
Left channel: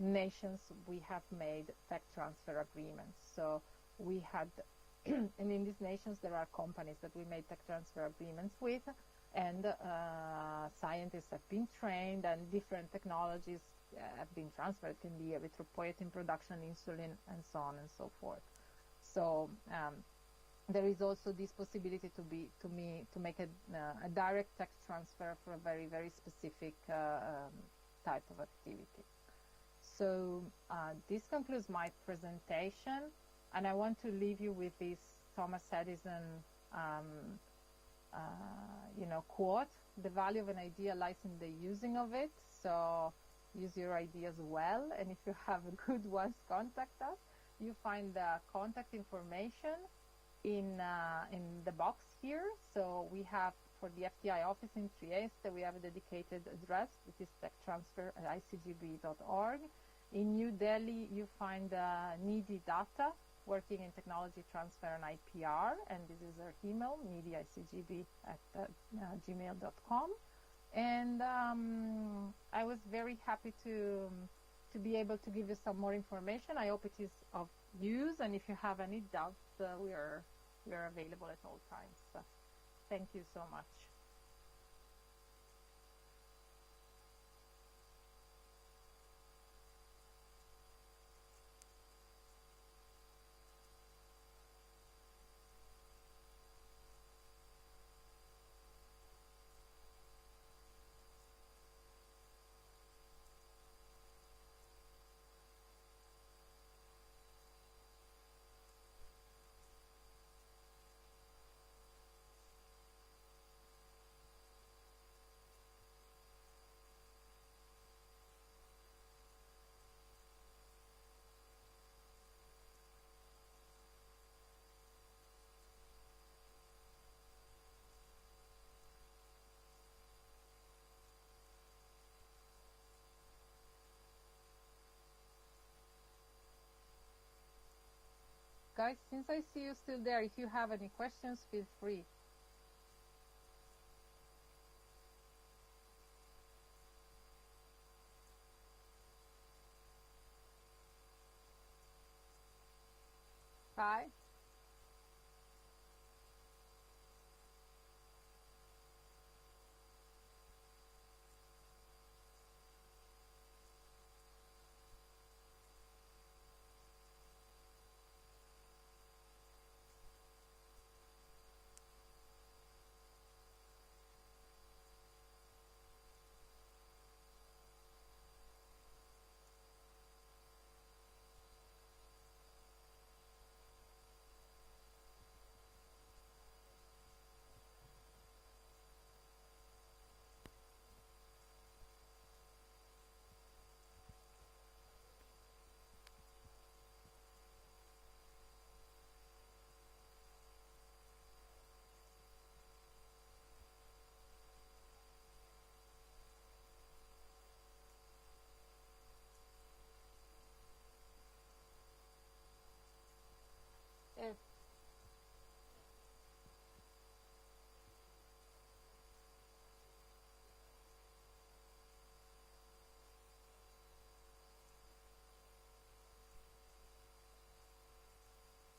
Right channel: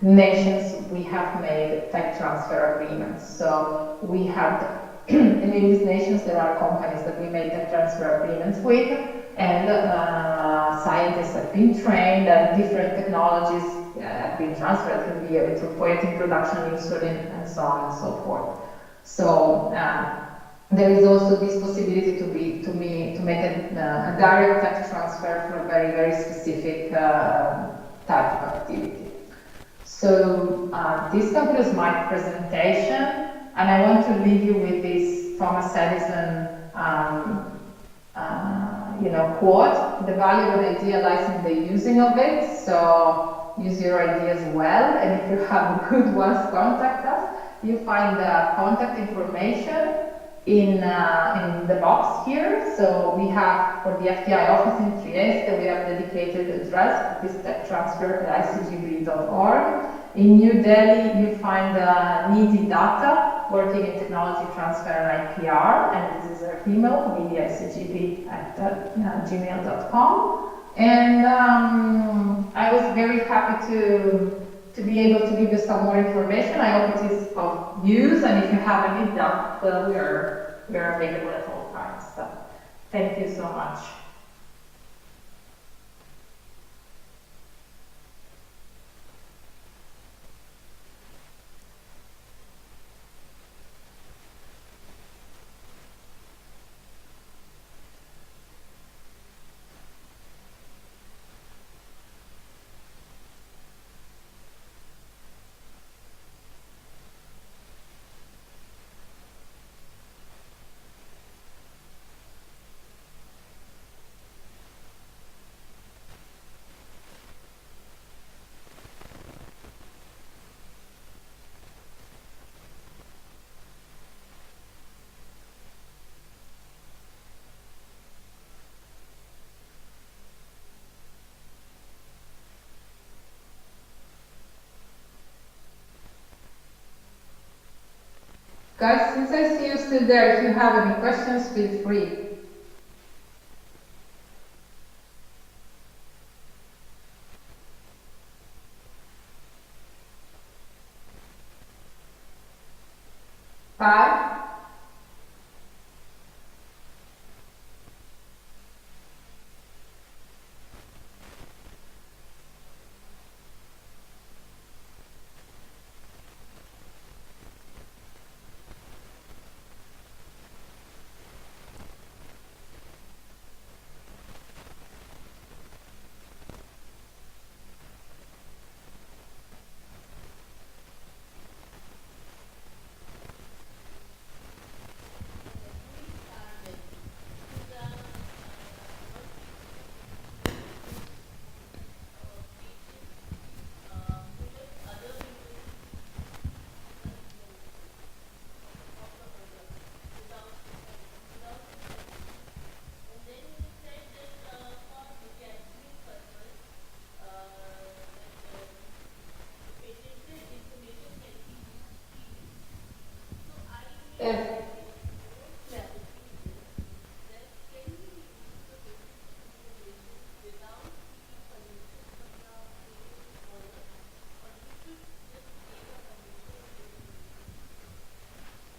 nations we have made tech transfer agreements. So we have, in these nations there are companies that we made tech transfer agreements with, and scientists have been trained, and different technologies have been transferred. It can be erythropoietin production, insulin, and so on and so forth. So there is also this possibility to make a direct tech transfer for a very, very specific type of activity. So this concludes my presentation, and I want to leave you with this Thomas Edison quote: "The value of an idea lies in the using of it." So use your ideas well, and if you have good ones, contact us. You find the contact information in the box here. So we have, for the FTI office in Trieste, we have a dedicated address, this tech transfer at ICGEB.org. In New Delhi, you find Nidhi Datta, working in technology transfer and IPR, and this is her email, nidhi@gmail.com. And I was very happy to be able to give you some more information. I hope it is of use, and if you have any doubt, we are available at all times. So thank you so much. Guys, since I see you still there, if you have any questions, feel free. Bye.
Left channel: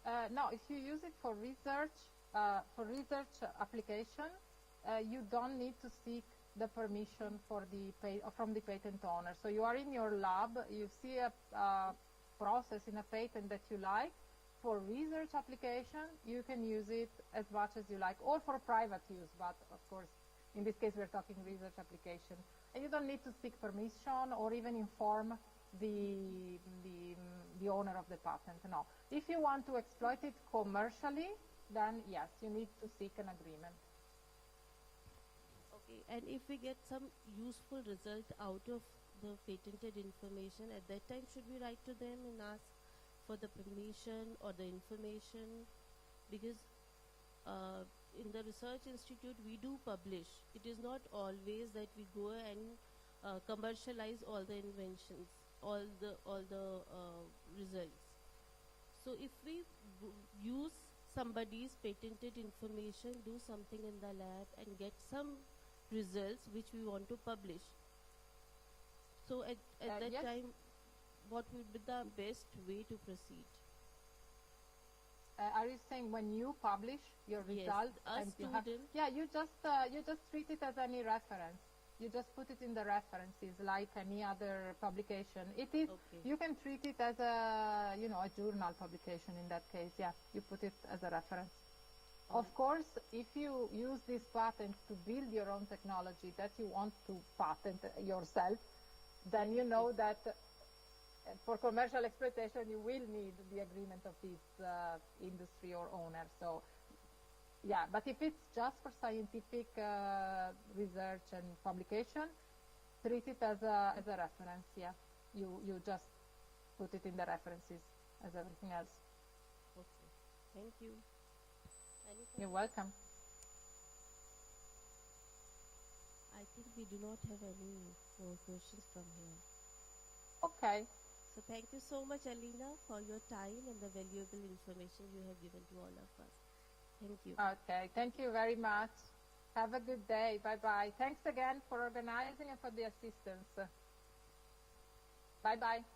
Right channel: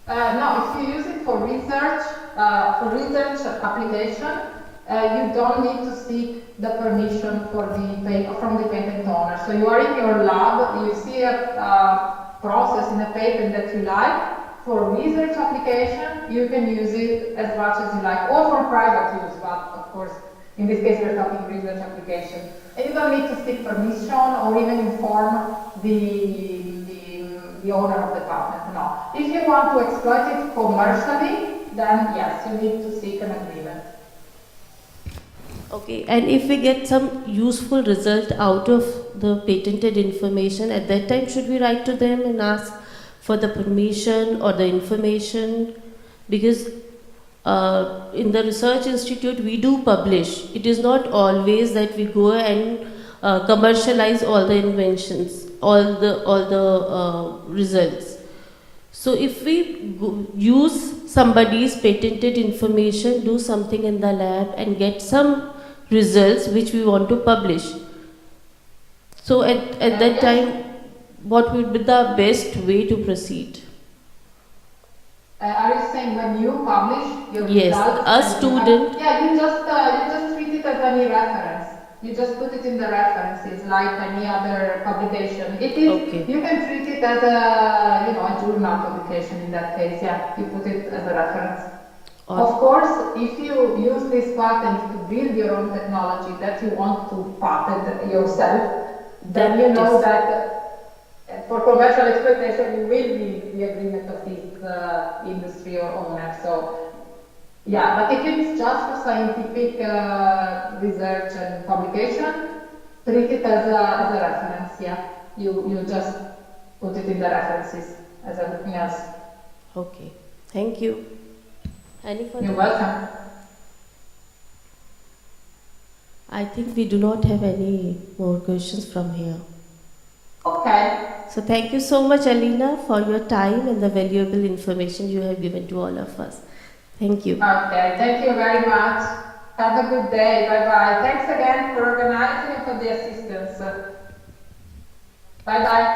No, if you use it for research application, you don't need to seek the permission for from the patent owner. So you are in your lab, you see a process in a patent that you like. For research application, you can use it as much as you like, or for private use, but of course, in this case, we're talking research application. And you don't need to seek permission or even inform the owner of the patent. No. If you want to exploit it commercially, then yes, you need to seek an agreement. Okay, and if we get some useful result out of the patented information, at that time should we write to them and ask for the permission or the information? Because in the research institute we do publish. It is not always that we go and commercialize all the inventions, all the results. So if we use somebody's patented information, do something in the lab and get some results which we want to publish, so at that time, what would be the best way to proceed? Are you saying when you publish your Yes, results? a student. You just treat it as any reference. You just put it in the references like any other publication. It is. Okay. You can treat it as a a journal publication in that case. Yeah, you put it as a reference. Of course, if you use this patent to build your own technology that you want to patent yourself, then you know that for commercial exploitation you will need the agreement of this industry or owner. So, yeah, but if it's just for scientific research and publication, treat it as a reference. Yeah, you just put it in the references as everything else. Okay, thank you. Any further? You're welcome. I think we do not have any more questions from here. Okay. So thank you so much, Alina, for your time and the valuable information you have given to all of us. Thank you. Okay, thank you very much. Have a good day. Bye-bye. Thanks again for organizing and for the assistance. Bye-bye.